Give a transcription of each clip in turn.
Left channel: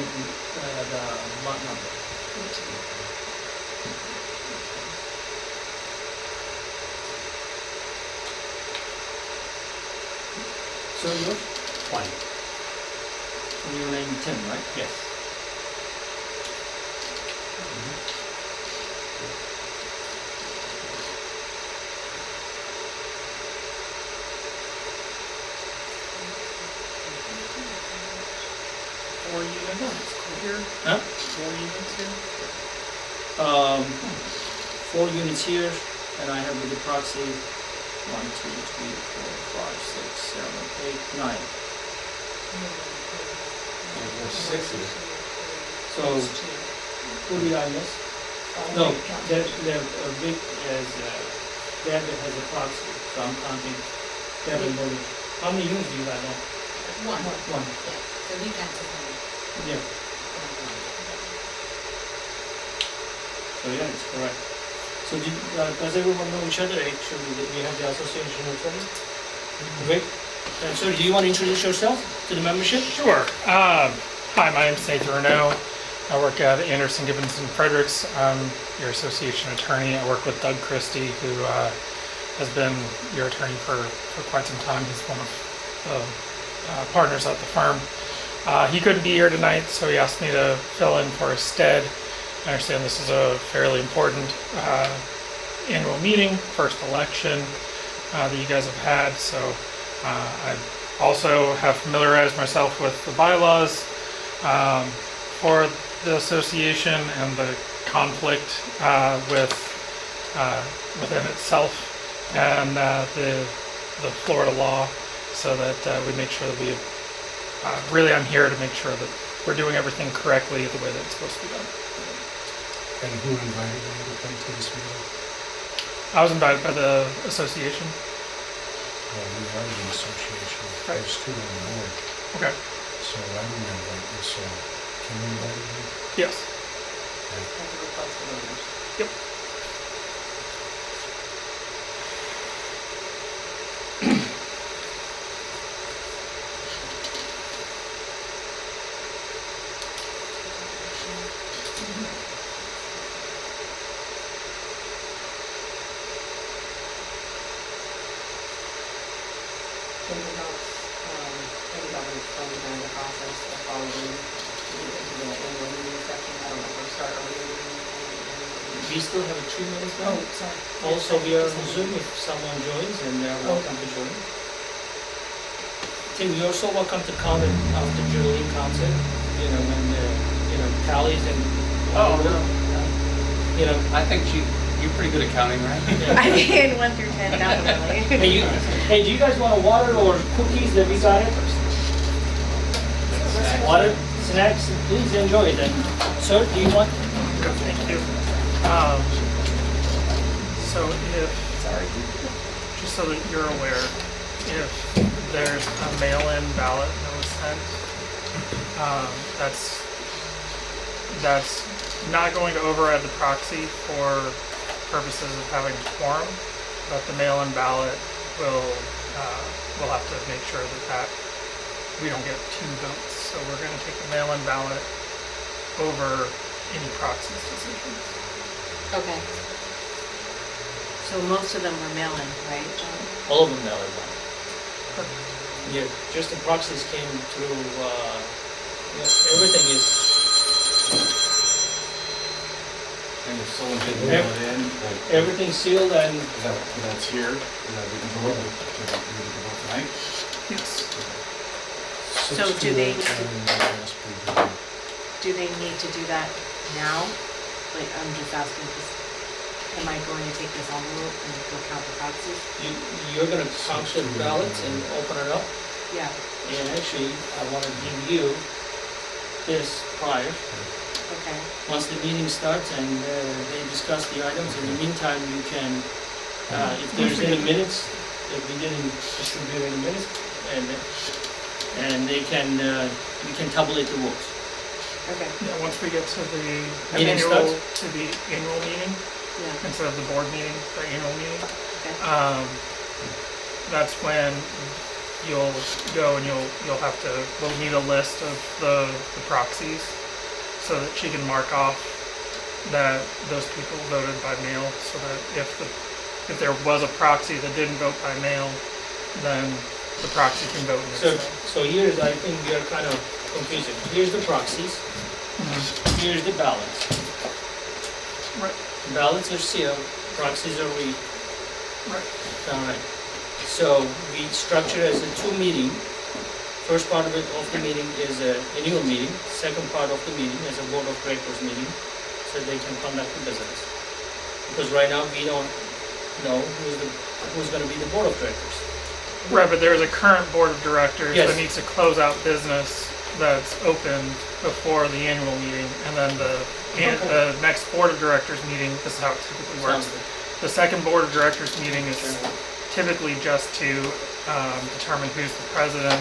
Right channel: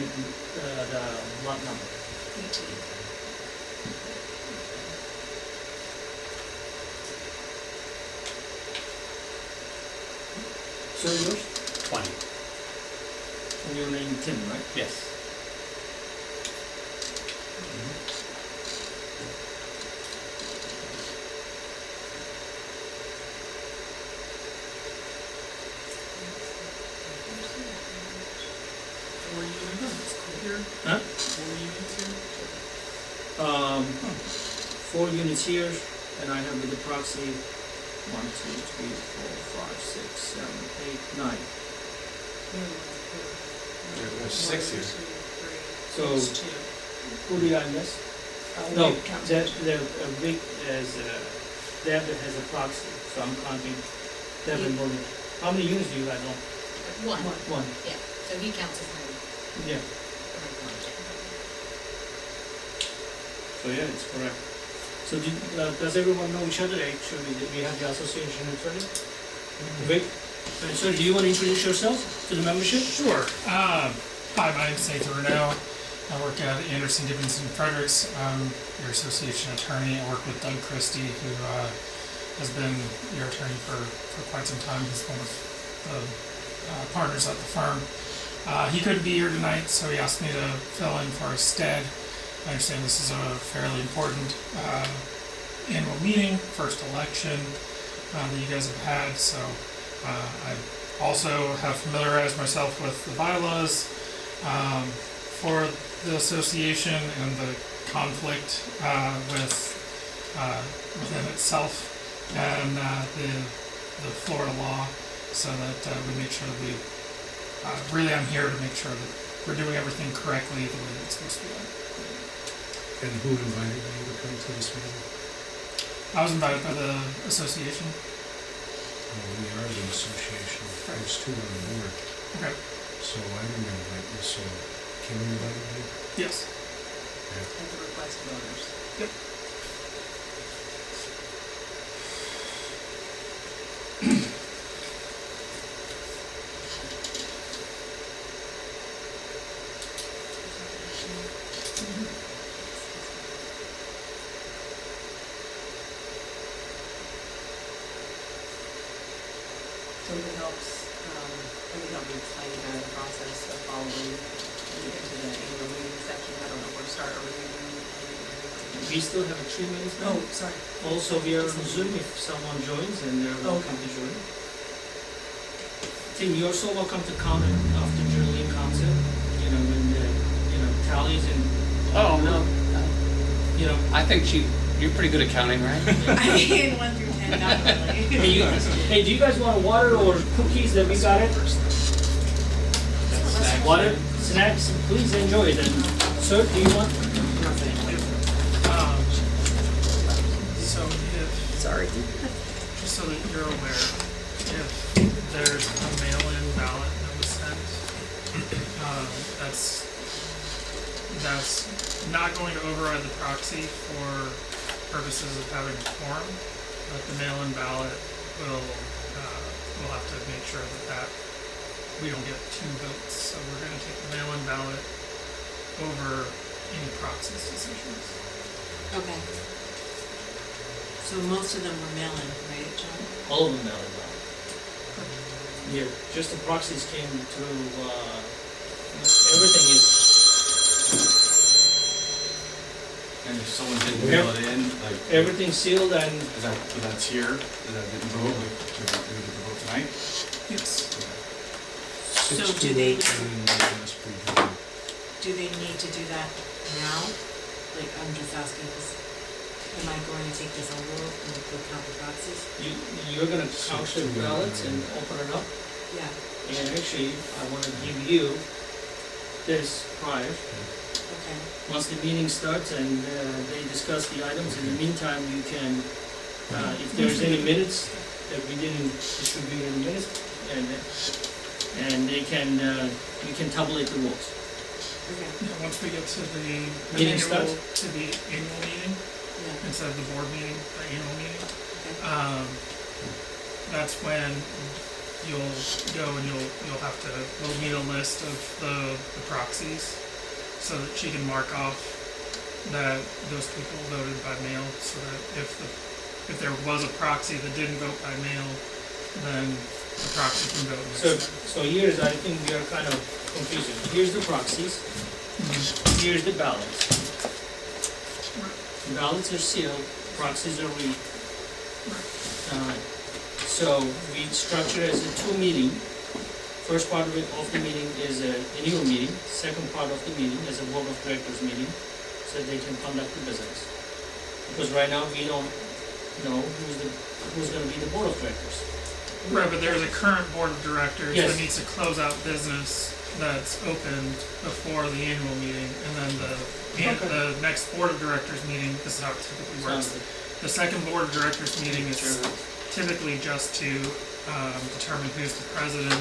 unit, the lot number. 14. So yours? 20. And your name Tim, right? Yes. Four units here. Huh? 4 units here. 4 units here, and I have with the proxy 1, 2, 3, 4, 5, 6, 7, 8, 9. There's 6 here. So who did I miss? No, the big as David has a proxy, so I'm counting David Morgan. How many units do you guys own? One, One. yeah, so he counts as one. Yeah. So yeah, it's correct. So does everyone know each other? Actually, we have the association attorney. Vic? So do you want to introduce yourself to the membership? Sure. Hi, my name's Nathan Renaud. I work at Anderson, Gibbons & Fredericks. I'm your association attorney. I work with Doug Christie, who has been your attorney for quite some time. He's one of the partners at the firm. He couldn't be here tonight, so he asked me to fill in for his stead. I understand this is a fairly important annual meeting, first election that you guys have had, so I also have familiarized myself with the bylaws for the association and the conflict within itself and the Florida law, so that we make sure that we really, I'm here to make sure that we're doing everything correctly the way that it's supposed to be done. And who invited you to come to this meeting? I was invited by the association. Well, we are the association. Right. There's 2 on the board. Okay. So I didn't invite you, so can we invite you? Yes. Okay. At the request of owners. Yep. Something helps, maybe I'll explain kind of the process of following into the annual meeting section. I don't know if we're starting, are we doing? We still have 3 minutes now. Oh, sorry. Also, we are on Zoom if someone joins, and they're welcome to join. Tim, you're so welcome to count it after Julie counts it, when the, tallies and. Oh, no. I think you're pretty good at counting, right? I mean, 1 through 10, definitely. Hey, do you guys want water or cookies that we got it? Water, snacks, please enjoy them. Sir, do you want? So Sorry. just so that you're aware, if there's a mail-in ballot that was sent, that's not going to override the proxy for purposes of having a quorum, but the mail-in ballot will have to make sure that we don't get 2 votes. So we're going to take the mail-in ballot over any proxy's decisions. Okay. So most of them were mail-in, right, John? All of them now are done. Yeah, just the proxies came through, everything is, And if someone didn't mail it in, everything's sealed and that's here, is that we can vote, we can vote tonight? Yes. So 6 do to they 8, need to- and yes, we do. Do they need to do that now? Like, I'm just asking, because am I going to take this envelope and go count the proxies? you're gonna count the ballots and open it up. Yeah. And actually, I wanna give you this prior. Okay. Once the meeting starts and they discuss the items, in the meantime, you can, if there's any minutes that we didn't distribute any minutes, and they can, we can tabulate the votes. Okay. Yeah, once we get to the Meeting starts? annual meeting, Yeah. instead of the board meeting, the annual meeting, Okay. that's when you'll go and you'll have to, we'll need a list of the proxies so that she can mark off that those people voted by mail, so that if there was a proxy that didn't vote by mail, then the proxy can vote So, instead. so here's, I think you're kind of confusing. Here's the proxies, here's the ballots. Right. Ballots are sealed, proxies are read. Right. Alright, so we structure as a two meeting. First part of the meeting is a annual meeting, second part of the meeting is a board of directors meeting, so they can conduct the business. Because right now, we don't know who's gonna be the board of directors. Right, but there's a current board of directors Yes. that needs to close out business that's open before the annual meeting, and then the next board of directors meeting, this is how it typically works. Sounds good. The second board of directors meeting is typically just to determine who's the president,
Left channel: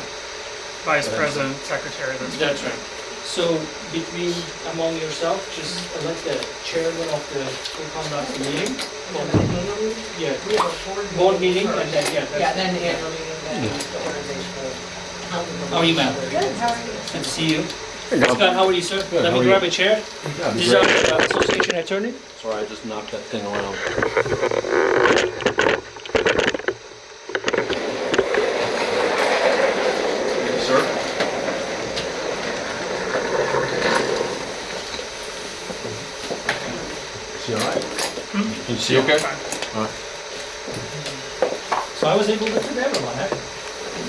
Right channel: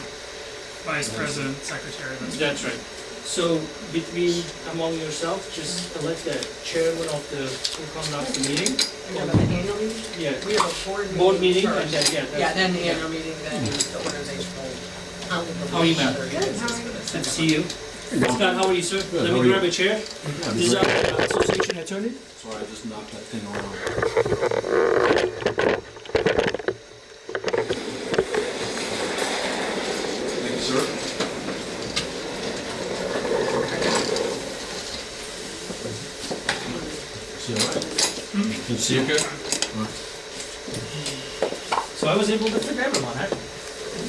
vice president, secretary, That's right. So among yourself, just elect the chairman of who conducts the meeting. Again, at the annual meeting, Yeah, we have a board meeting first. and then, Yeah, then the annual meeting, then the organization will. How are you, ma'am? Good, how are you? Good to see you. Scott, how are you, sir? Good, Let how me are grab you? a chair. Yeah, This is our association attorney. Sorry, I just knocked that thing around. Sir? See all right? Can you see okay? All right. So I was able to fit everyone, right?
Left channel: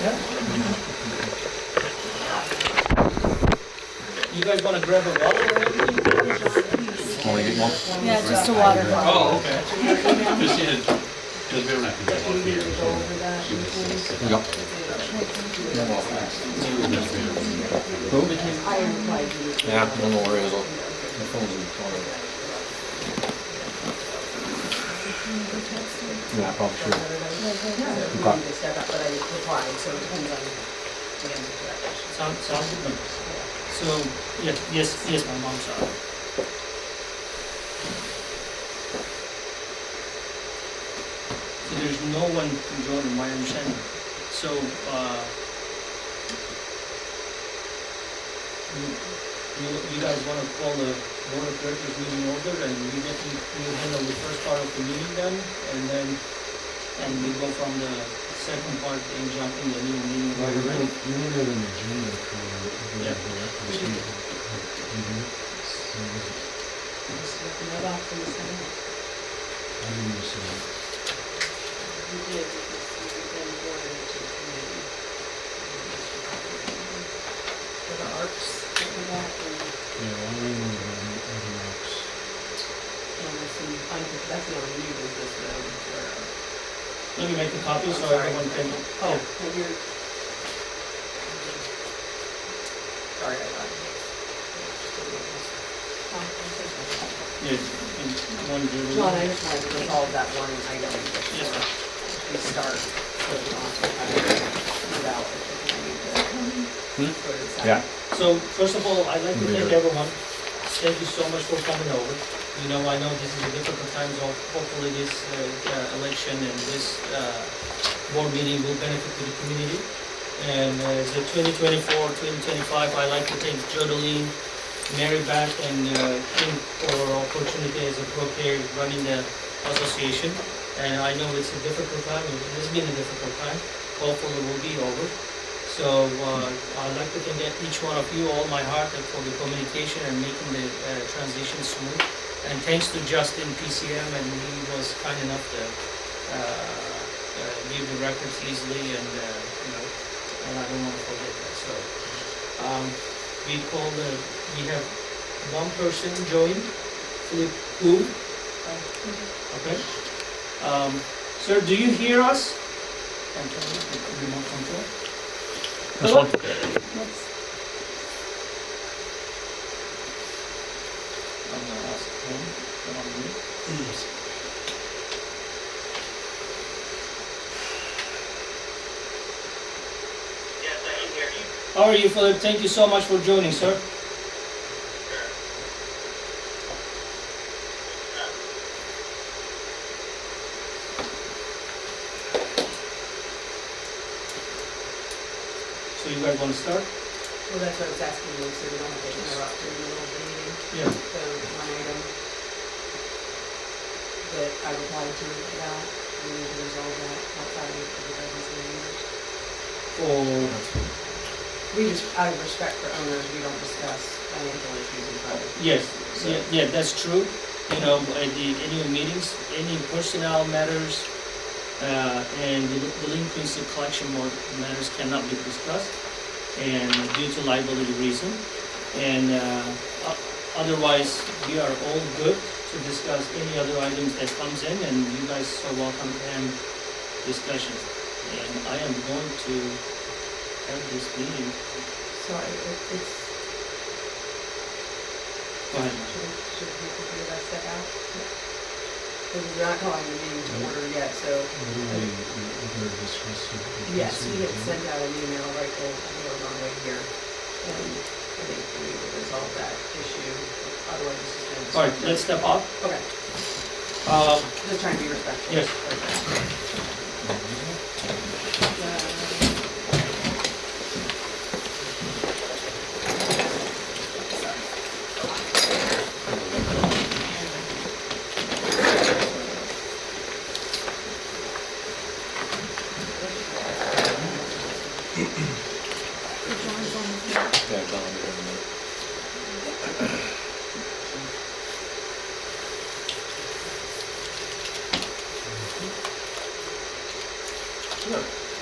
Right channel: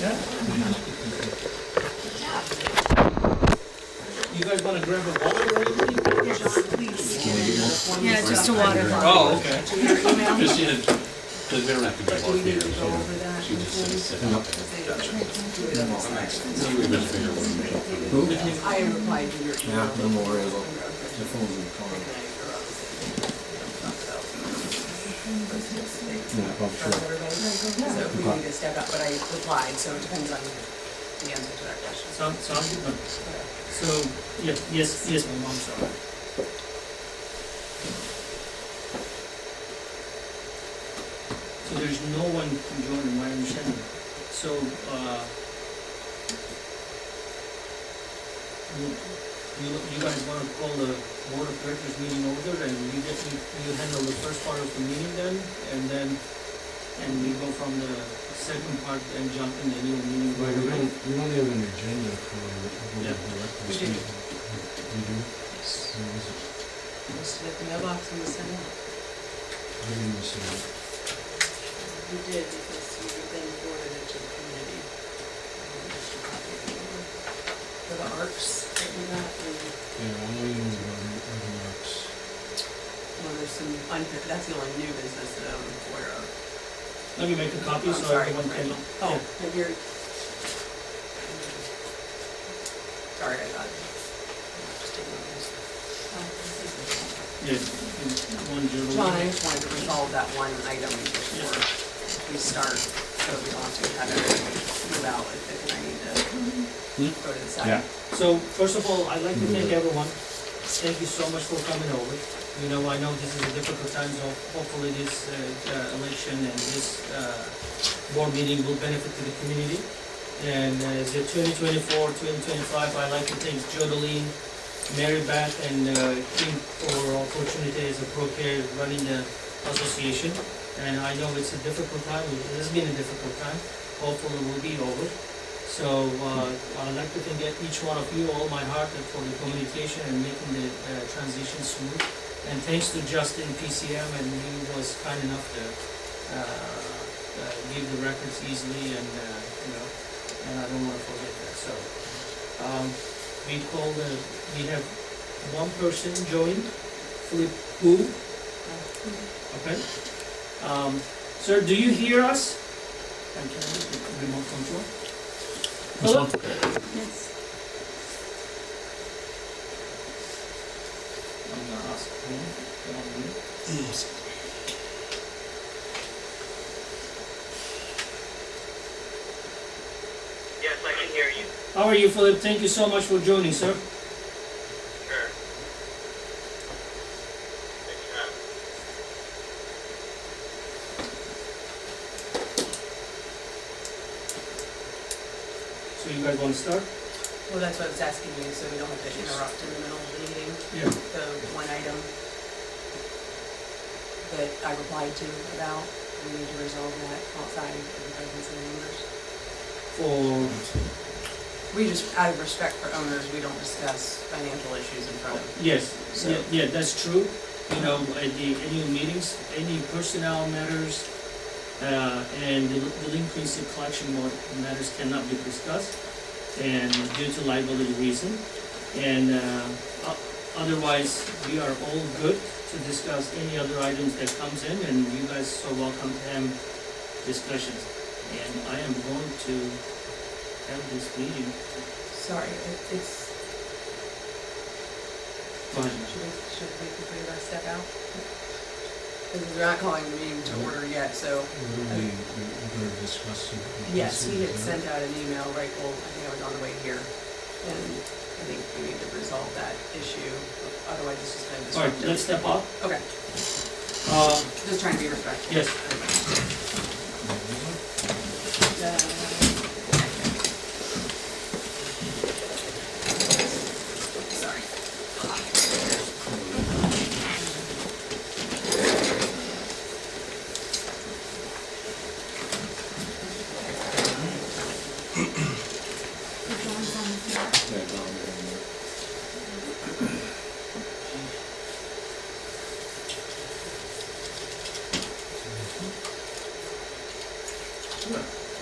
Yeah. You guys wanna grab a water or anything? Want to get more? Yeah, just a water. Oh, okay. Just she had, because they're not gonna walk here, so she just said. Yep. I replied to your. Yeah, no worries. The phone's in the car. Yeah, probably So we need to step up, but I replied, so it depends on the answer to that question. Sounds good. So, yes, my mom, sorry. So there's no one to join, in my understanding. So, you guys wanna call the board of directors meeting order and you handle the first part of the meeting then, and we go from the second part and jump in the new meeting right away? We don't have an agenda for the Yeah. director's We do. meeting. You do? What is it? Listed at the mailbox in the center. I didn't see it. You did, because you then forwarded it to the committee. For the ARCs, that we got, and, Yeah, all I know are the marks. there's some, that's the only new business that I'm aware of. Let me make a copy so I'm sorry. everyone can, Oh, but you're. Sorry, I thought. yeah, in one Julie. John, I just wanted to resolve that one item Yes, before sir. we start, so we don't have to kind of move out, and I need to go to the side. Yeah. So, first of all, I'd like to thank everyone. Thank you so much for coming over. You know, I know this is a difficult time, so hopefully this election and this board meeting will benefit to the community. And as a 2024, 2025, I'd like to thank Jodeline, Mary Beth, and Kim for opportunity as a pro-K running the association. And I know it's a difficult time, it has been a difficult time. Hopefully it will be over. So I'd like to thank each one of you, all my heart, for the communication and making the transition smooth. And thanks to Justin, PCM, and he was kind enough to give the records easily, and and I don't want to forget that. So we have one person join, Philip Wu. Okay. Sir, do you hear us? And can you remote control? Hello? I'm gonna ask him. Come on, move. Yes, I can hear you. How are you, Philip? Thank you so much for joining, sir. Sure. you guys wanna start? Well, that's what I was asking you, so we don't have to interrupt in the middle of the meeting. Yeah. The one item that I replied to about, we need to resolve that outside of the presence of the neighbors. For, Out of respect for owners, we don't discuss financial issues in front of. yes, So- yeah, that's true. You know, at the annual meetings, any personnel matters, and delinquency collection matters cannot be discussed, and due to liability reason. And, otherwise, we are all good to discuss any other items that comes in, and you guys are welcome to have discussions. And I am going to have this meeting, Sorry, it's, go ahead, ma'am. should we figure that step out? Because we're not calling the meeting to order yet, so, What do we're gonna discuss? yes, he had sent out an email, right, well, I think I was on the way here. And I think we need to resolve that issue, otherwise it's just gonna. All right, let's step up. Okay, Uh, just trying to be respectful. Yes. Sorry. Yeah, Don, here in a minute.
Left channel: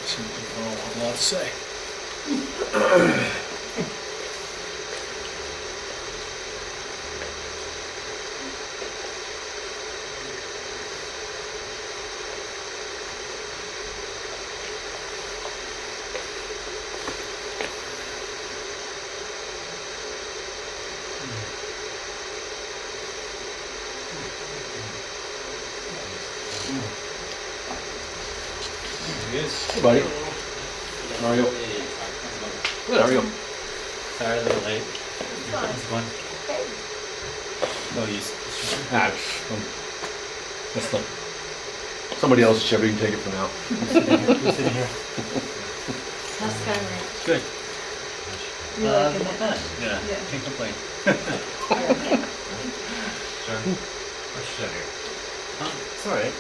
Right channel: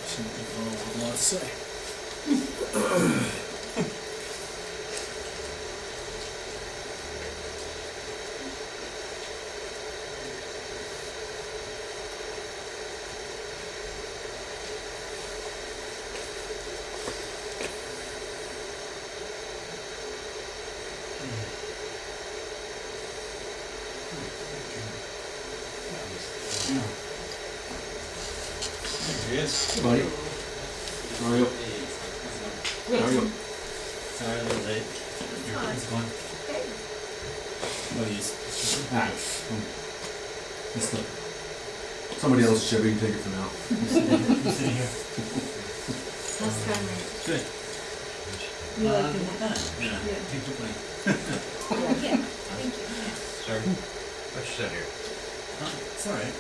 Seems to have a lot to say. Hey, buddy. How are you? Good, how are you? Sorry, a little late. It's fine. No use. Ah, that's the, somebody else's Chevy, you can take it for now. Who's sitting here? How's Skyrate? Good. You liking it? Yeah. Yeah. Can't complain. Sure. Let's sit here. It's all right.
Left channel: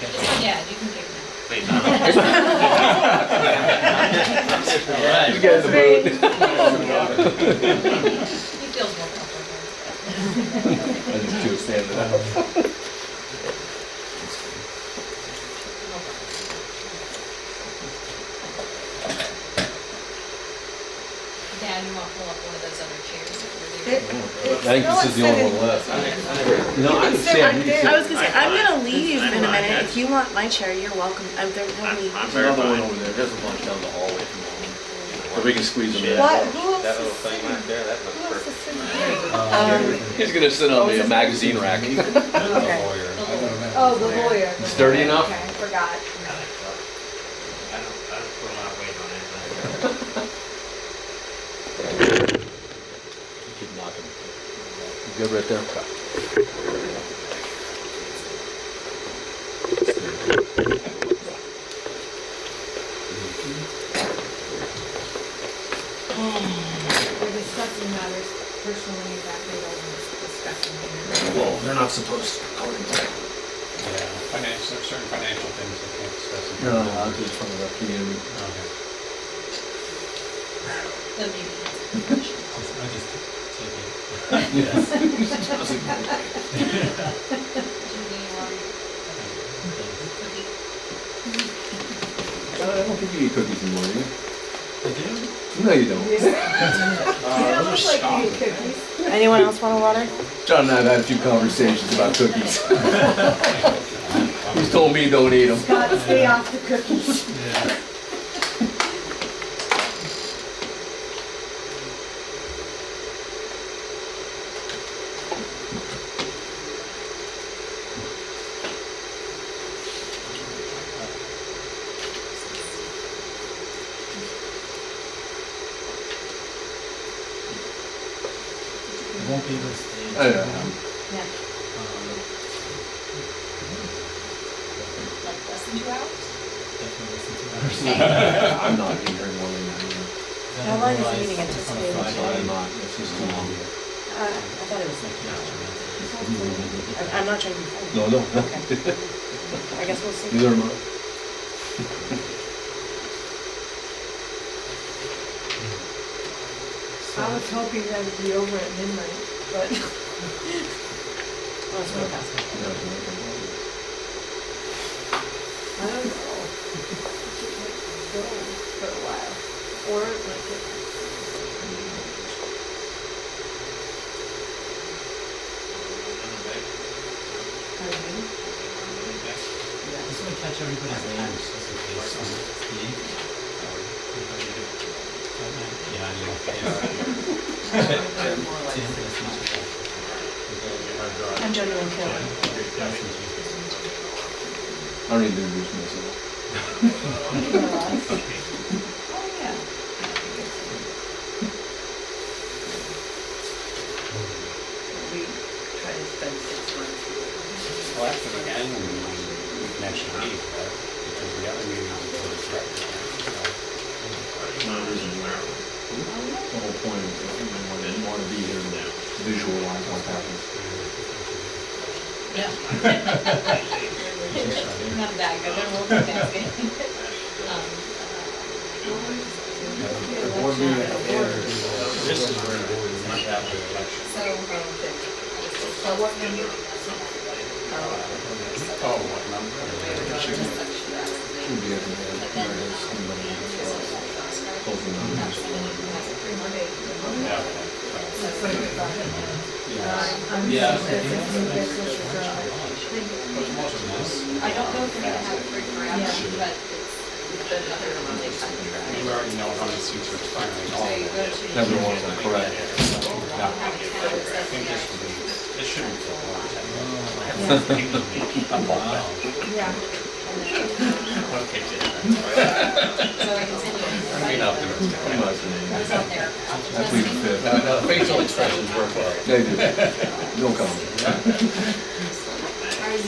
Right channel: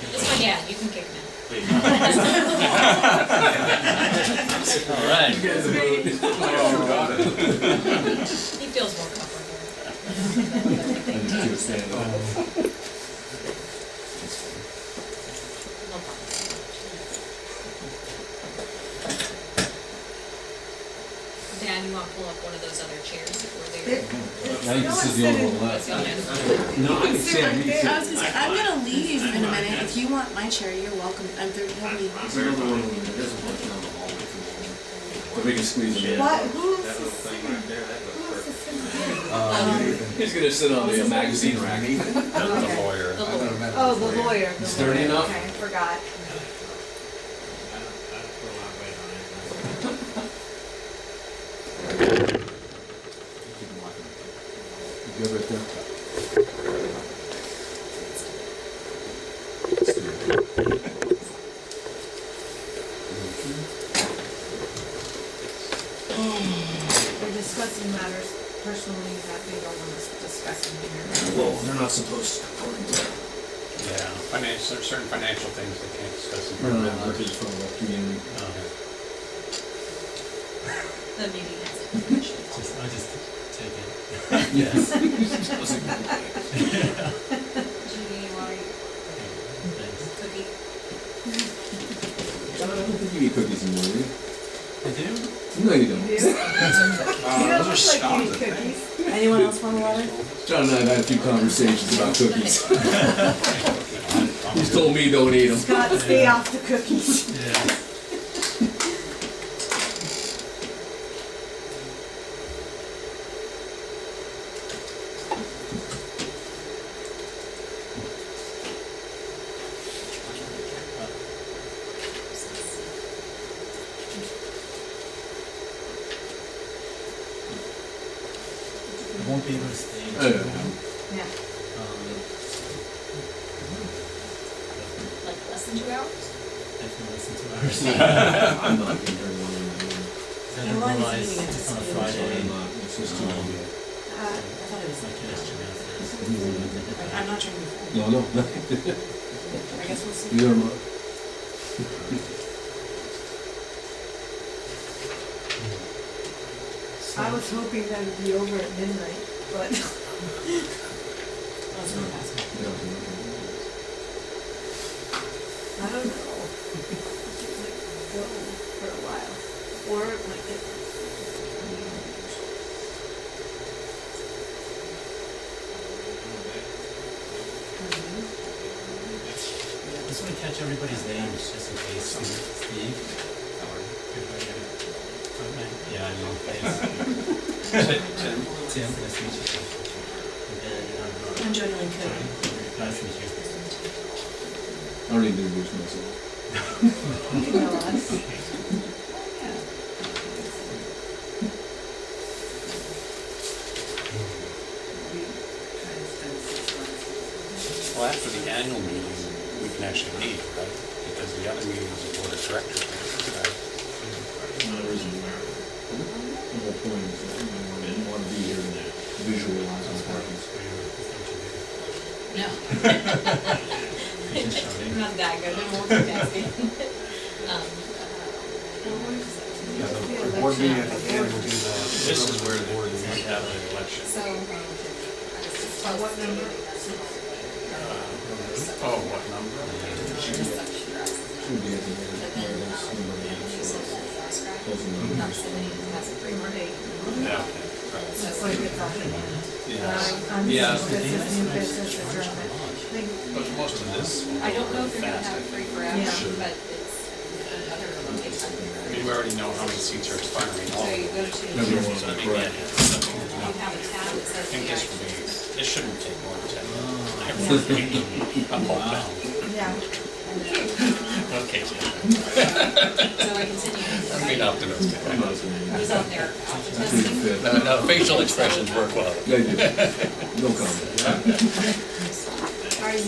This one, yeah, you can kick now. Wait, no. All right. You get in the mood. He feels more comfortable. I just do a stand up. No problem. Dan, you want to pull up one of those other chairs that were there? I think this is the only one left. No, I understand. You can I was gonna say, I'm gonna leave in a minute. If you want my chair, you're welcome. There, nobody. There's another one over there, there's a bunch down the hallway from home. But we can squeeze them in. What? Who else That is little thing sitting? right there, that looks Who else is perfect. sitting here? He's gonna sit on the magazine rack. Okay. Lawyer. The lawyer. Oh, the lawyer. It's dirty enough? Okay, forgot. I don't put a lot of weight on it, Keep knocking. You good right there? They're discussing matters personally that they don't want to discuss in here. Well, they're not supposed to. Yeah, financial, certain financial things they can't discuss in No, front of no, them. just from the community. Okay. The meeting has information. I just take it. Yes. Did you get any cookie? I don't think you eat cookies anymore, do you? I do? No, you don't. You don't look like you eat cookies. Anyone else want a water? John and I have had a few conversations about cookies. He's told me don't eat them. Scott, stay off the cookies. Yeah. I won't be able to stay. Oh, yeah. Yeah. Like less than 2 hours? Definitely less than 2 hours. I'm not eating very long either. Then How long is the realize meeting it's on a anticipated? Friday. Sorry, I'm not, it's just too long. I thought it was like, I'm not trying to be funny. No, no. I guess we'll see. Neither am I. I was hoping that it'd be over at midnight, but Oh, it's not past. Yeah, it's okay. I don't know. It might go for a while, or it might get. I just want to catch everybody's names, just in case. Steve? Yeah, I know. Tim, nice to meet you. I'm Joanne Kelly. Nice to meet you. I don't need to introduce myself. You know us. We try to spend 6 months. Well, after the annual meeting, we can actually leave, right? Because the other meeting is the board of directors, right? No, there isn't. The whole point is that you want to be here to visualize what happens. Yeah. Not that good, they're multitasking. The board meeting at the end, this is where the board meetings have their election. So What number? Oh, what number? Should be at the end, where it is, somebody closing numbers. Yeah, okay. It's like it's on. I'm Yeah. business, new business is on. But most of this. I don't know if you're gonna have it free forever, Yeah. but it's another one takes time. I mean, we already know how many seats are expiring. So you go to. Everyone So I is think, correct. yeah, so, You yeah. have a tab that I says think the this would be, action. this shouldn't take more than 10 minutes. Yeah. I'm all down. Yeah. Okay. So I continue. I'm being optimistic. I'm not saying I was out there. I plead the fifth. No, facial expressions work well. They do. No comment. Are you,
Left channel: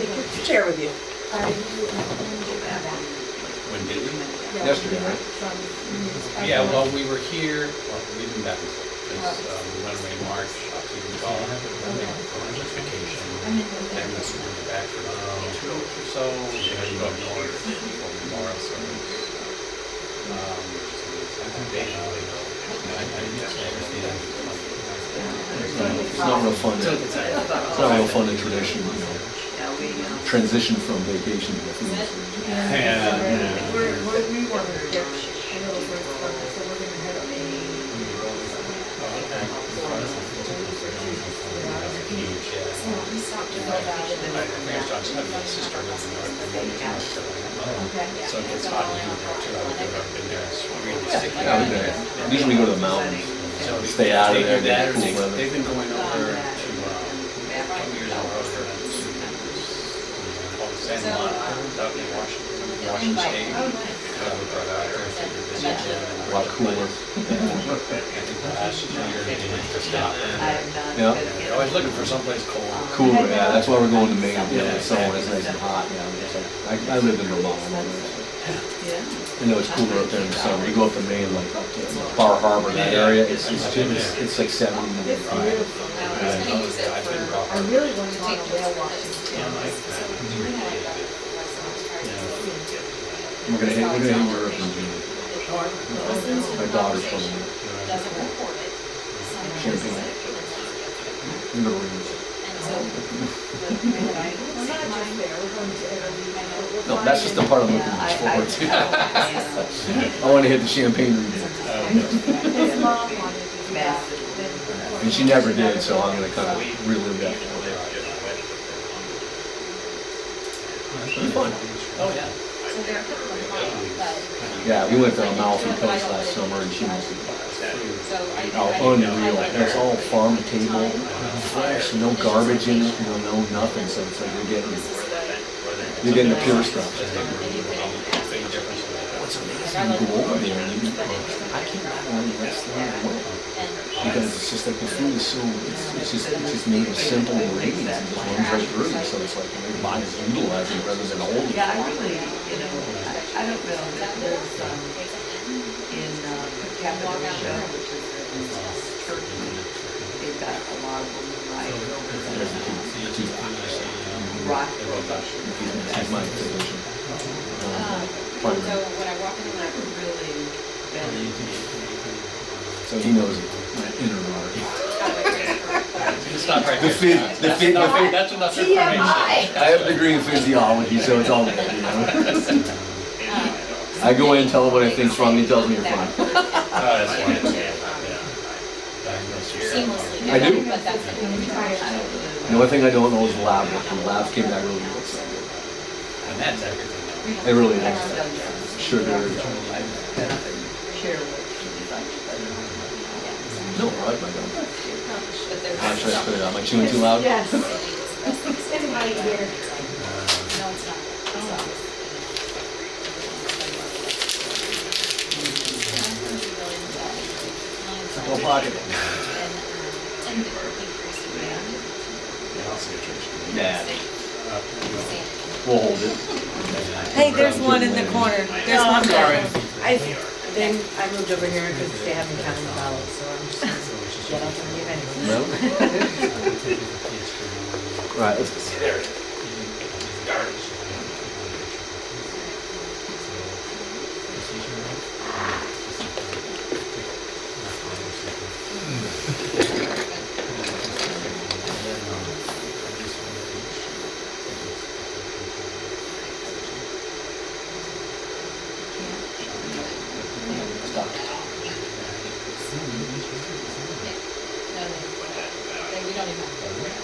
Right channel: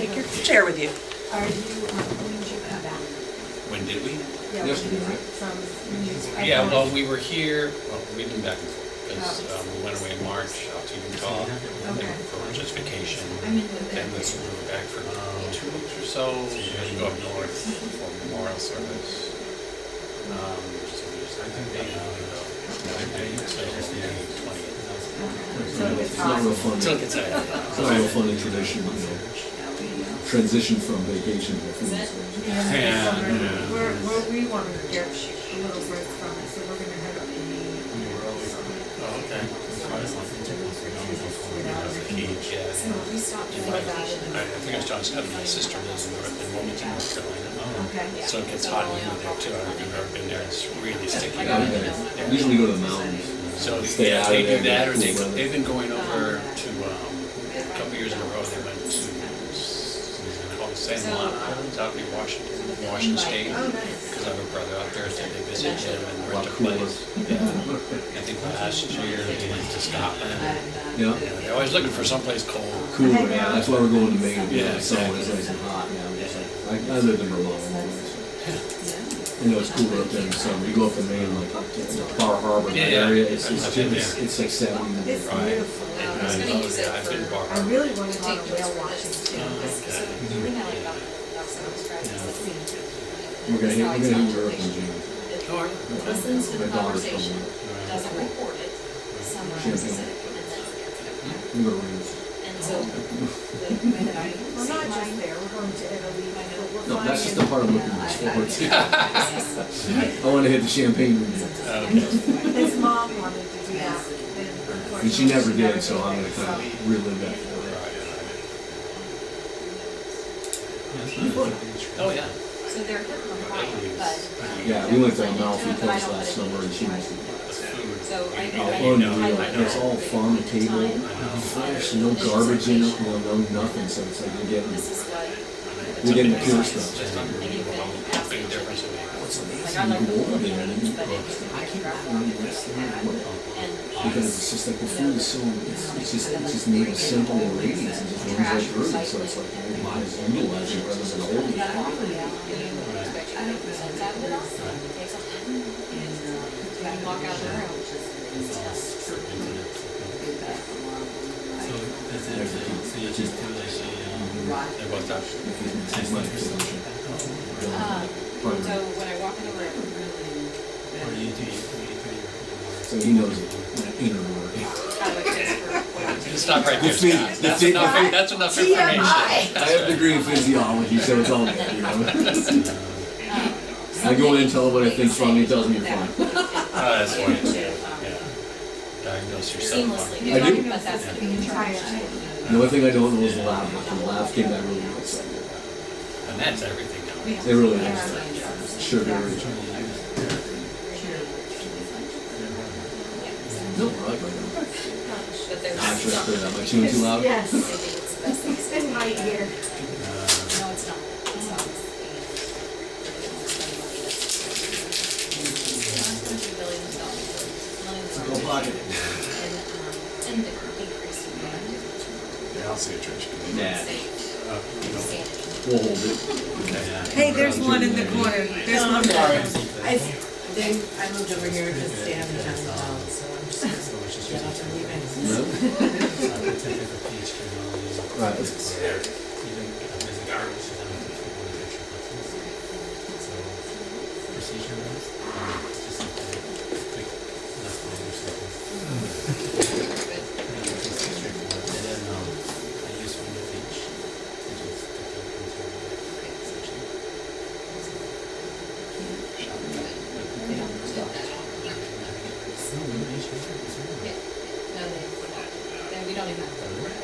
Take your chair with you. when did you come back? When did we? Yeah, Yesterday, when right? From news. Yeah, well, we were here, well, we've been back and forth, because we went away in March up to Utah for just vacation. And then we were back for 2 weeks or so, we had to go up north for Memorial Service. So there's 10 days to go. I did say it was the end of the 20th. It's not real fun. It's not real fun in tradition, you know. Transition from vacation to a field station. Yeah. Where we want to get a little break from it, so we're gonna head up to Oh, okay. We stopped to go about it. I think I was telling my sister lives in Wilmington, North Carolina. Okay. So it gets hot in there too. I don't think I've ever been there. It's really sticky. Yeah, we did. Usually we go to the mountains. So Stay out of they there, do that, get or cool weather. they've been going over to, a couple years in a row, they went to called San Juan Islands out in Washington State. Oh, nice. Because I have a brother out there, so they visit him and A lot rent a cooler. place. Yeah. I think last year they went to Scotland. Yeah. They're always looking for someplace cold. Cooler, yeah, that's why we're going to Maine, you know, the summer when it's nice and hot, yeah, I'm just like, I lived in Vermont, I know that, so. I know it's cooler up there in the summer, you go up to Maine, like up to Bar Harbor, that area, it's like 70. It's beautiful. I was gonna use it I've been for. I really want to go on Take a notes whale for watching this too. too. So we had like that last Friday. We're gonna hit Europe in June. Listen to My the daughter's conversation, from doesn't record it, summarizes Champagne. it, and then forgets it. I'm gonna read. And so, the way that I We're not just there, we're going to Italy, but we're No, that's just the flying part I'm looking forward to. I wanna hit the Champagne region. in. His mom wanted to do that, then And she never did, so I'm gonna kind of relive that for her. It's fun. Oh, yeah. so they're hip compliant, but. Yeah, we went to Amalfi Coast last summer and she was So I. unreal. And it's all farm to table, fresh, no garbage in it, no nothing, so it's like This is what. you're getting the pure stuff. And you can ask Big me. difference in that. What's Like amazing, I you like go over there and you, but it. I can't remember when the rest of the world. And because it's just like the food is so, it's just made with simple ingredients and just runs right through you, so it's like your body is utilizing rather than holding. Yeah, I really, I don't know if there's, in, Walk out there. which is Turkey, they've got a lot of So, blue that's the two, rock. they're both Dutch. He's my physician. So when I walk in the room, Really, Or you do, So he knows my inner heart. kind of a transfer. Stop right The there. fit- Scott. the That's fit- enough, that's enough information. I have a degree in physiology, so it's all good, you know? I go in and tell him what I think's wrong, he tells me you're fine. Oh, that's wonderful, yeah. Diagnose yourself. Seamlessly. I do. But that's gonna be a charge. The only thing I don't know is the lab work, and the labs came back really good, so. And that's everything now. It really is. Sugar. No, I like my gum. But there's Ah, should I put it on? Am I chewing too loud? yes, they think it's the best thing. it's in my ear. No, it's not. It's obvious. Go pocket it. And the decrease in Yeah, I'll see a trash. Nah, sanity. we'll hold it. Hey, there's one in the corner, there's one there. I moved over here because they haven't found the ballot, so I'm just gonna get up and leave anyway. No? Right, let's There. No, we don't even have to report it.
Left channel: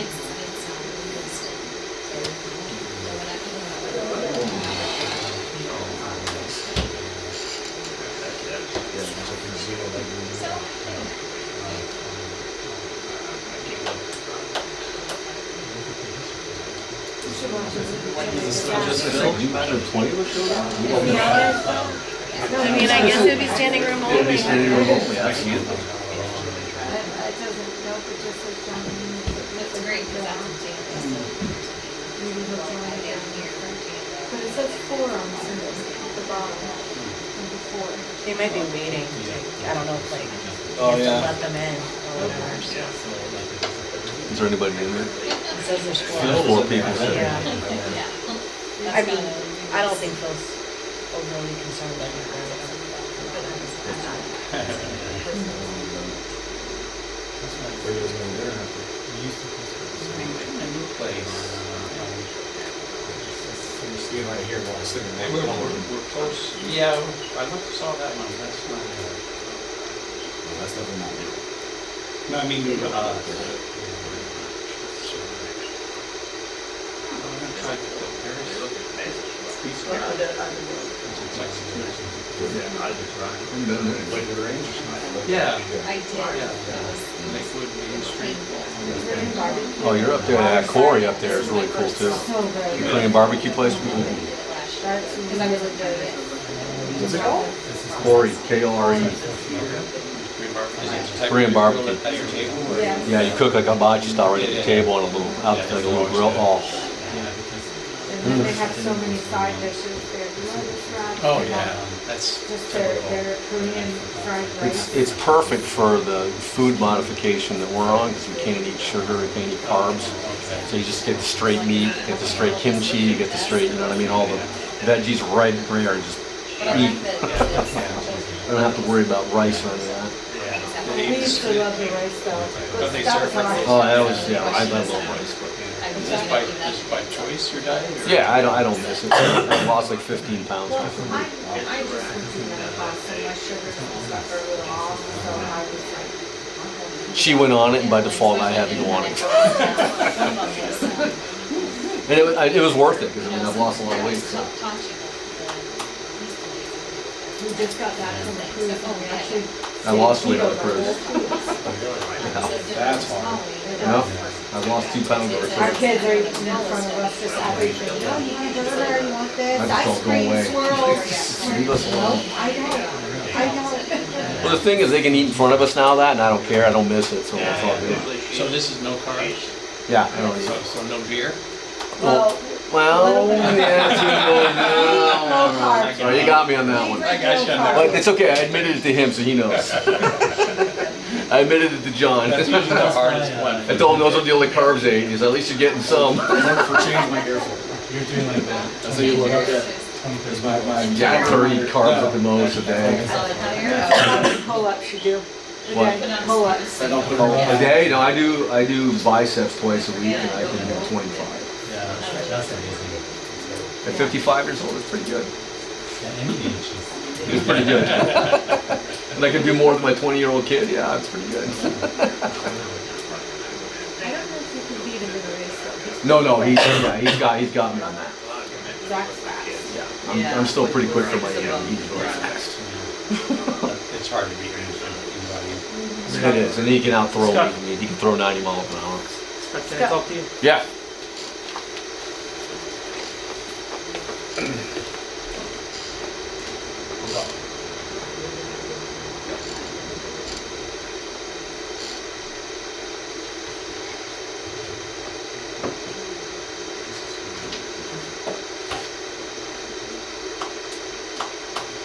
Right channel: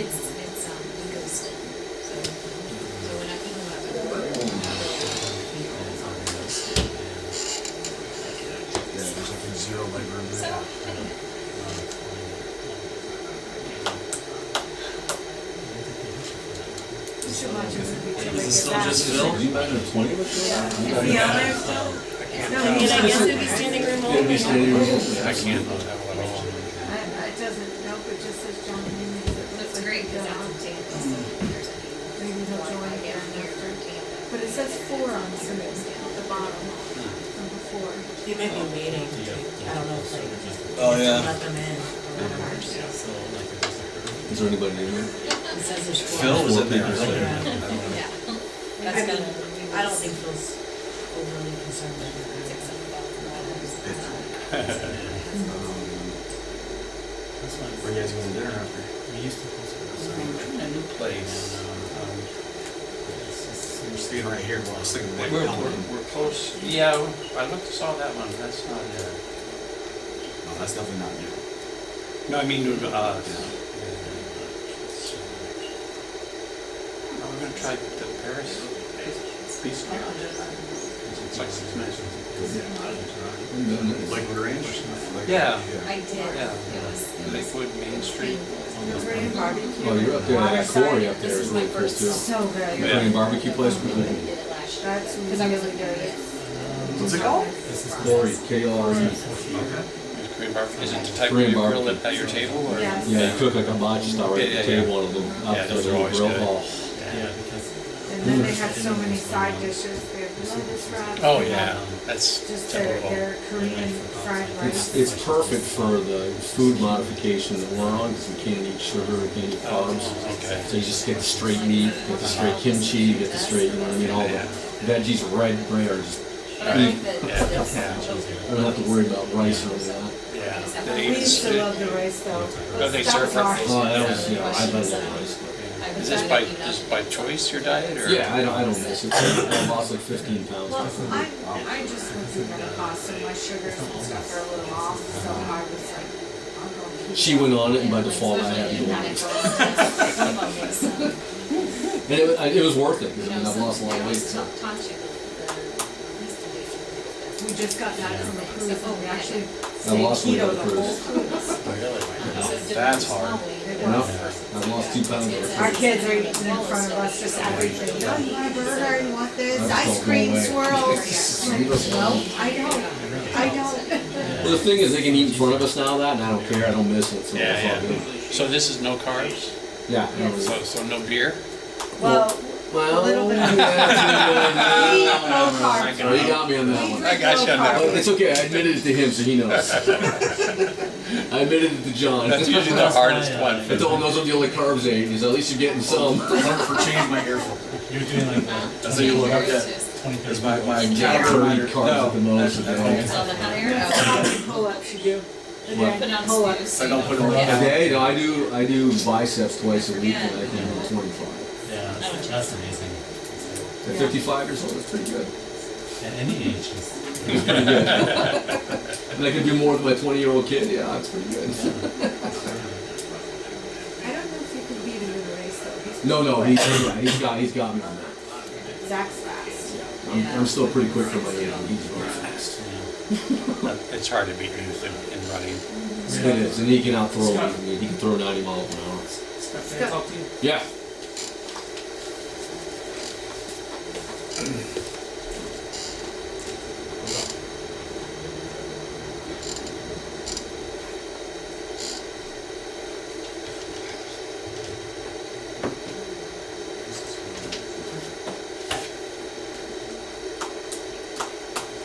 It's legal still, so when I, even when I'm at work, Yeah, there's like a zero leg room. You should watch a movie till they Is this get just back. Phil? You imagine 20 of us doing that? Is he on there still? No, I mean, I guess it'd be standing room It'll only. be standing room only, I can't. It doesn't, nope, it just says John Means. It looks that's like great, he's because on. that's in Tampa, so if there's any. Maybe he'll join Wi-Fi again down here after. in Tampa. But it says 4 on the bottom from before. They might be waiting, I don't know if like, Oh, to yeah. let them in or whatever. Is there anybody in there? It says there's 4. Phil Four is in there. people sitting. Yeah. Yeah. I That's mean, gonna. I don't think Phil's overly concerned about it. Where you guys going to dinner after? A new place. We're staying right here, but I was thinking. We're close, yeah, I saw that one, that's not there. No, that's definitely not new. No, I mean, I'm gonna try the Paris pizza. It's like Lakewood Range or something? Yeah. I did, Yeah. it was Lakewood Main Street. Korean barbecue. Oh, you're up there, that Corey up there is really cool too. So good. Korean barbecue place? we did it last year. That's really good. What's it called? Corey, K-O-R-E. Korean barbecue. Is it the type Korean you grill barbecue. it at your table? Or? Yeah. Yeah, you cook like a hibachi style right at the table on a little, out Yeah, like a those are little always grill. good. Oh, And then they have so many side dishes. They have lettuce wraps. Oh, they yeah, have that's just typical. their Korean fried rice. it's perfect for the food modification that we're on, because we can't eat sugar, we can't eat carbs. So you just get the straight meat, get the straight kimchi, you get the straight, you know what I mean, all the veggies right there, and just But I like eat. that it's I don't have to worry about rice or any of that. Yeah. We used to love the rice though. But they That was serve ours. Oh, that was, yeah, I love rice, but. Is this by choice, your diet, or? Yeah, I don't miss it. I lost like 15 pounds. Well, I just went through menopause and my sugars and stuff are a little off, so I was like, I'll go. She went on it, and by default, I had to go on it. One of them was, And it was worth it, because I mean, I've lost a lot of weight, so. taught you the least invasive. We just got back from a cruise and we actually I lost weight on keto the the whole cruise. cruise. That's hard. No, I've lost 2 pounds over Our cruise. kids are eating in front of us, just everything. No, you want a burger, you want I this, just ice don't go cream away. swirls. Leave us alone. No, I don't. Well, Well, the thing is, they can eat in front of us now that, and I don't care, I don't miss it, so that's all good. So this is no carbs? Yeah, I don't eat. So no beer? Well, Well, a little bit of- yeah, we oh, you got me on that one. I got you on that But it's okay, I admitted it to him, so he knows. I admitted it to John. That's usually the hardest one. I told him those are the only carbs I eat. He said, at least you're getting some. Never for change my air filter. You're doing like That's how you look at it. 20, Because my Yeah, 30 carbs at the most a day. It's on the higher. pull-ups you do. What? Put on Pull-ups. I don't put it A on. day? No, I do biceps twice a week, and I can do 25. Yeah, that's amazing. At 55 years old, it's pretty good. At any age, It's pretty good. And I can do more with my 20-year-old kid. Yeah, it's pretty good. I don't know if you can beat him in a race though. He's No, pretty he's quick. got me on that. Zach's fast. Yeah, I'm still pretty quick for my age. He's really fast. It's hard to beat in running. It is, and he can outthrow me. He can throw 90 miles an hour. Scott, can I talk to you? Yeah.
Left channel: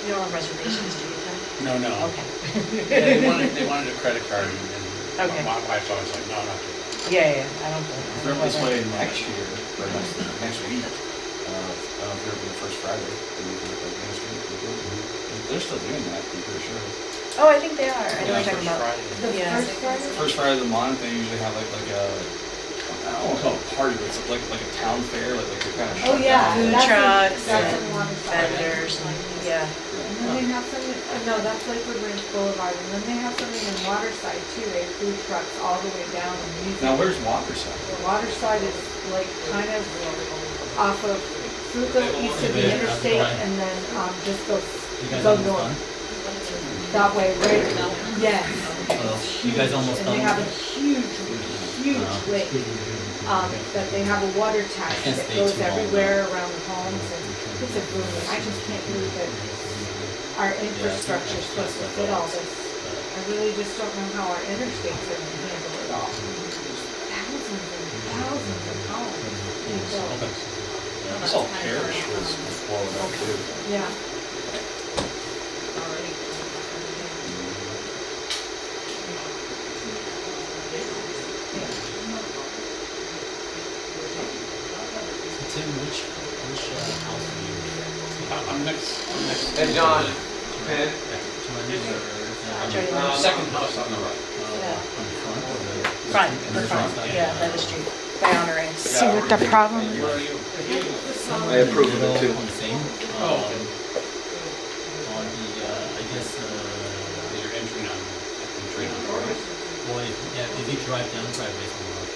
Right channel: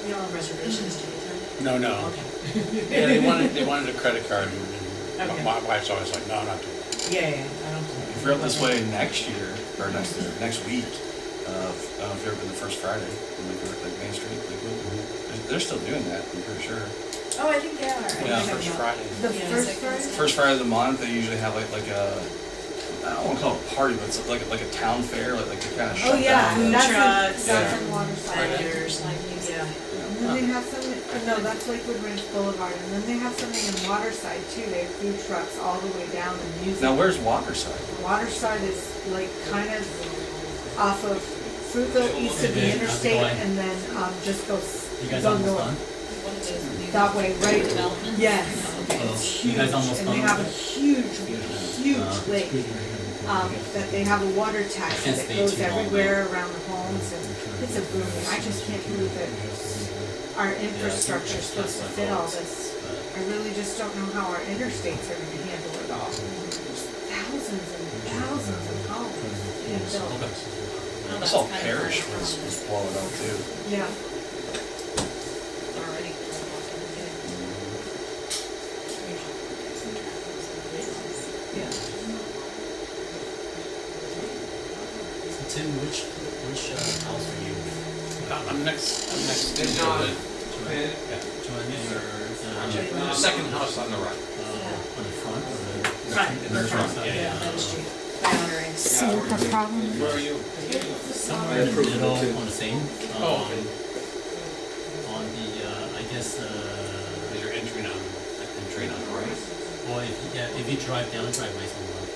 You don't have reservations, do you, Tim? No. Okay. Yeah, they wanted a credit card, and Okay. my wife's always like, no, I'm not doing that. Yeah, I don't think. If you're up this way next year, or next week, I don't know if you're open the first Friday, and we do it like Main Street, they're still doing that, I'm pretty sure. Oh, I think they are. I know Yeah, what you're first talking about. Friday. The Yeah. first Friday? First Friday of the month, they usually have like a, I don't wanna call it a party, but it's like a town fair, like they kind of Oh, shut yeah, down. that's trucks, that's yeah. in Waterside. Vendors, yeah. And then they have something, no, that's Lakewood Ranch Boulevard, and then they have something in Waterside too. They have food trucks all the way down and music. Now, where's Waterside? Waterside is like kind of off of Fruitville, east of the interstate, and then just you guys go almost north. done? One of those That way, right? developments? Yes. Oh, It's you guys huge, almost and done they have a with huge lake. That they have a water tax can't that stay goes too long, everywhere around the homes, and it's a booming. I just can't believe that our infrastructure is supposed to fit all this. I really just don't know how our interstates are gonna handle it all. There's thousands and thousands of homes being built. Okay. Oh, I that's saw kind of Parrish far. was blowing up too. Yeah. Already. Yeah. So Tim, which house are you? I'm next. And John, Yeah. Johnny. Second house on the right. On the front or the? Front, In the front side? yeah, that is true. By honor it. See what the problem is? Where are you? Somewhere I in the approve of it middle, too. on the same. Oh, okay. On the, I guess, You're entering on the right. well, if you drive down the driveway, it's on the left.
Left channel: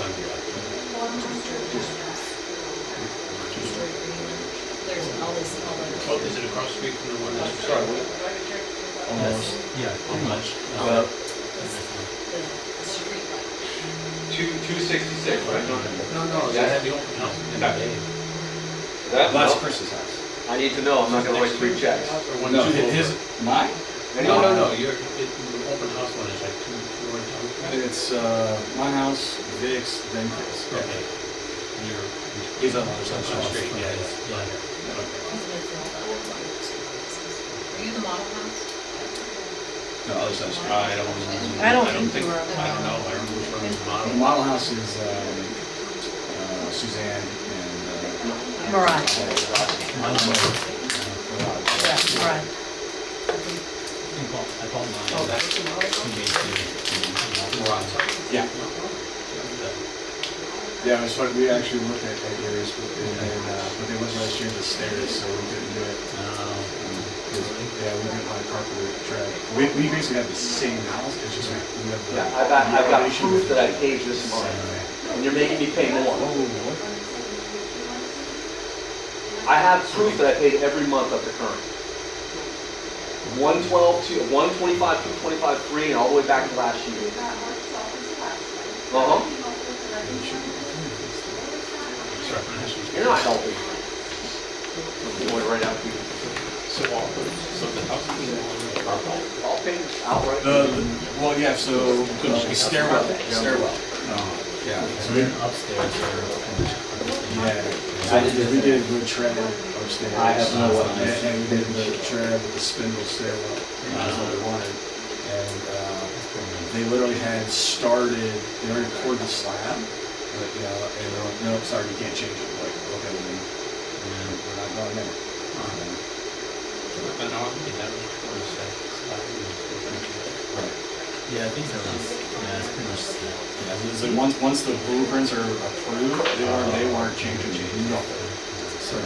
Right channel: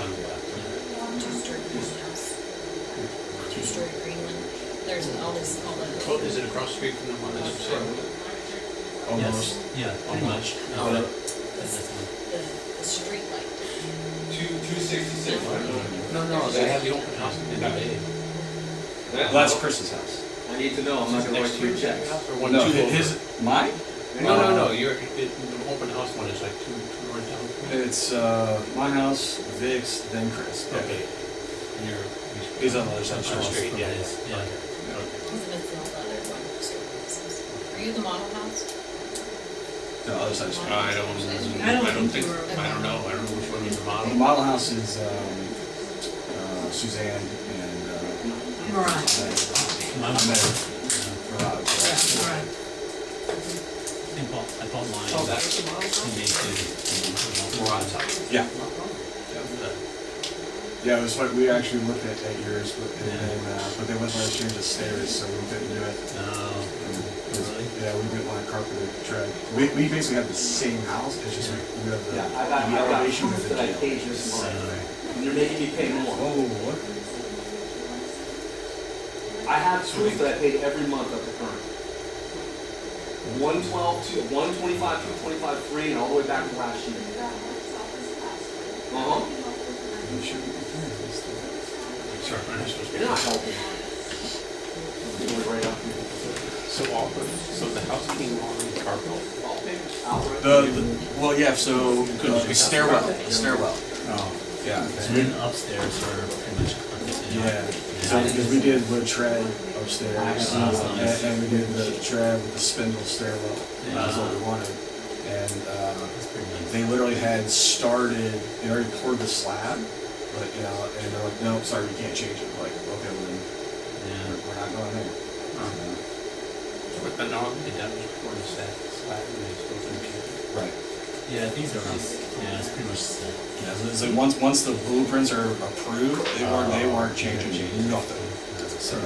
On the left. Two-story green one. There's all the. Oh, is it across the street from the one that's for sale? Yes, yeah, pretty much. Uh, That's one. The street light. 266, right? No, they have the open house in the day. Well, that's Chris's house. I need to know, I'm not gonna write 3 checks. Or one, No, two his, over. mine? No, the open house one is like two north down. It's, my house, Vic's, then Chris. Okay. And you're. He's on the other side of the On the street. street, yeah. Yeah. Okay. Isn't it all the other one services? Are you the model house? No, other side of the street. I don't I don't think you were. I don't know which one is the The model. model house is, Suzanne and, Mariah, Mine on the Rod. yeah, Mariah. I bought mine. Oh, that's the model? Moron's house? Yeah. Okay. Yeah, it was funny, we actually looked at yours, but they went last year to stairs, so we couldn't do it. Oh, really? Yeah, we didn't want to carpet or tread. We basically have the same house, it's just we have the I've got elevation proof with that I the paid this same month, way. and you're making me pay more. Oh, what? I have proof that I paid every month up to current. 112, 125, 225 free, and all the way back to last year. Uh-huh. Sorry, my house was. You're not helping. I'm going right after you. So the house being all in the carpet. Well, yeah, so stairwell. Yeah. So then upstairs are pretty much carpet. Yeah. So we did wood tread upstairs. I have no idea. And we did the tread with the spindle stairwell. That's what we wanted. And That's pretty nice. they literally had started, they already poured the slab, but, you know, and they're like, no, sorry, you can't change it. Like, okay, well then, Yeah. we're not going there. But normally that was for the side, Right. Yeah, these are nice. Yeah, it's pretty much set. Yeah, so it's like once the blueprints are approved, they weren't changing nothing. So,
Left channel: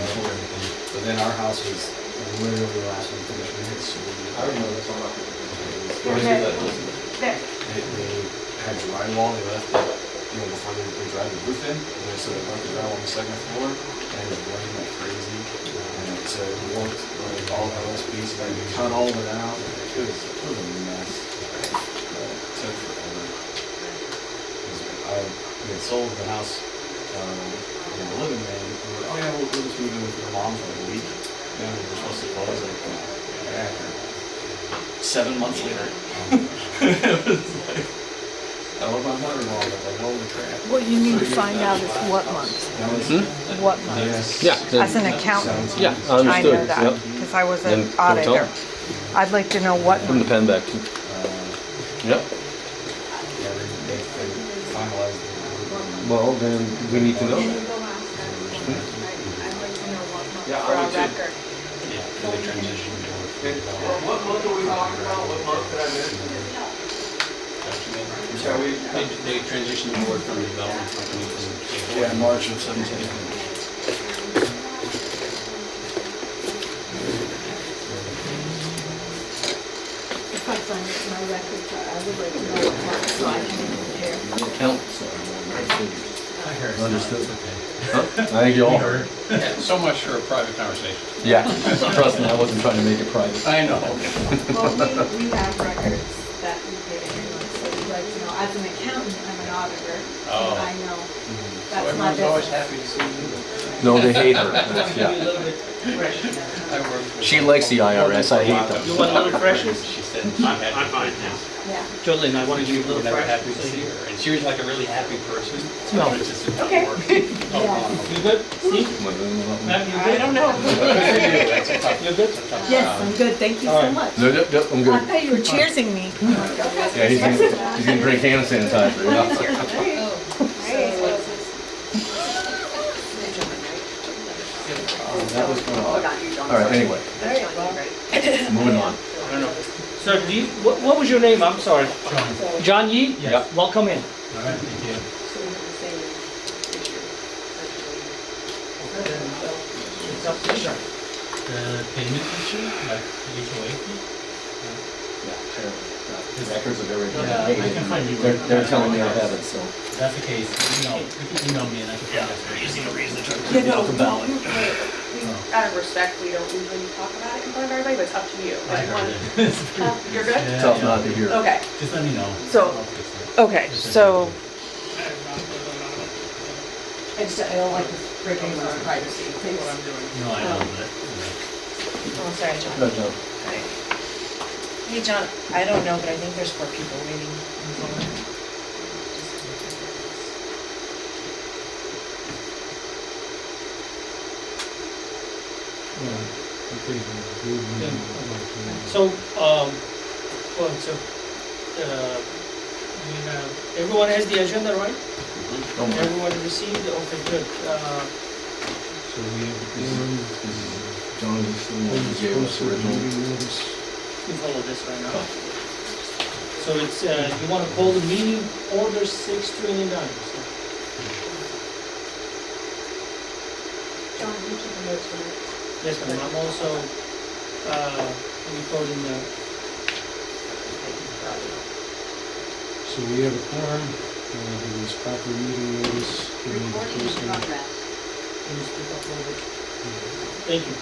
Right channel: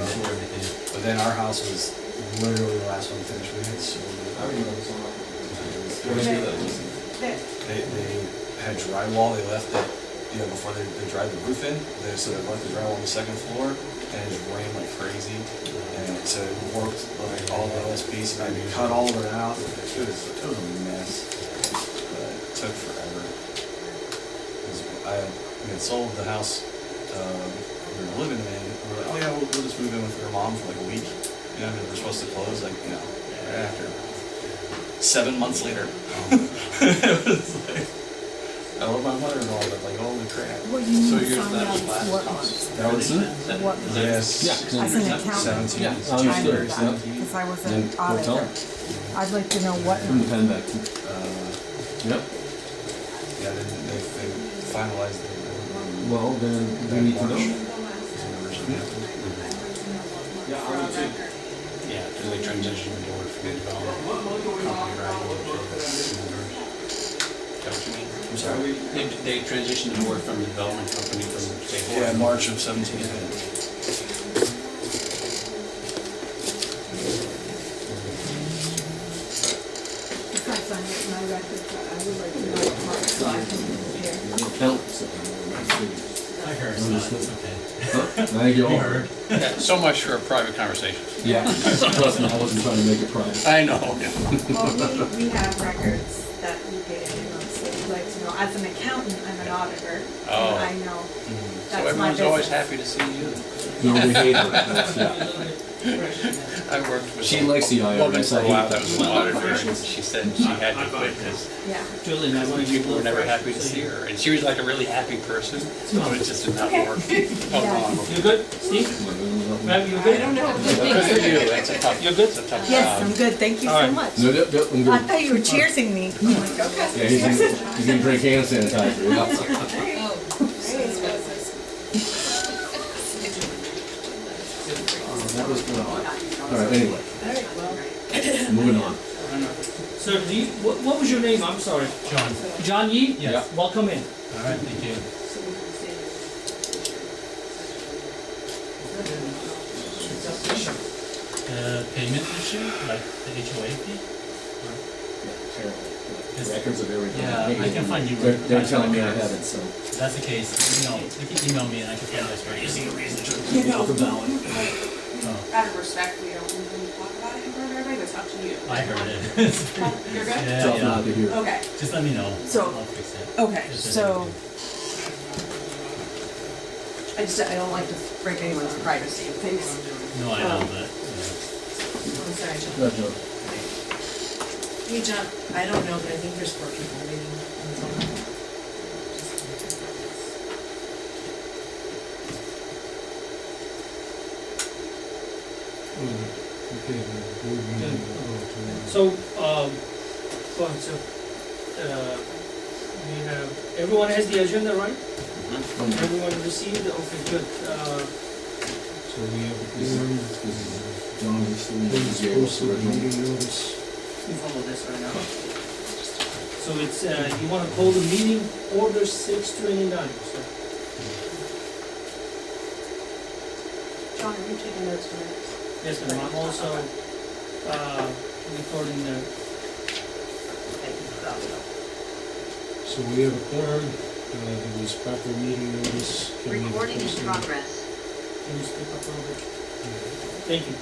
but then our house was literally the last one finished. We had sold it. I didn't know that's all. They had drywall. They left it, you know, before they dried the roof in. So they left the drywall on the second floor, and it was raining like crazy. And so it worked like all the OSBs. So we cut all of it out. It was a mess. But it took forever. We had sold the house we were living in. We were like, oh yeah, we'll just move in with your mom for like a week. You know, we were supposed to close like, you know, after 7 months later. It was like, I love my mother-in-law, but like, holy crap. What you need to find out is what month, That was, what month. yes. Yeah. As an accountant, 17. Yeah, I know understood. that, Yep. because I was Then an don't tell auditor. them. I'd like to know what Give them the month. pen back too. Yep. Yeah, they finalized the. Well, then we need to know that. Yeah, I would too. Yeah, because they transitioned the board from the development. What month are we talking about? What month did I miss? I'm sorry, they transitioned the board from the development company from State Board. Yeah, March of 17, I think. If I find it in my records, I would like to know what month, so I can compare. The accountants. I heard. Understood. It's okay. Huh? I think you all heard. Yeah, so much for a private conversation. Yeah, trust me, I wasn't trying to make it private. I know. Well, we have records that we paid every month, so we'd like to know, as an accountant, I'm an auditor, Oh. and I know So that's my everyone's always business. happy to see you. No, they hate her. Maybe a Yeah. little bit fresh. I worked with. She likes the IRS, I hate them. You want a little freshness? She said she had to quit this. Yeah. Jolene, I want to give you a People were little never fresh. happy to so see you- her, and she was like a really happy person. No. But it just didn't Okay. work. Oh, Yeah. wrong. You good, Steve? Ma'am, you good? I don't know. Because they do, that's a tough, You're good? it's a tough Yes, job. I'm good, thank you All so right. much. No, no, no, I'm I good. thought you were cheersing me. I'm like, okay. Yeah, he's gonna drink hand sanitizer, yeah. That was fun. All right, anyway, moving on. Sir, do you, what was your name? I'm sorry. John. John Yee? Yes. Welcome in. All right, thank you. The payment issue, like the HOA fee? Yeah, terrible. Yeah, records of everything. Yeah, I can find you. They're telling me I have it, so. If that's the case, you can email me and I can find that. Using a reason to You know, Off the ballot. Out of respect, we don't usually talk about it in front of everybody, but it's up to you. I heard it. You're good? Yeah, Tough yeah. not to hear. Okay, Just let me know. So- I'll fix it. okay, Just so. I don't like to break anyone's privacy, please. No, I know, but, yeah. Oh, sorry, John. No, no. Hey, John, I don't know, but I think there's 4 people waiting on the phone. So, go on, so, you have, everyone has the agenda, right? Everyone received, okay, good. So we have This is, John is still the one who gave us the original. meeting notice. We follow this right now. So it's, you wanna call the meeting order 629, so. John, are you taking notes for minutes? Yes, ma'am, I'm also, recording the, So we have a quorum, there was proper meeting notice. Can we post it? can you speak up a little bit? Thank you.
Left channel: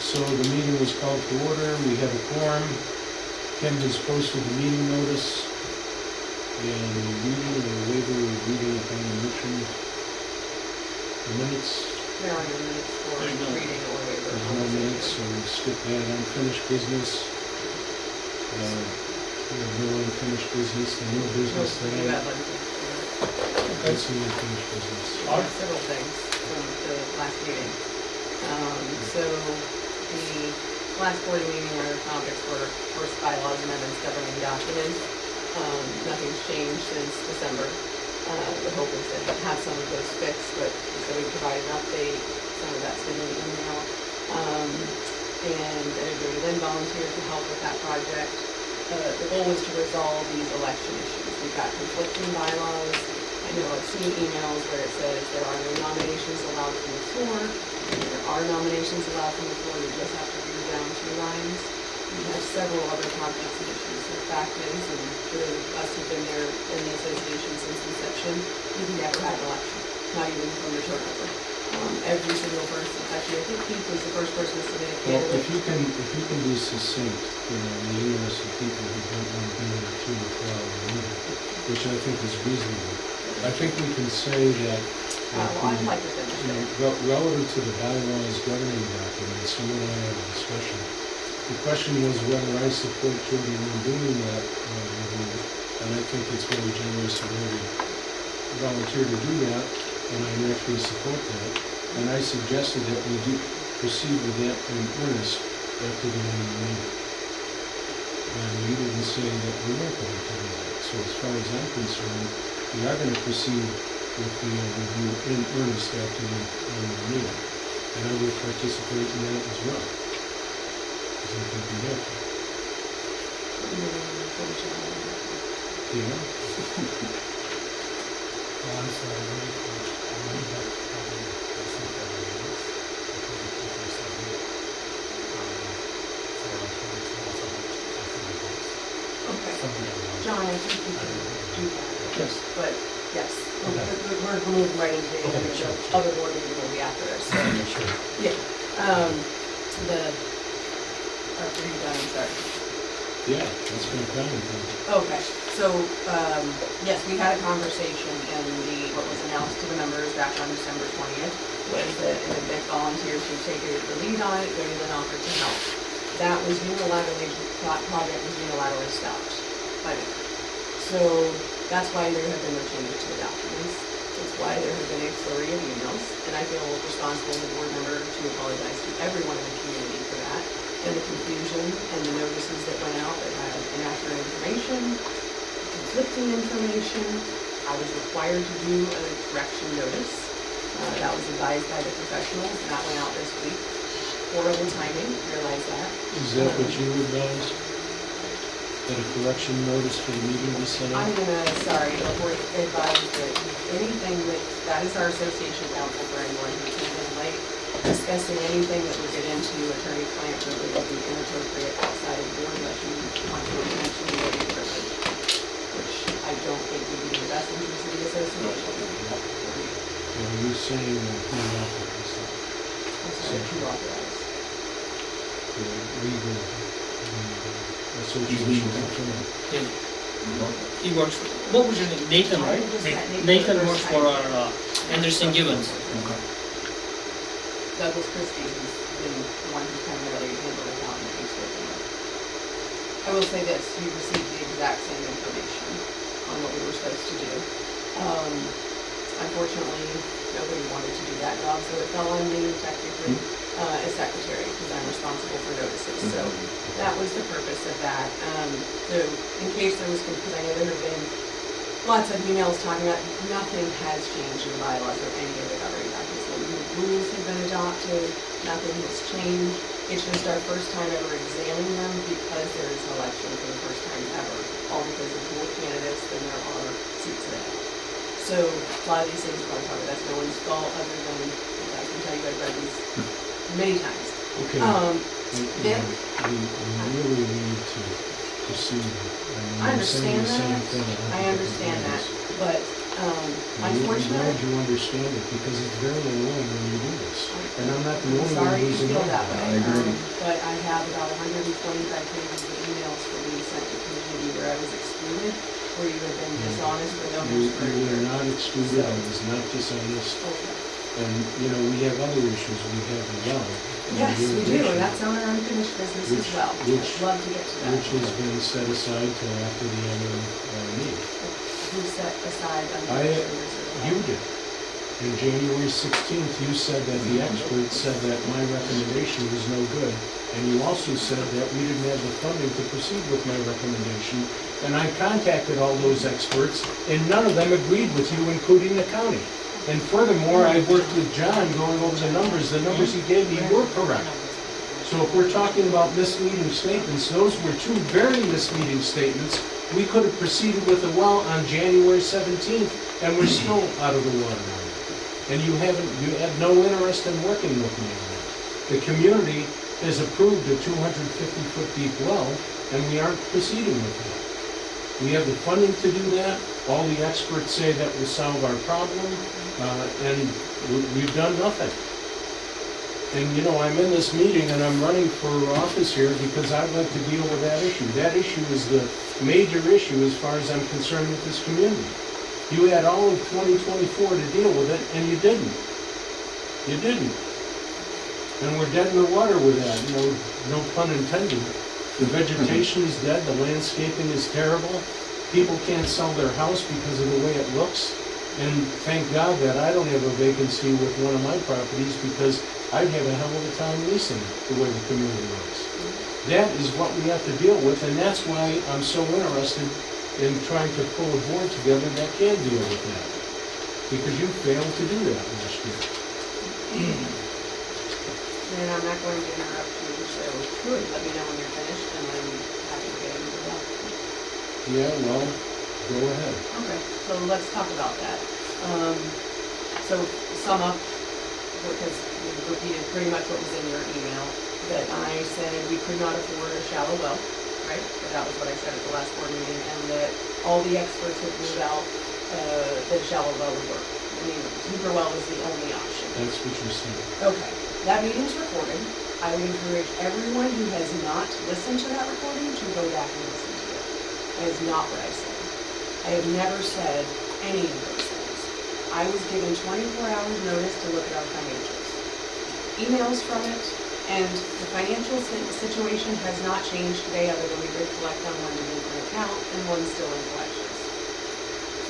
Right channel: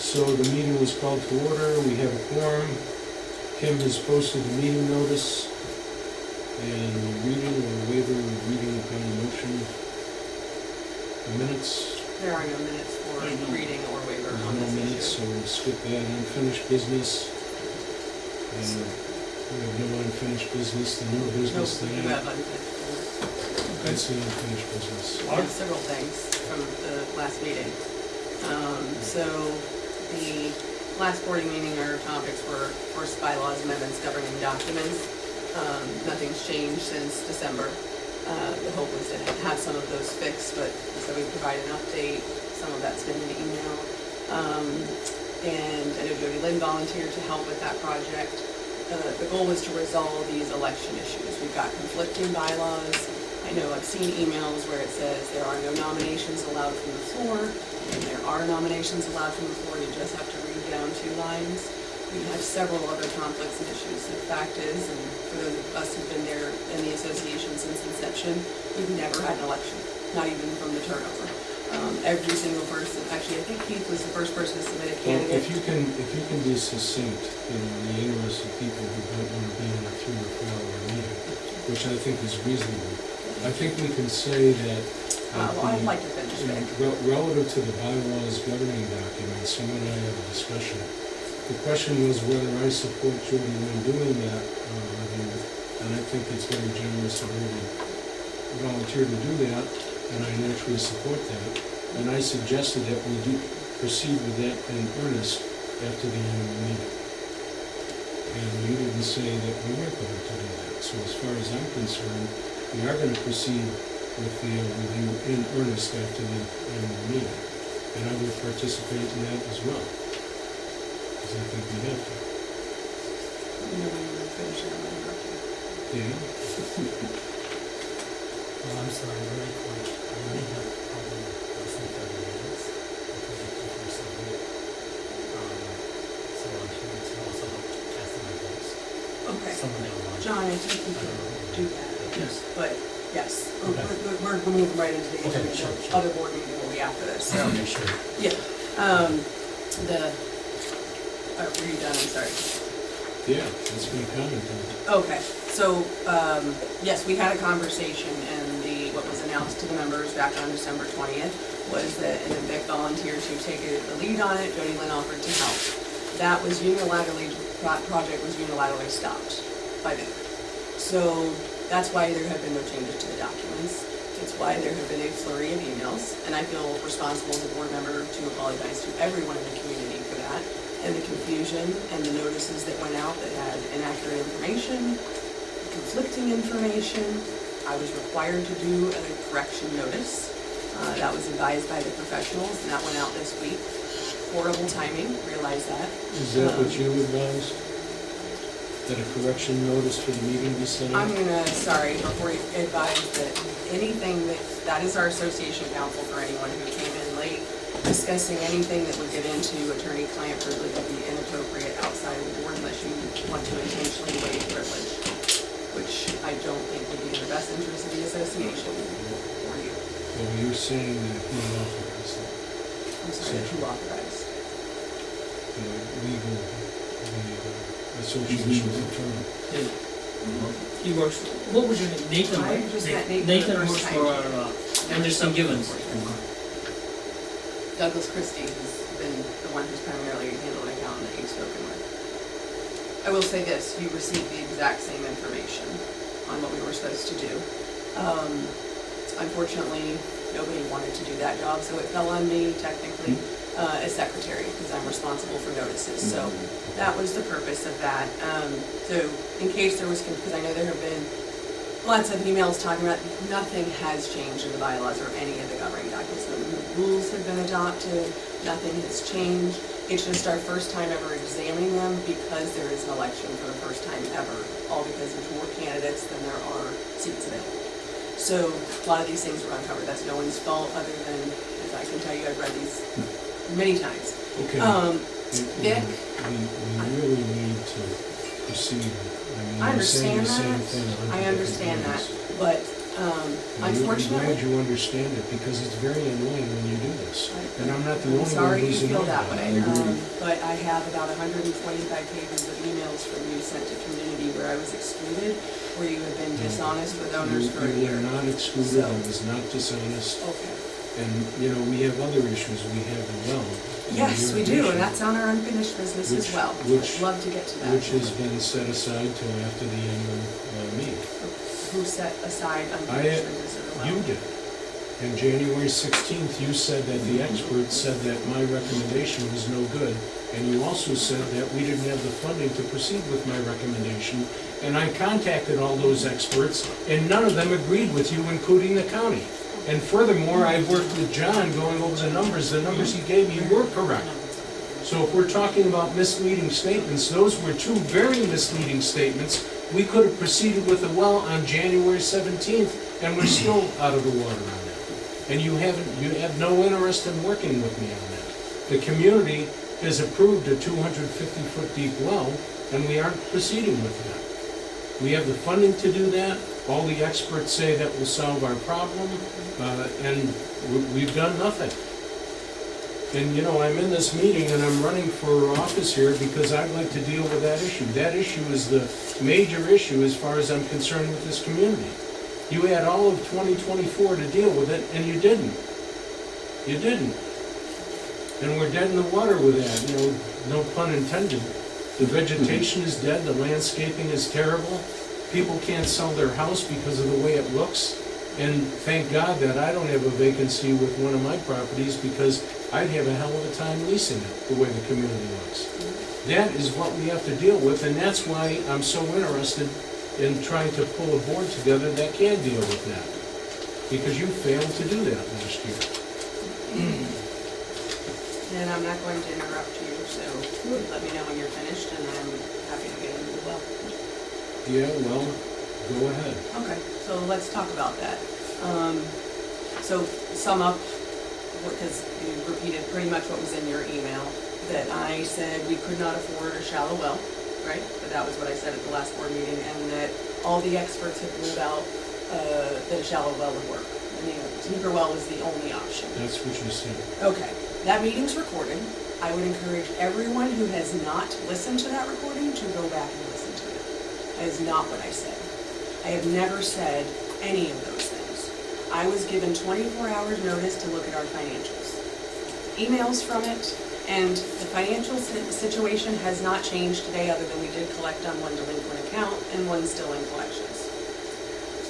So the meeting was called to order, we have a quorum. Kim has posted the meeting notice and the reading or waiver of reading upon the motion. The minutes, There are no minutes for There's no- reading or waiver. There's on no this minutes, so issue. we skip that. Unfinished business. We have no unfinished business, the new No, business we do tonight. have unfinished business. That's the unfinished business. We have several things from the last meeting. So the last board meeting, our topics were first bylaws amendments governing documents. Nothing's changed since December. The hope was to have some of those fixed, but so we provide an update. Some of that's been in email. And I know Jody Lynn volunteered to help with that project. The goal was to resolve these election issues. We've got conflicting bylaws. I know I've seen emails where it says there are no nominations allowed from the floor, and there are nominations allowed from the floor. You just have to read down 2 lines. We have several other conflicts and issues. The fact is, and for those of us who've been there in the association since inception, we've never had an election, not even from the turnover. Every single person, actually, I think Keith was the first person to submit a Well, candidate. if you can be succinct, in the interest of people who don't want to be in a 2 or 4 hour meeting, which I think is reasonable. I think we can say that. Well, I'd like to finish there. Relative to the bylaws governing documents, you and I had a discussion. The question was whether I support Jody Lynn doing that review, and I think it's very generous of her to volunteer to do that, and I naturally support that. And I suggested that we do proceed with that in earnest after the annual meeting. And you didn't say that we weren't going to do that. So as far as I'm concerned, we are going to proceed with the review in earnest after the annual meeting. And I will participate in that as well. Because I think we have to. Yeah? Well, I'm sorry, really quick. I might have probably some every minutes because of 247. So to also help cast my votes. Okay. Some of the other ones. John, I think you I can don't know. do that. Yes. But, yes, Okay. we're moving right into the Okay, agenda. sure, The sure. other board meeting will be after this, so, Make sure. yeah. Were you done, I'm sorry. Yeah, that's my comment then. Okay, so, yes, we had a conversation, and what was announced to the members back on December 20th was that, and Vic volunteered to take the lead on it, Jody Lynn offered to help. That was project was unilaterally stopped by Vic. So, that's why there have been no changes to the documents. It's why there have been a flurry of emails, and I feel responsible as a board member to apologize to everyone in the community for that, and the confusion and the notices that went out that had inaccurate information, conflicting information. I was required to do a correction notice. That was advised by the professionals, and that went out this week. Horrible timing, realize that. Is that what you advised? That a correction notice for the meeting be sent out? I'm gonna, sorry, before you advise that anything that is our association counsel for anyone who came in late, discussing anything that would get into attorney-client privilege would be inappropriate outside of the board unless you want to intentionally waive privilege, which I don't think would be in the best interest of the association or you. Well, you're saying that he authorized that, I'm sorry, who authorized? the legal, the association attorney. He works, what was your name, Nathan, I right? just met Nathan Nathan the works first for time. our Anderson Gibbons. Douglas Christie, who's been the one who's primarily handled accounting that you've spoken with. I will say this, you received the exact same information on what we were supposed to do. Unfortunately, nobody wanted to do that job, so it fell on me technically as secretary, because I'm responsible for notices. So that was the purpose of that. So in case there was, because I know there have been lots of emails talking about nothing has changed in the bylaws or any of the governing documents. No new rules have been adopted, nothing has changed. It's just our first time ever examining them because there is an election for the first time ever, all because there's more candidates than there are seats available. So a lot of these things are uncovered. That's no one's fault other than, as I can tell you, I've read these many times. Okay. Vic? We really need to proceed. I You're saying understand the same that. thing in a I hundred understand different that, but ways. I'm unfortunately. glad you understand it, because it's very annoying when you do this. And I'm not the only one Sorry you who's feel annoyed that by way. it. I agree. But I have about 125 pages of emails from you sent to community where I was excluded, where you have been dishonest with owners for a You year. were not excluded, So- I was not dishonest. Okay. And, you know, we have other issues, we have the well. and Yes, we do, irrigation, and that's on our unfinished business as Which- well. which- I'd love to get to that. Which has been set aside till after the annual meeting. Who set aside I- unfinished business as well? You did. And January 16th, you said that the experts said that my recommendation was no good. And you also said that we didn't have the funding to proceed with my recommendation. And I contacted all those experts, and none of them agreed with you, including the county. And furthermore, I worked with John going over the numbers he gave me were correct. So if we're talking about misleading statements, those were two very misleading statements. We could have proceeded with the well on January 17th, and we're still out of the water on that. And you have no interest in working with me on that. The community has approved a 250-foot deep well, and we aren't proceeding with that. We have the funding to do that. All the experts say that will solve our problem, and we've done nothing. And, you know, I'm in this meeting and I'm running for office here because I'd like to deal with that issue. That issue is the major issue as far as I'm concerned with this community. You had all of 2024 to deal with it, and you didn't. You didn't. And we're dead in the water with that, you know, no pun intended. The vegetation is dead, the landscaping is terrible. People can't sell their house because of the way it looks. And thank God that I don't have a vacancy with one of my properties, because I'd have a hell of a time leasing it, the way the community looks. That is what we have to deal with, and that's why I'm so interested in trying to pull a board together that can deal with that. Because you failed to do that last year. And I'm not going to interrupt you, so let me know when you're finished, and I'm happy to get into the well. Yeah, well, go ahead. Okay, so let's talk about that. So sum up, because you repeated pretty much what was in your email, that I said we could not afford a shallow well, right? But that was what I said at the last board meeting, and that all the experts had ruled out that a shallow well would work. I mean, a deeper well was the only option. That's what you said. Okay, that meeting's recorded. I would encourage everyone who has not listened to that recording to go back and listen to it. That is not what I said. I have never said any of those things. I was given 24 hours notice to look at our financials. Emails from it, and the financial situation has not changed today, other than we did collect on one delinquent account and one still in collections.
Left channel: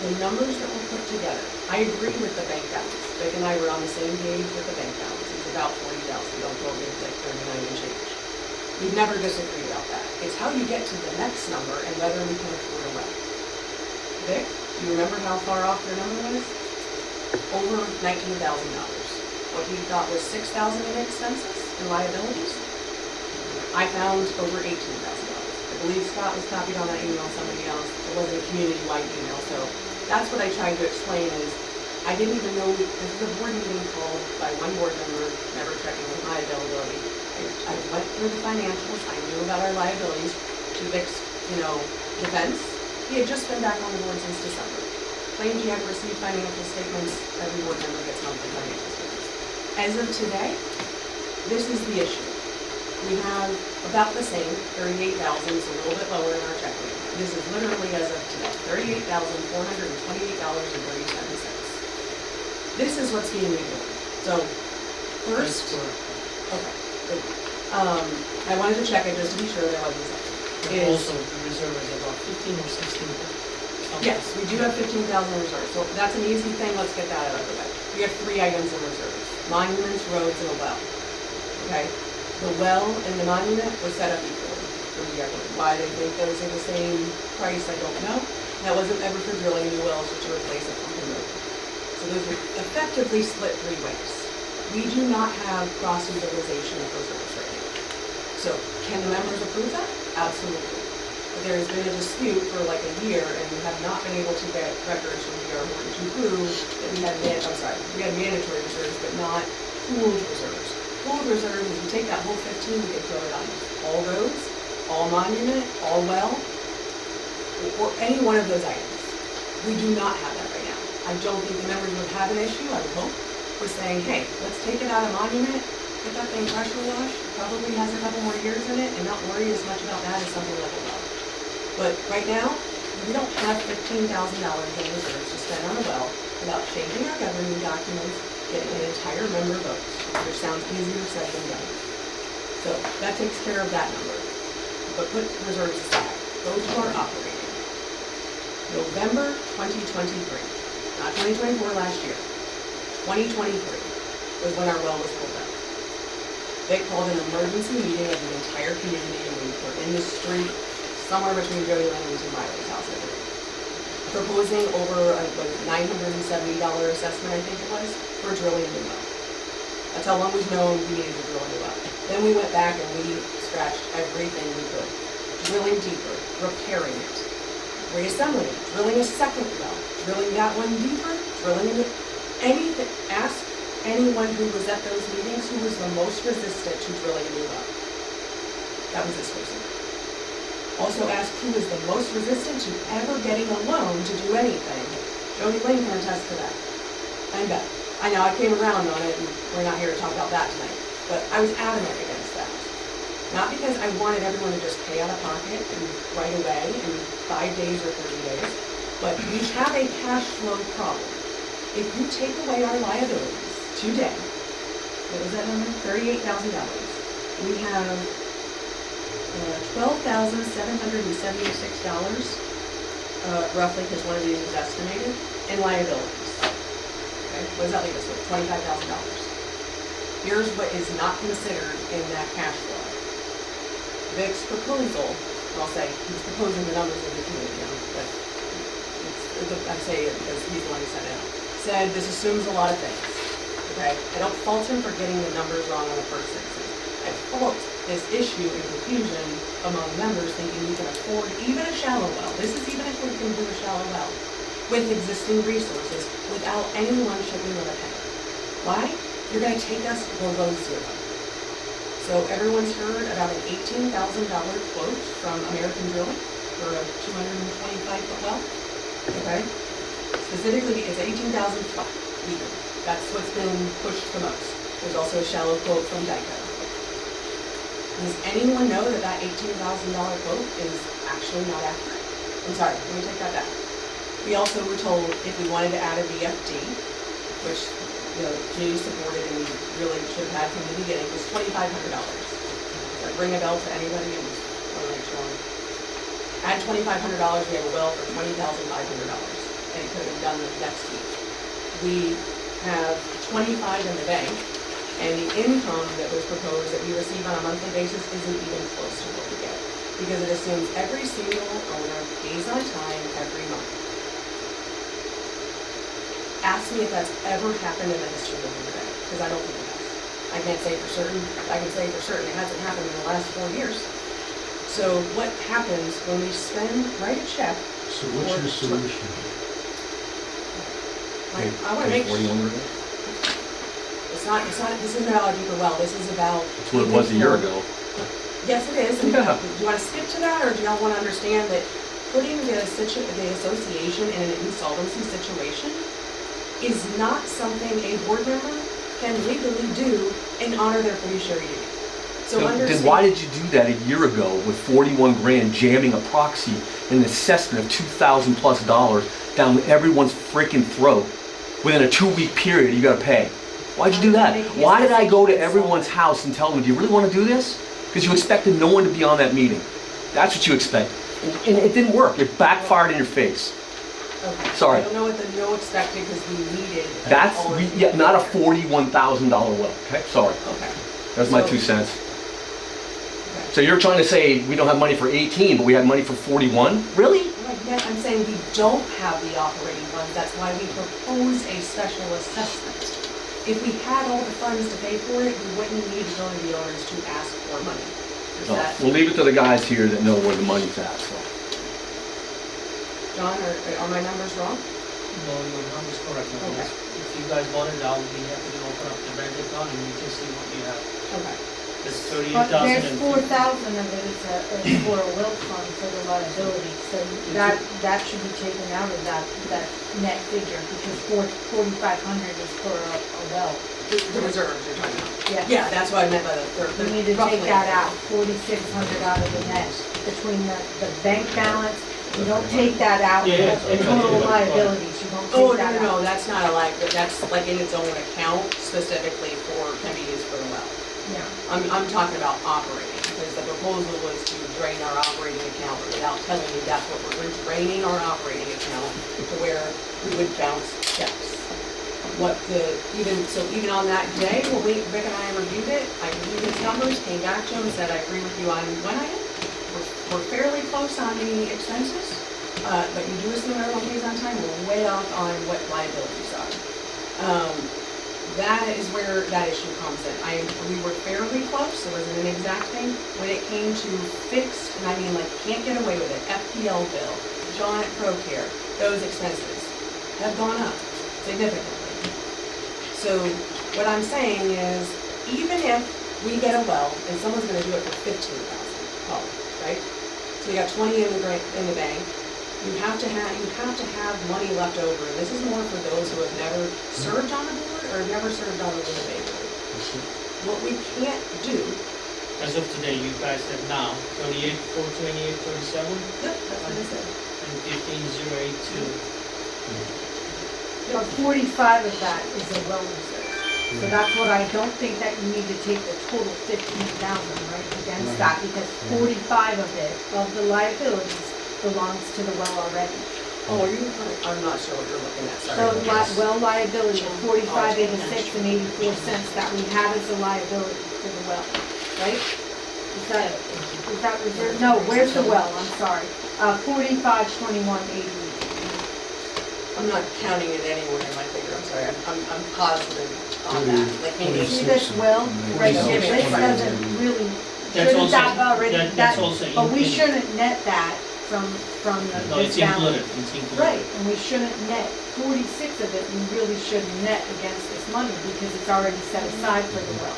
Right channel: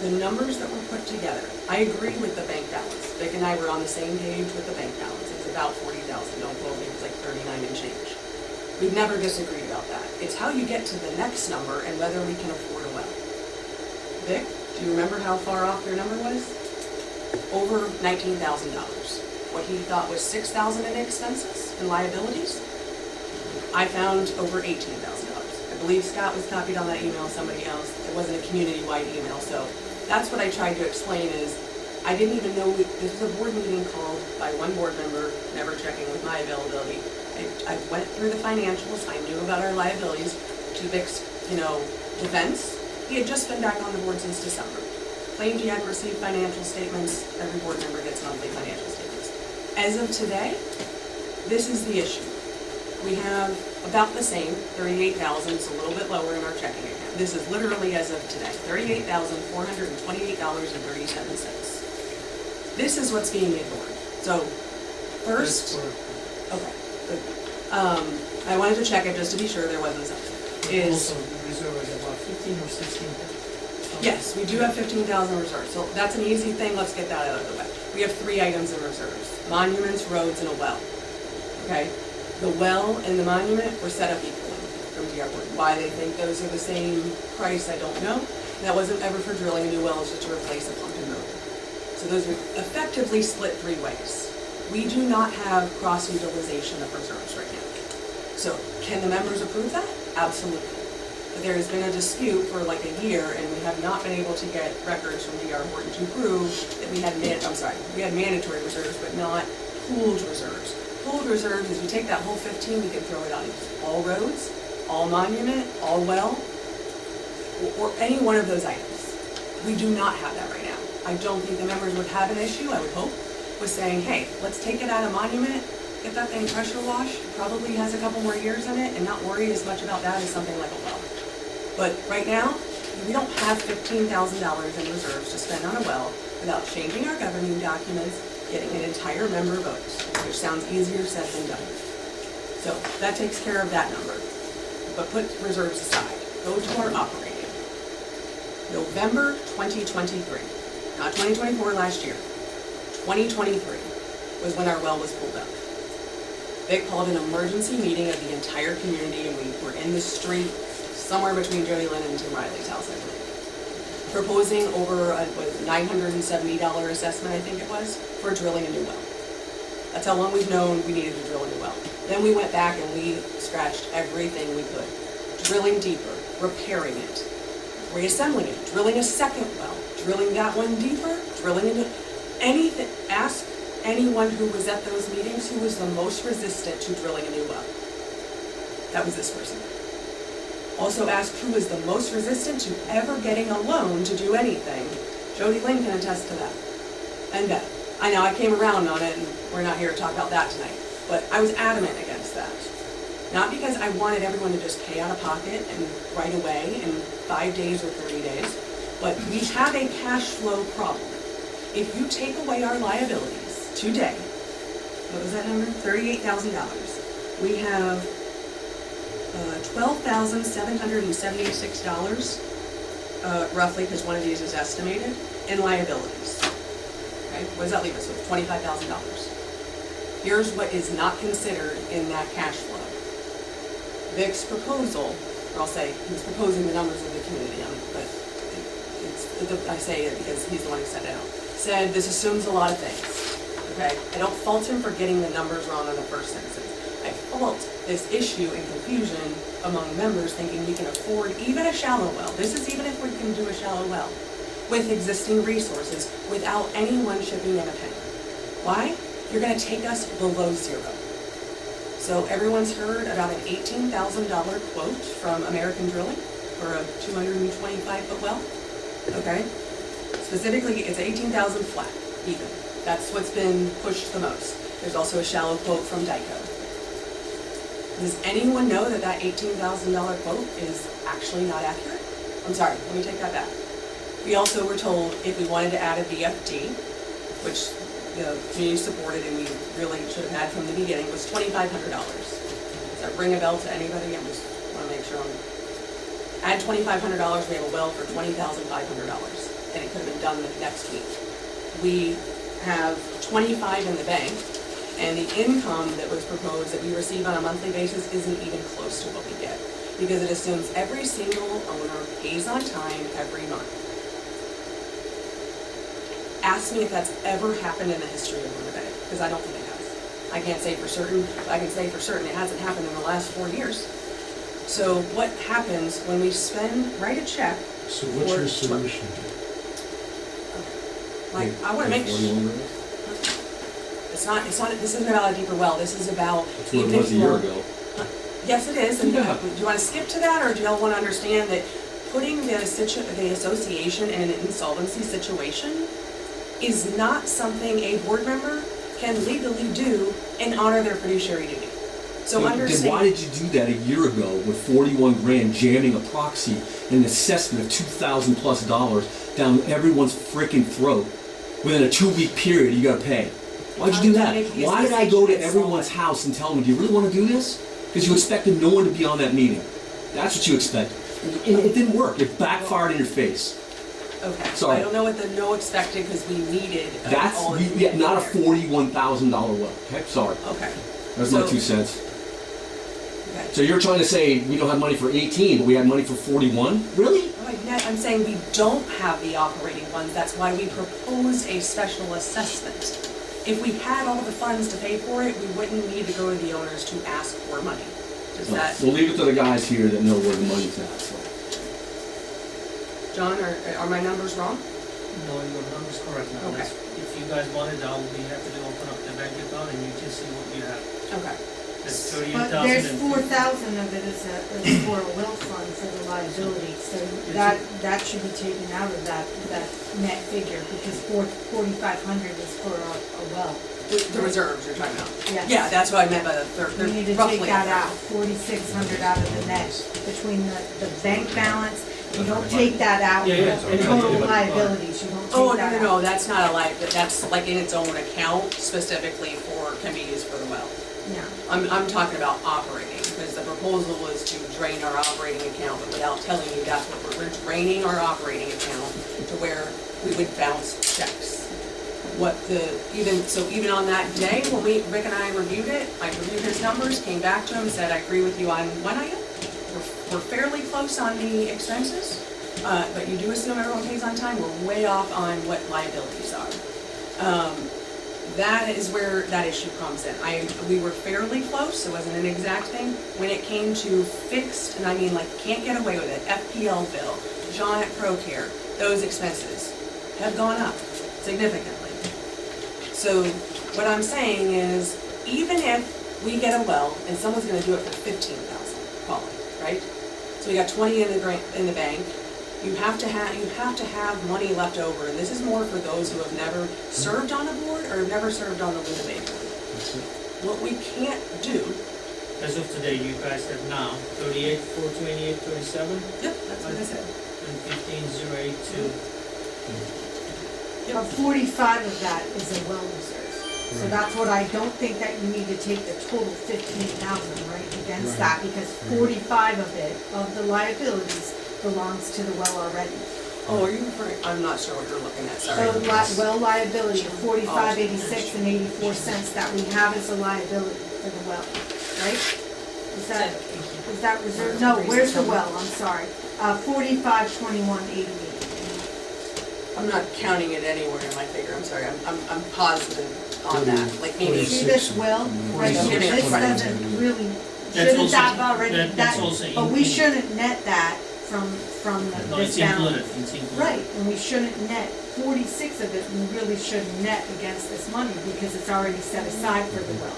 The numbers that were put together, I agree with the bank balance. Vic and I were on the same page with the bank balance. It was about 40,000, don't quote me, it was like 39 and change. We've never disagreed about that. It's how you get to the next number and whether we can afford a well. Vic, do you remember how far off your number was? Over $19,000. What he thought was $6,000 in expenses and liabilities, I found over $18,000. I believe Scott was copied on that email, somebody else. It wasn't a community-wide email, so that's what I tried to explain is, I didn't even know, this was a board meeting called by one board member, never checking with my availability. I went through the financials, I knew about our liabilities, to Vic's, defense. He had just been back on the board since December. Claimed he hadn't received financial statements, every board member gets monthly financial statements. As of today, this is the issue. We have about the same, $38,000, it's a little bit lower in our checking account. This is literally as of today, $38,428.37. This is what's being ignored. So, first, okay, good. I wanted to check it just to be sure there wasn't something. Also, the reserve is about 15 or 16. Yes, we do have 15,000 reserves, so that's an easy thing, let's get that out of the way. We have 3 items in reserves: monuments, roads, and a well. Okay? The well and the monument were set up equally from the airport. Why they think those are the same price, I don't know. That wasn't ever for drilling new wells, just to replace a pump and motor. So those were effectively split 3 ways. We do not have cross-utilization of reserves right now. So can the members approve that? Absolutely. But there has been a dispute for like a year, and we have not been able to get records from D.R. Horton to prove that we had we had mandatory reserves, but not pooled reserves. Pooled reserves is you take that whole 15, we could throw it on all roads, all monument, all well, or any one of those items. We do not have that right now. I don't think the members would have an issue, I would hope, with saying, hey, let's take it out of monument, get that thing pressure washed, it probably has a couple more years in it, and not worry as much about that as something like a well. But right now, we don't have $15,000 in reserves to spend on a well without changing our governing documents, getting an entire member vote, which sounds easier said than done. So that takes care of that number. But put reserves aside. Go to our operating. November 2023, not 2024 last year. 2023 was when our well was pulled out. They called an emergency meeting of the entire community, and we were in the street somewhere between Jody Lynn and Tim Riley's house, I believe, proposing over a $970 assessment, I think it was, for drilling a new well. That's how long we've known we needed to drill a new well. Then we went back and we scratched everything we could. Drilling deeper, repairing it, reassembling it, drilling a second well, drilling that one deeper, drilling into anything. Ask anyone who was at those meetings who was the most resistant to drilling a new well. That was this person. Also ask who was the most resistant to ever getting a loan to do anything. Jody Lynn can attest to that. And Beth. I know I came around on it, and we're not here to talk about that tonight, but I was adamant against that. Not because I wanted everyone to just pay out of pocket and right away in 5 days or 30 days, but we have a cash flow problem. If you take away our liabilities today, what was that number? $38,000. We have $12,776, roughly, because one of these is estimated, in liabilities. Okay, what does that leave us with? $25,000. Here's what is not considered in that cash flow. Vic's proposal, I'll say, he's proposing the numbers of the community, but I say it because he's the one who set it out, said this assumes a lot of things, okay? I don't fault him for getting the numbers wrong in the first instance. I fault this issue and confusion among members thinking we can afford even a shallow well. This is even if we can do a shallow well with existing resources without anyone chipping in a penny. Why? You're gonna take us below zero. So everyone's heard about an $18,000 quote from American Drilling for a 225-foot well, okay? Specifically, it's 18,000 flat, even. That's what's been pushed the most. There's also a shallow quote from Dyko. Does anyone know that that $18,000 quote is actually not accurate? I'm sorry, let me take that back. We also were told if we wanted to add a VFD, which the community supported and we really should have had from the beginning, was $2,500. Does that ring a bell to anybody? I just want to make sure add $2,500, we have a well for $20,500, and it could have been done the next week. We have 25 in the bank, and the income that was proposed that we receive on a monthly basis isn't even close to what we get, because it assumes every single owner pays on time every month. Ask me if that's ever happened in the history of Luna Bay, because I don't think it has. I can't say for certain, but I can say for certain it hasn't happened in the last 4 years. So what happens when we write a check? So what's your solution? I want to make sure. It's not, this isn't about a deeper well, this is about. It's what it was a year ago. Yes, it is, and Yeah. do you want to skip to that, or do y'all want to understand that putting the association in an insolvency situation is not something a board member can legally do and honor their fiduciary duty. So understand. Then why did you do that a year ago with 41 grand jamming a proxy and an assessment of $2,000+ down everyone's freaking throat? Within a 2-week period, you gotta pay. Why'd you do that? Why did I go to everyone's house and tell them, do you really wanna do this? Because you expected no one to be on that meeting. That's what you expected. And it didn't work. It backfired in your face. Okay. Sorry. I don't know what the no expected, because we needed. That's, not a $41,000 well, okay? Sorry. Okay. That's my 2 cents. Okay. So you're trying to say we don't have money for 18, but we have money for 41? Really? I'm saying we don't have the operating funds, that's why we proposed a special assessment. If we had all the funds to pay for it, we wouldn't need to go to the owners to ask for money. Is No, that, we'll leave it to the guys here that know where the money's at, so. John, are my numbers wrong? No, your number's correct now. Okay. If you guys want it, I'll be happy to open up the bank account and you can see what you have. Okay. It's But 38,000 there's and 4,000 of it is for a will fund for the liability, so that should be taken out of that net figure, because 4,500 is for a well. The reserves you're talking about? Yes. Yeah, that's what I meant by the third. We need to take that out, 4,600 out of the net, between the bank balance You don't take that out, Yeah, yeah, in total liabilities, you don't Oh, take that out. no, that's not a that's like in its own account specifically can be used for the well. Yeah. I'm talking about operating, because the proposal was to drain our operating account, but without telling you that's what we're draining our operating account to where we would bounce checks. Even on that day, when Rick and I reviewed it, I reviewed his numbers, came back to him, said, I agree with you on one item. We're fairly close on the expenses, but you do assume everyone pays on time, we're way off on what liabilities are. That is where that issue comes in. We were fairly close, it wasn't an exact thing. When it came to fixed, and I mean like can't get away with it, FPL bill, John ProCare, those expenses have gone up significantly. So what I'm saying is, even if we get a well and someone's gonna do it for 15,000, call it, right? So we got 20 in the bank. You have to have money left over, and this is more for those who have never served on a board or never served on the Luna Bay board. What we can't do. As of today, you guys have now 38, 428, 37, Yep, that's what I said. and 15,082. But 45 of that is a well reserve. So that's what I don't think that you need to take the total 15,000, right, against that, because 45 of it, of the liabilities, belongs to the well already. Oh, are you referring, I'm not sure what you're looking at, sorry. So well liability of 45.86 and 84 cents that we have as a liability for the well, right? Is that reserved? No, where's the well? I'm sorry. 45.21.88. I'm not counting it anywhere in my figure, I'm sorry, I'm positive on that, like maybe. See this well, right here, this doesn't really, That's shouldn't also- that already, that's also but we in- shouldn't net that from No, this it's balance. included, it's included. Right, and we shouldn't net, 46 of it, we really shouldn't net against this money because it's already set aside for the well.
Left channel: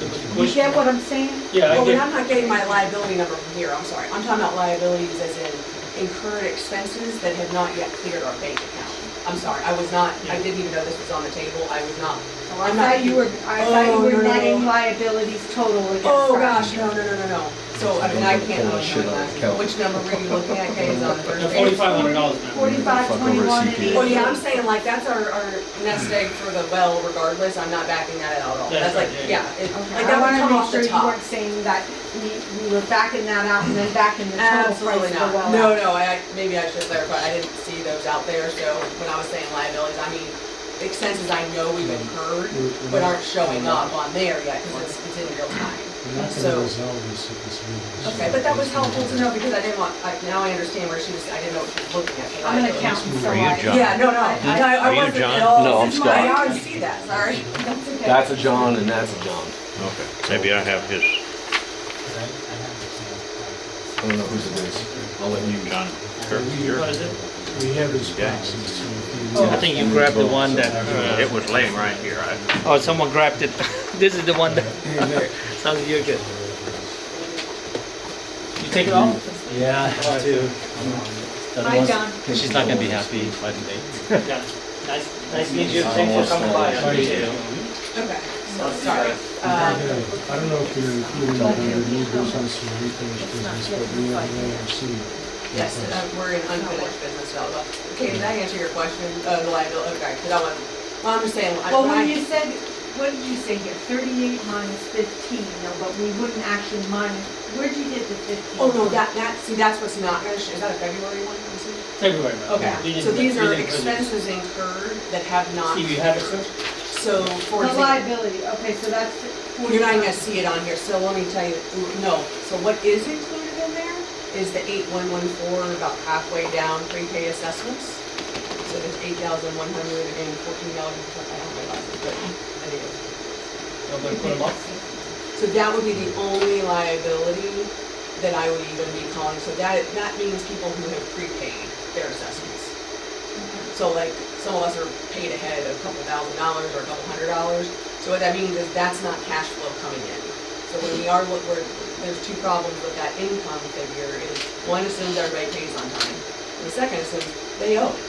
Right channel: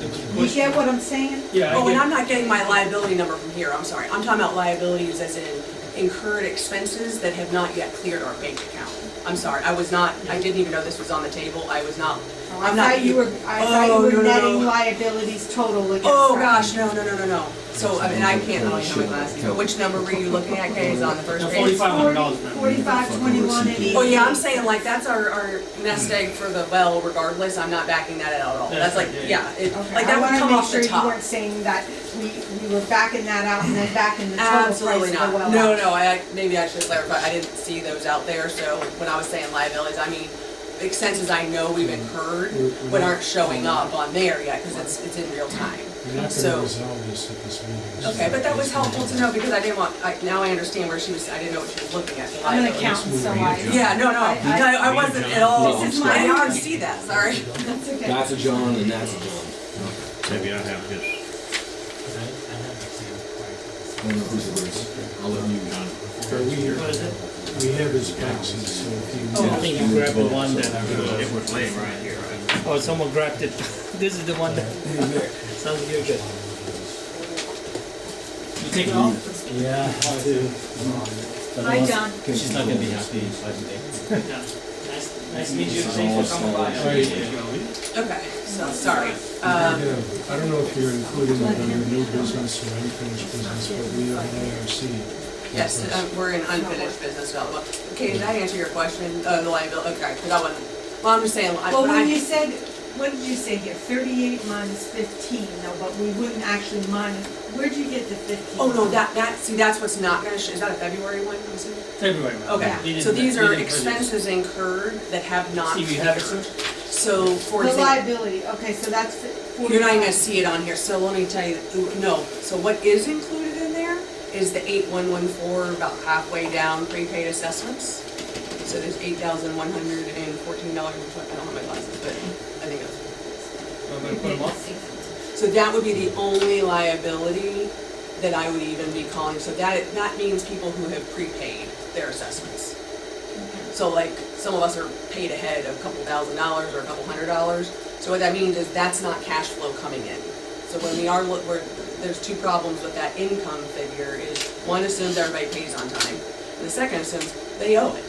The You question- get what I'm saying? Yeah, I Oh, and get, I'm not getting my liability number from here, I'm sorry, I'm talking about liabilities as in incurred expenses that have not yet cleared our bank account. I'm sorry, I didn't even know this was on the table, I was not. Oh, I I'm not- thought you were Oh, no, no, netting no. liabilities total against. Oh, that. gosh, no. So, I mean, I can't really show my glasses, but which number were you looking at, Kay, is on the first the page? $4,500, man. 45.21 and 88. Oh, yeah, I'm saying like, that's our nest egg for the well regardless, I'm not backing that out at all. That's like, That's right, yeah, it, Okay, like I that would wanna come make off sure the you top. weren't saying that we were backing that out and then backing the total price Absolutely of the not. well. No, maybe I should clarify, I didn't see those out there, so when I was saying liabilities, I mean expenses I know we've incurred, but aren't showing up on there yet, because it's in real time. We're not So- gonna resolve this at this meeting. Okay, but that was helpful to know, because I didn't want, now I understand where she was, I didn't know what she was looking at. the I'm an liabilities. accountant, so Are you I. John? Yeah, no, I wasn't at all. No, I'm This is my- I already see that, sorry. That's okay. That's a John and that's a John. Okay, maybe I have his. I don't know whose it is. I'll let you. John. What is it? We have his proxies, so if you. Oh, I think you grabbed the one that, It was laying right here. oh, someone grabbed it. This is the one that, sounds you're good. You take it off? Yeah, I do. Hi, John. She's not gonna be happy. Yeah. Nice to meet you, thanks for coming by. I appreciate it. Okay, so, sorry. I don't know if you're including it under new business or unfinished business, but we have an ARC. Yes, we're in unfinished business development. Okay, did I answer your question, the liability, okay, because I wasn't, well, I'm just saying, Well, when you said, what did you say here, 38 minus 15, no, but we wouldn't actually minus, where'd you get the 15? oh, no, from? see, that's what's not gonna, is that a February one? I'm assuming? February, man. Okay, We didn't- so these we are didn't produce. expenses incurred that have not. Steve, you have it, sir? So, for The example, liability, okay, so that's 45. you're not even gonna see it on here, so let me tell you, no, so what is included in there is the 8114, about halfway down, prepaid assessments. So there's $8,114, I don't have my glasses, but I think it's. I'm gonna put them up. So that would be the only liability that I would even be calling, so that means people who have prepaid their assessments. So like, some of us are paid ahead a couple $1,000s or a couple $100s, so what that means is that's not cash flow coming in. So when there's two problems with that income figure is, one assumes everybody pays on time, and the second assumes they owe it.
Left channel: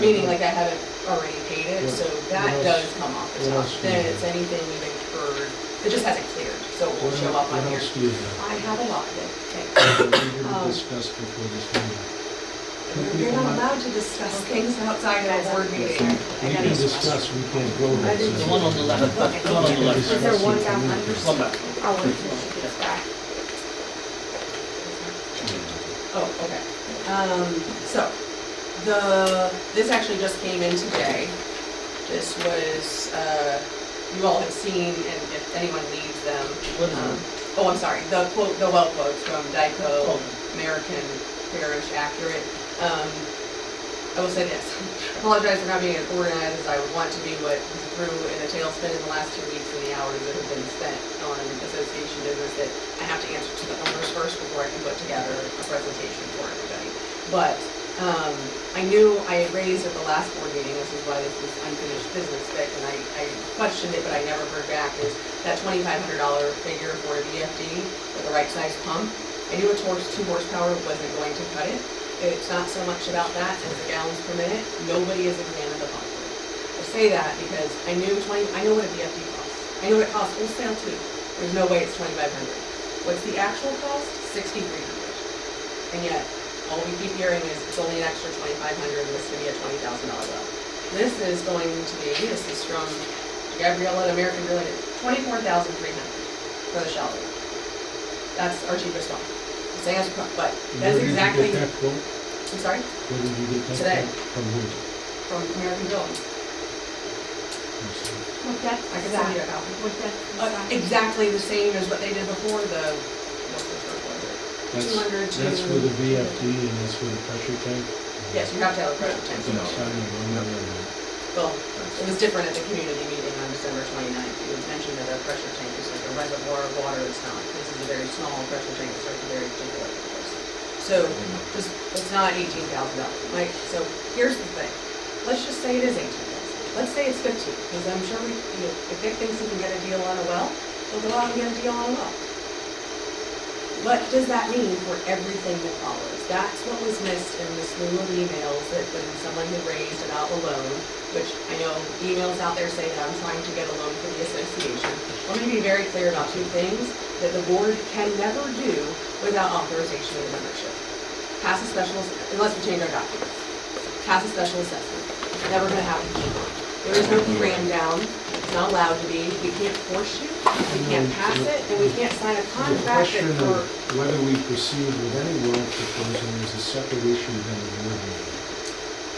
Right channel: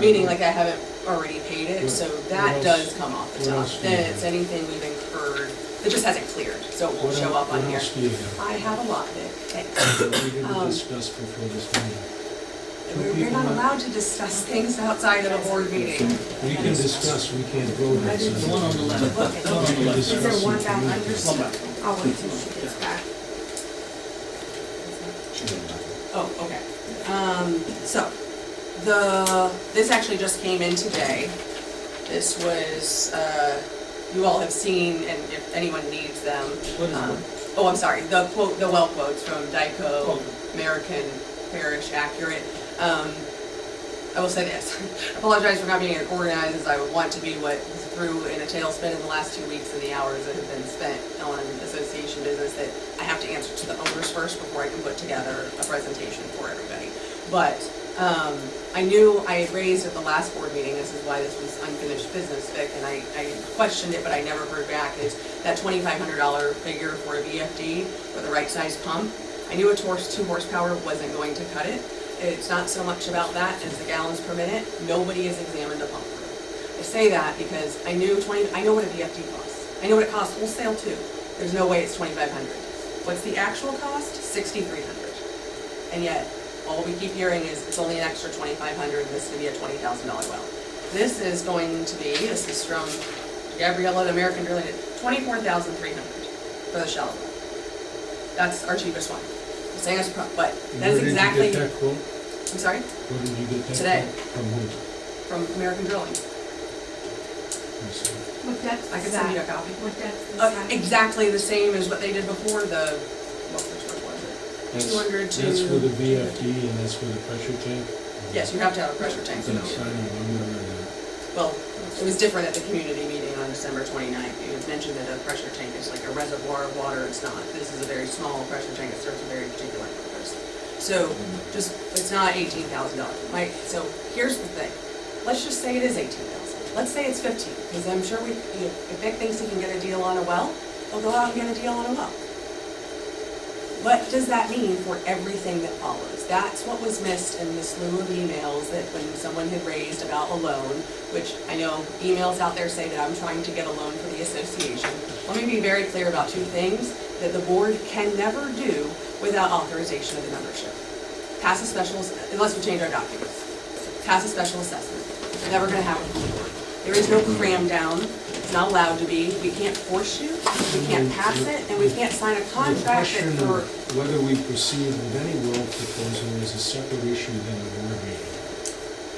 Meaning like I haven't already paid it, What- so what that else- does come off the what top. else do you Then have? it's anything we've incurred, it just hasn't cleared, so it won't What show el- up on What here. else do you have? I have a lot, Nick, thanks. That we didn't Um, discuss before this meeting. We're not allowed to discuss things outside of a board meeting. We can discuss, we can't vote on I do it. The one on the left, the one on the left. Is there one down under? One back. I'll wait till she gets back. Oh, okay. So, this actually just came in today. This was, you all have seen, and if anyone needs them. What is it? Oh, I'm sorry, the quote, the well quotes from Dyco, Oh. American Parish Accurate. I will say this, apologize for not being as organized as I would want to be, what threw in a tailspin in the last 2 weeks and the hours that have been spent on association business that I have to answer to the owners first before I can put together a presentation for everybody. But I knew I had raised at the last board meeting, this is why this was unfinished business, Vic, and I questioned it, but I never heard back, is that $2,500 figure for a VFD, for the right size pump. I knew a 2 horsepower wasn't going to cut it. It's not so much about that as the gallons per minute. Nobody has examined the pump through. I say that because I know what a VFD costs. I know what it costs wholesale too. There's no way it's $2,500. What's the actual cost? $6,300. And yet, all we keep hearing is it's only an extra $2,500 and this is gonna be a $20,000 well. This is going to be, this is from Gabriella at American Drilling, $24,300 for the shallow well. That's our cheapest one. I'm saying it's, but that is exactly. Where did you get that quote? I'm sorry? Where did you get that Today. quote? From who? From American Drilling. What depth I can is send you a that? copy. What depth is that? Exactly the same as what they did before, which was it? That's, 200 to. that's with a VFD and that's with a pressure tank? Yes, you have to have a pressure tank. Yes, I know, I'm not in that. Well, it was different at the community meeting on December 29th. You had mentioned that a pressure tank is like a reservoir of water. It's not. This is a very small pressure tank that serves a very particular purpose. So, it's not $18,000. Mike, so here's the thing. Let's just say it is $18,000. Let's say it's 15, because I'm sure if Vic thinks he can get a deal on a well, he'll go out and get a deal on a well. What does that mean for everything that follows? That's what was missed in the slew of emails that when someone had raised about a loan, which I know emails out there say that I'm trying to get a loan for the association. Let me be very clear about 2 things that the board can never do without authorization of the membership. Pass a special, unless we change our documents. Pass a special assessment. It's never gonna happen to the board. There is no cram down. It's not allowed to be. We can't force you. We can't pass it, and we can't sign a The contract question that for. of whether we proceed with any well proposal is a separate issue than a board meeting.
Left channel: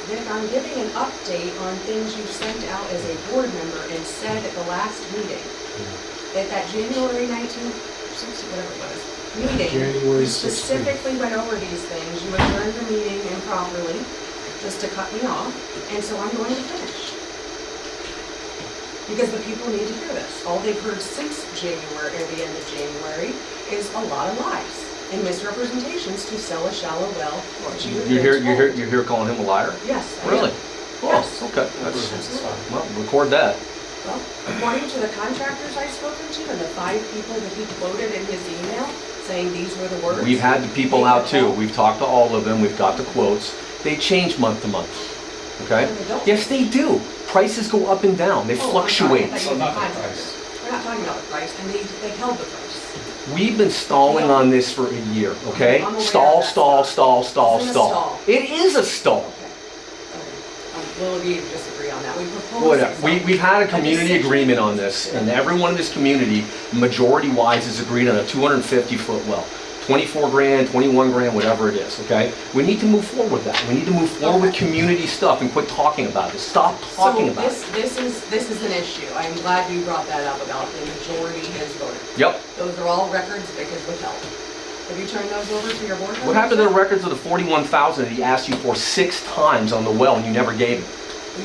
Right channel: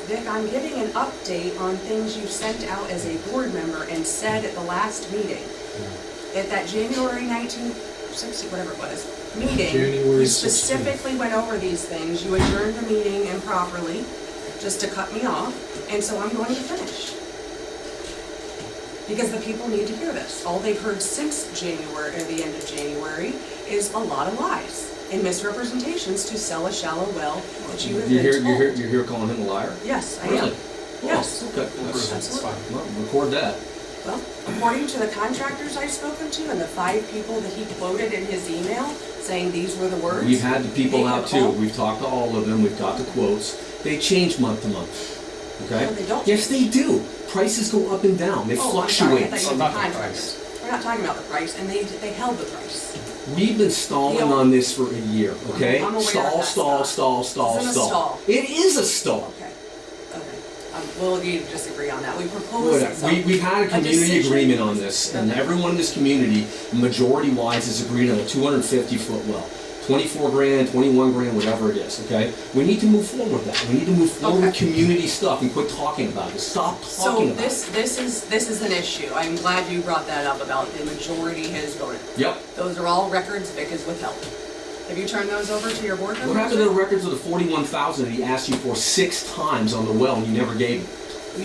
Vic, I'm giving an update on things you sent out as a board member and said at the last meeting. Yeah. At that January 19th, 16th, whatever it was, meeting, January you 16th. specifically went over these things. You adjourned the meeting improperly, just to cut me off, and so I'm going to finish. Because the people need to hear this. All they've heard since January, or the end of January, is a lot of lies and misrepresentations to sell a shallow well that you have been told. You're here calling him a liar? Yes, I am. Really? Yes. Oh, okay. That's, Absolutely. well, record that. Well, according to the contractors I've spoken to and the 5 people that he quoted in his email, saying these were the words. We've had the people they out have too. all- We've talked to all of them. We've got the quotes. They change month to month. Okay? No, they don't. Yes, they do. Prices go up and down. They Oh, I'm sorry, I fluctuate. thought you Oh, were not the contractors. We're not talking about the price, and they held the price. We've been stalling on this for a year, okay? I'm aware of Stall, that stall, stuff. stall, stall, This is a stall. stall. It is a stall. Okay. We'll agree to disagree on that. We proposed Whatever. it, so- We've had a community decision- agreement on this, and everyone in this community, majority-wise, has agreed on a 250-foot well. 24 grand, 21 grand, whatever it is, okay? We need to move forward with that. We need to move forward with community stuff and quit talking about this. Stop talking about it. So this is an issue. I'm glad you brought that up about the majority has voted. Yep. Those are all records Vic has withheld. Have you turned those over to your board members? What happened to the records of the 41,000 that he asked you for 6 times on the well and you never gave him?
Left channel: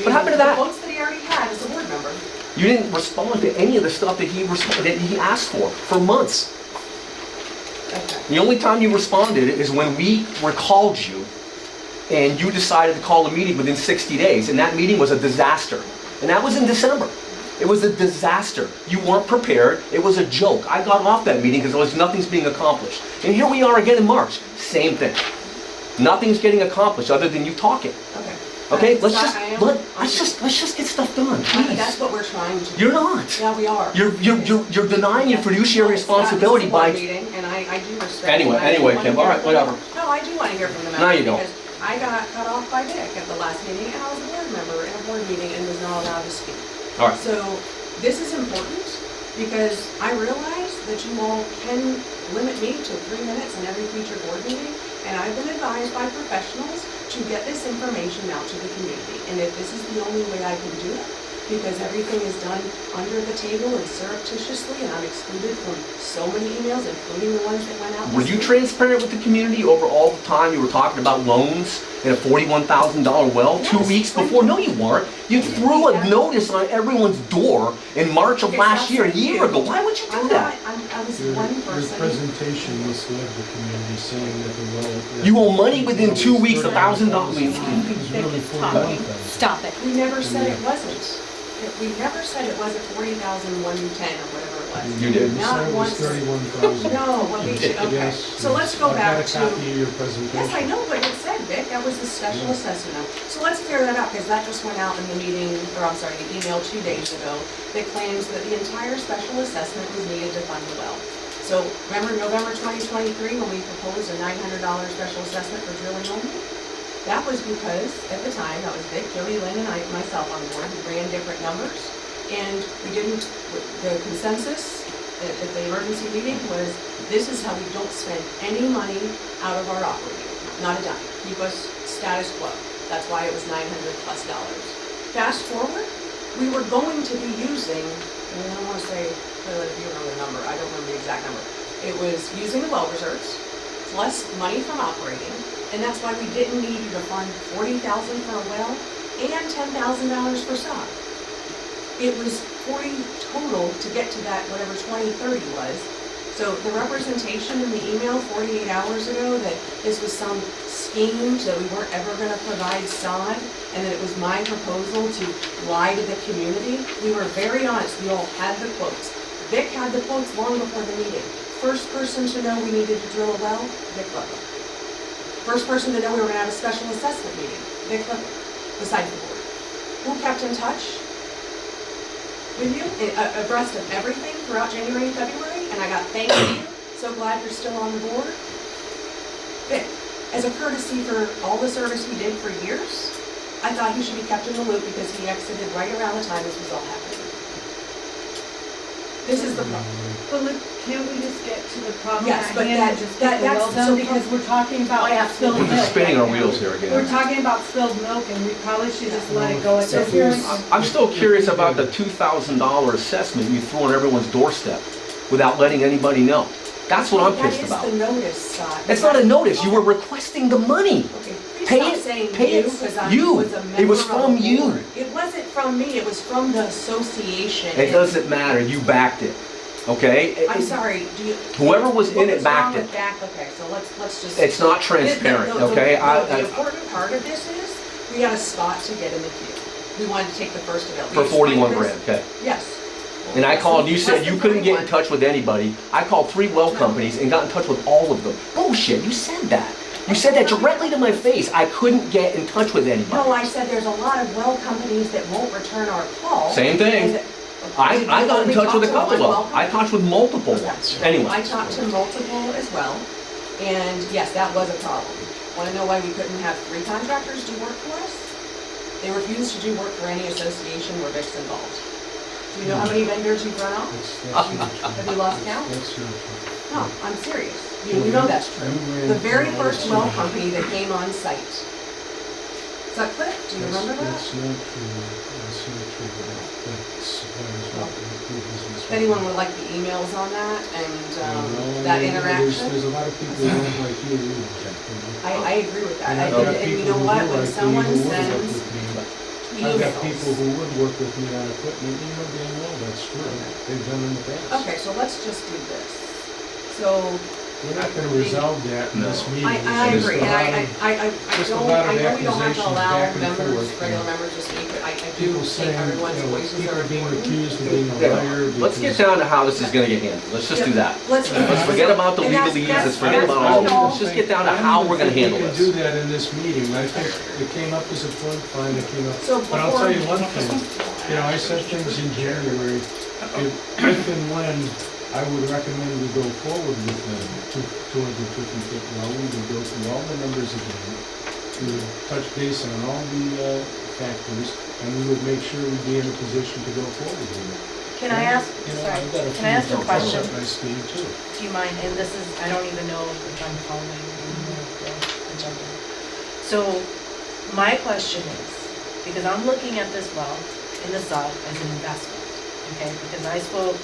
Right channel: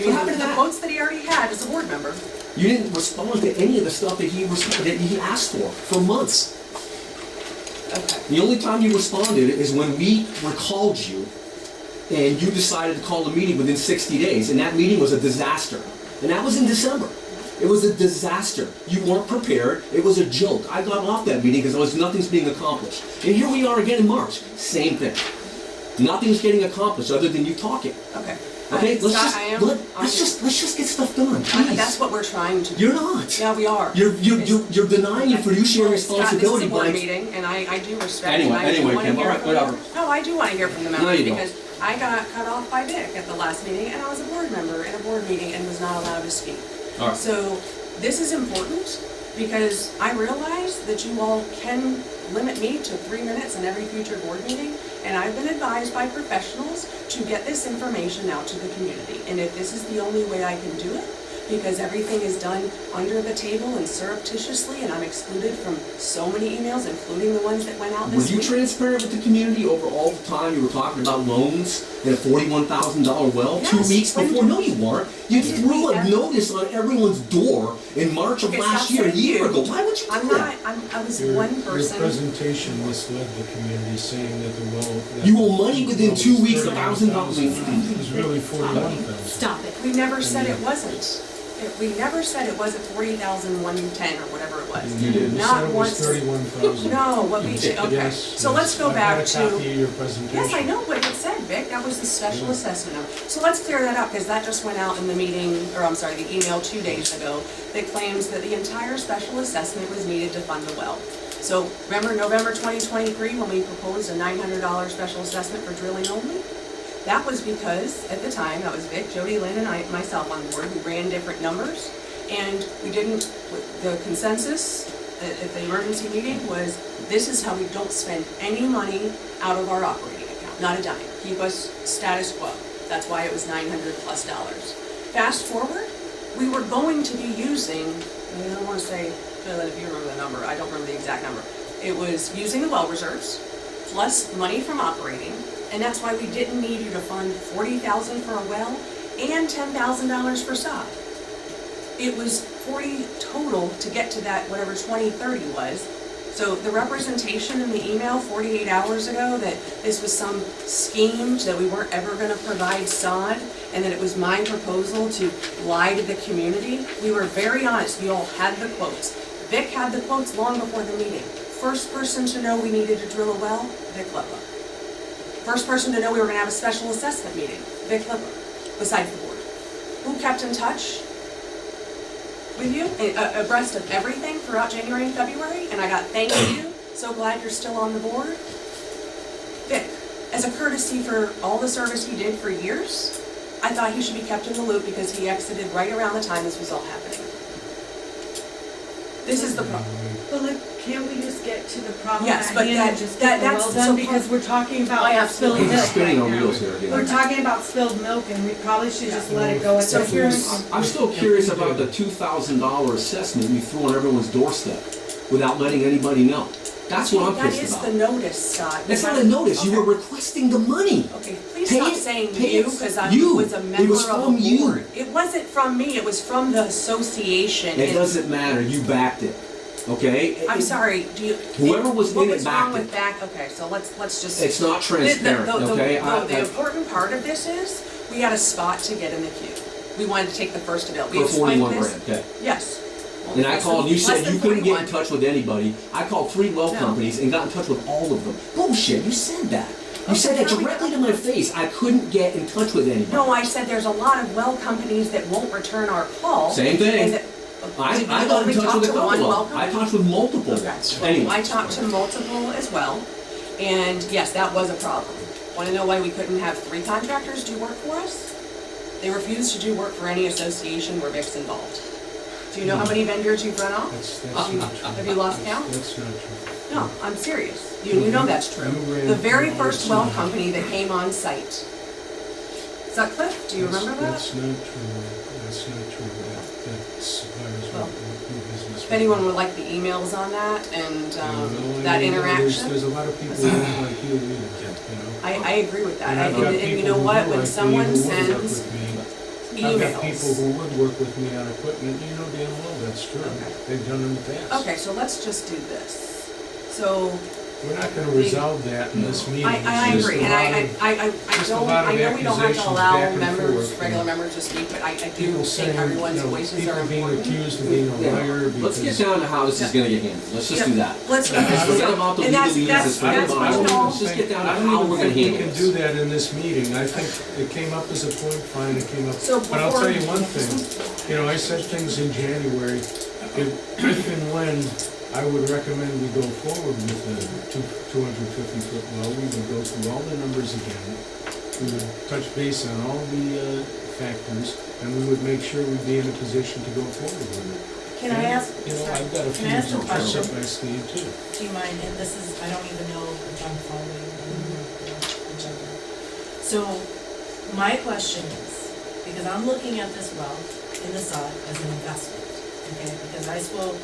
What happened to The that? quotes that he already had as a board member. You didn't respond to any of the stuff that he asked for months. Okay. The only time you responded is when we recalled you and you decided to call a meeting within 60 days, and that meeting was a disaster. And that was in December. It was a disaster. You weren't prepared. It was a joke. I got off that meeting because nothing's being accomplished. And here we are again in March. Same thing. Nothing's getting accomplished other than you talking. Okay. Okay, let's Scott, just, I am- let's just get stuff done, That's please. what we're trying to do. You're not. Yeah, we are. You're denying your fiduciary responsibility Scott, by. this is a board meeting, and I do respect. Anyway, and I do anyway, wanna Kim, hear all right, from whatever. them. No, I do wanna hear from the No, members, you don't. because I got cut off by Vic at the last meeting, and I was a board member in a board meeting and was not allowed to speak. All right. So, this is important, because I realize that you all can limit me to 3 minutes in every future board meeting, and I've been advised by professionals to get this information out to the community. And if this is the only way I can do it, because everything is done under the table and surreptitiously, and I'm excluded from so many emails, including the ones that went out this Were you week. transparent with the community over all the time you were talking about loans in a $41,000 well 2 Yes, weeks when- before? No, you weren't. You When did threw we a ever- notice on everyone's door in March of Okay, last stop year, a saying year you. ago. Why would you do I'm that? not, I was Your one person. presentation misled the community, saying that the well. that You owe money within well 2 was weeks, $31,000. $1,000. It was really $41,000. Stop it. We never said it wasn't. We never said it wasn't 40,110 or whatever it was. You did. You Not said it was once. 31,000. No, what we said, okay. Yes, So let's yes. go back I got a copy to, of your presentation. yes, I know what it said, Vic, that was the special assessment. So let's clear that up, because that just went out in the meeting, or I'm sorry, the email 2 days ago, that claims that the entire special assessment was needed to fund the well. So remember November 2023, when we proposed a $900 special assessment for drilling only? That was because, at the time, that was Vic, Jody, Lynn, and myself on board, we ran different numbers, and we didn't, the consensus at the emergency meeting was, this is how we don't spend any money out of our operating account, not a dime. Keep us status quo. That's why it was $900+ dollars. Fast forward, we were going to be using, and I don't want to say, if you remember the number, I don't remember the exact number. It was using the well reserves, plus money from operating, and that's why we didn't need you to fund $40,000 for a well and $10,000 for sod. It was 40 total to get to that, whatever 2030 was. So the representation in the email 48 hours ago that this was some scheme, that we weren't ever gonna provide sod, and that it was my proposal to lie to the community, we were very honest, we all had the quotes. Vic had the quotes long before the meeting. First person to know we needed to drill a well, Vic Ludlow. First person to know we were gonna have a special assessment meeting, Vic Ludlow, besides the board. Who kept in touch with you, abreast of everything throughout January and February, and I got thank you, so glad you're still on the board. Vic, as a courtesy for all the service he did for years, I thought he should be kept in the loop because he exited right around the time this was all happening. This is the problem. But look, can't we just get to the problem Yes, at but hand that- and just get the that's- well so done? for- Because we're talking about I spilled absolutely- milk We're spinning our right now. wheels here again. We're talking about spilled milk and we probably should just let it go at So this here's- point. I'm still curious about the $2,000 assessment you threw on everyone's doorstep without letting anybody know. That's what I'm pissed about. That is the notice, Scott. It's not a notice, you were requesting the money. Okay, please Pay stop it- saying pay you, it- because I you. was a It member was of from the you. board. It wasn't from me, it was from the association. It And doesn't matter, you backed it, okay? I'm sorry, do you? Whoever was in what it was wrong backed with it. back? Okay, so let's just. It's not transparent, okay? The important part of this is, we had a spot to get in the queue. We wanted to take the first available. For 41 grand, okay. Yes. And I called, you said Less than you couldn't get in 41. touch with anybody. I called 3 well No. companies and got in touch with all of them. Bullshit, you said that. You said that directly to my face. I couldn't get in touch with anybody. No, I said there's a lot of well companies that won't return our call. Same thing. and that- I Did you got in only touch talk with a to couple one of well them. I company? talked with multiple Okay. ones. Anyway. I talked to multiple as well, and yes, that was a problem. Want to know why we couldn't have 3 contractors do work for us? They refused to do work for any association where Vic's involved. Do you know how many vendors you've run off? That's not true. Have you lost count? That's not true. No, I'm serious. You know that's true. You ran The very all first the well time. company that came on site. Sutcliffe, do you remember that? That's not true. That's not true. That suppliers Well, won't do business. If anyone would like the emails on that and Well, that I mean, interaction. There's a lot of people who don't like you either, you know. I agree with that. And I've got And you people know who what, do when like me someone who would work sends with me. I've got people emails. who would work with me on equipment, you know damn well that's true. Okay. They've done in the past. Okay, so let's just do this. So We're not gonna resolve that in this No. meeting. I It's agree, just a lot and of I just a don't, lot I of know we don't have to accusations allow back and members, forth, regular and members to speak, but I do people think saying, everyone's you know, voices are people being important. accused of being a Yeah. liar Let's get because. down to how this is gonna get handled. Let's just do that. Let's Forget about the and that's- legalese, that's- let's forget that's about all fine. that. Let's just get down to how we're gonna handle I don't even think we this. can do that in this meeting. I think it came up as a point, fine, it came up. So But I'll before- tell you one thing, you know, I said things in January, if and when I would recommend we go forward with the 250-foot well, we would go through all the numbers again. We would touch base on all the factors, and we would make sure we'd be in a position to go forward with it. Can I ask, You know, sorry, I've got a can I ask few a question? up my sleeve too. Do you mind, and this is, I don't even know if I'm following the agenda. So, my question is, because I'm looking at this well in the sub as an investment, okay? Because I spoke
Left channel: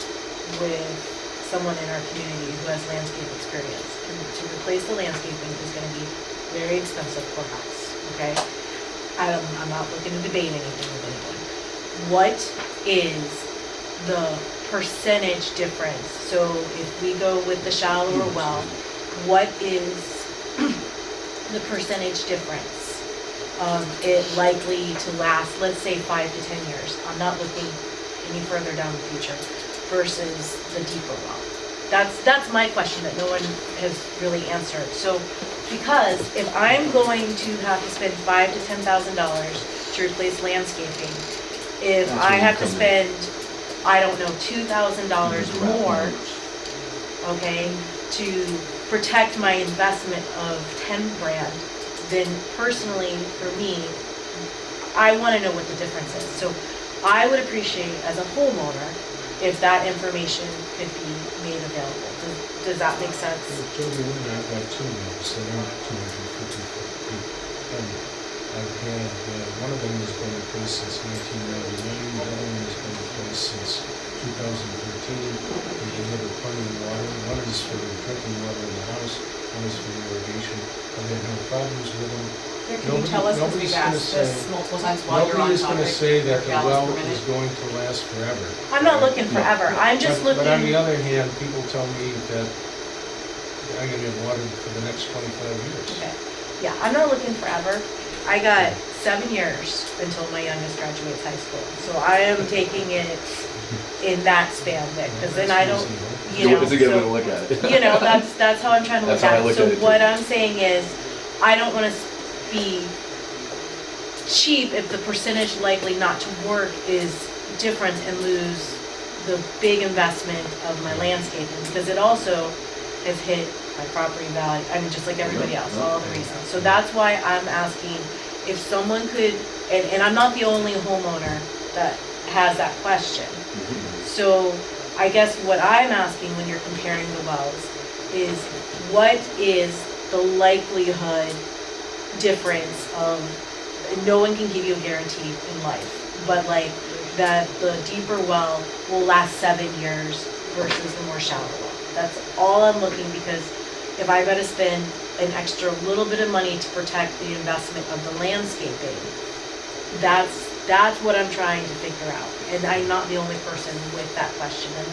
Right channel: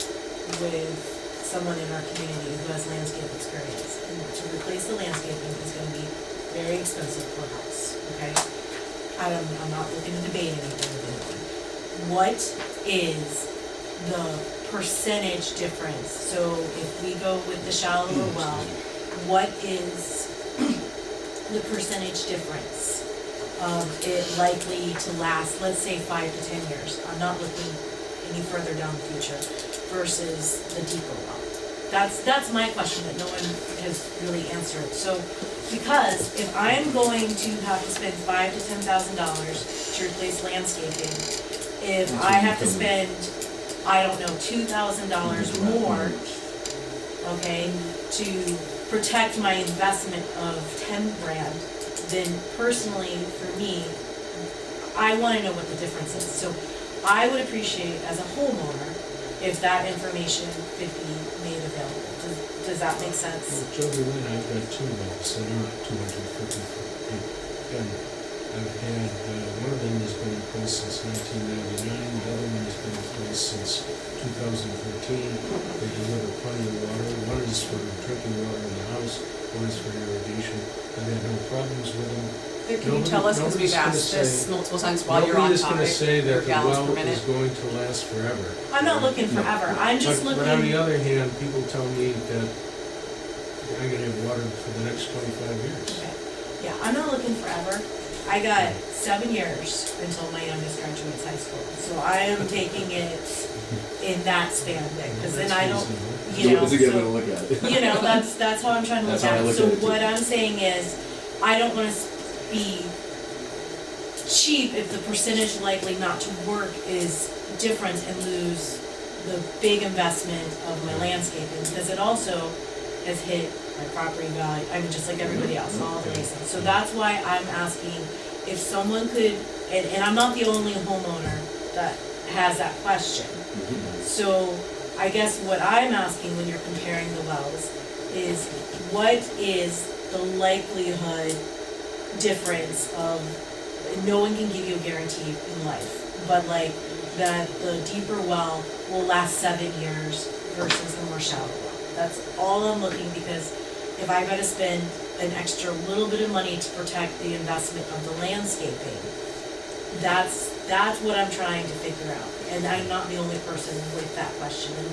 with someone in our community who has landscape experience, and to replace the landscaping is gonna be very expensive per house, okay? I'm not looking to debate anything with anyone. What is the percentage difference? So if we go with the shallower well, what is the percentage difference of it likely to last, let's say 5 to 10 years? I'm not looking any further down the future versus the deeper well. That's my question that no one has really answered. So, because if I'm going to have to spend $5,000 to $10,000 to replace landscaping, if That's I where you have to come in. spend, I don't know, $2,000 Just wrap more, numbers. okay, to protect my investment of 10 grand, then personally, for me, I wanna know what the difference is. So I would appreciate, as a homeowner, if that information could be made available. Does that make sense? Well, Jody Lynn, I've got two wells that aren't 250 foot deep. And I've had, one of them has been in place since 1999, the other one has been in place since 2013. They deliver plenty of water. One is for drinking water in the house, one is for irrigation. I've had no problems with them. Can you tell us, because we've asked this multiple times while you're on Nobody is gonna topic, say your that the gallons well per minute? is going to last forever. I'm not looking forever, I'm just But on the looking, other hand, people tell me that I'm gonna have water for the next 25 years. okay, yeah, I'm not looking forever. I got 7 years until my youngest graduates high school, so I am taking it in that span, because then I don't, you know, It's a good way to so, look at it. you know, that's how I'm trying to look That's how I at it. look So at it, too. what I'm saying is, I don't wanna be cheap if the percentage likely not to work is different and lose the big investment of my landscaping, because it also has hit my property value, I mean, just like everybody else, all the reasons. So that's why I'm asking if someone could, and I'm not the only homeowner that has that question. So I guess what I'm asking when you're comparing the wells is, what is the likelihood difference of, no one can give you a guarantee in life, but like that the deeper well will last 7 years versus the more shallow well. That's all I'm looking, because if I gotta spend an extra little bit of money to protect the investment of the landscaping, that's what I'm trying to figure out. And I'm not the only person with that question. And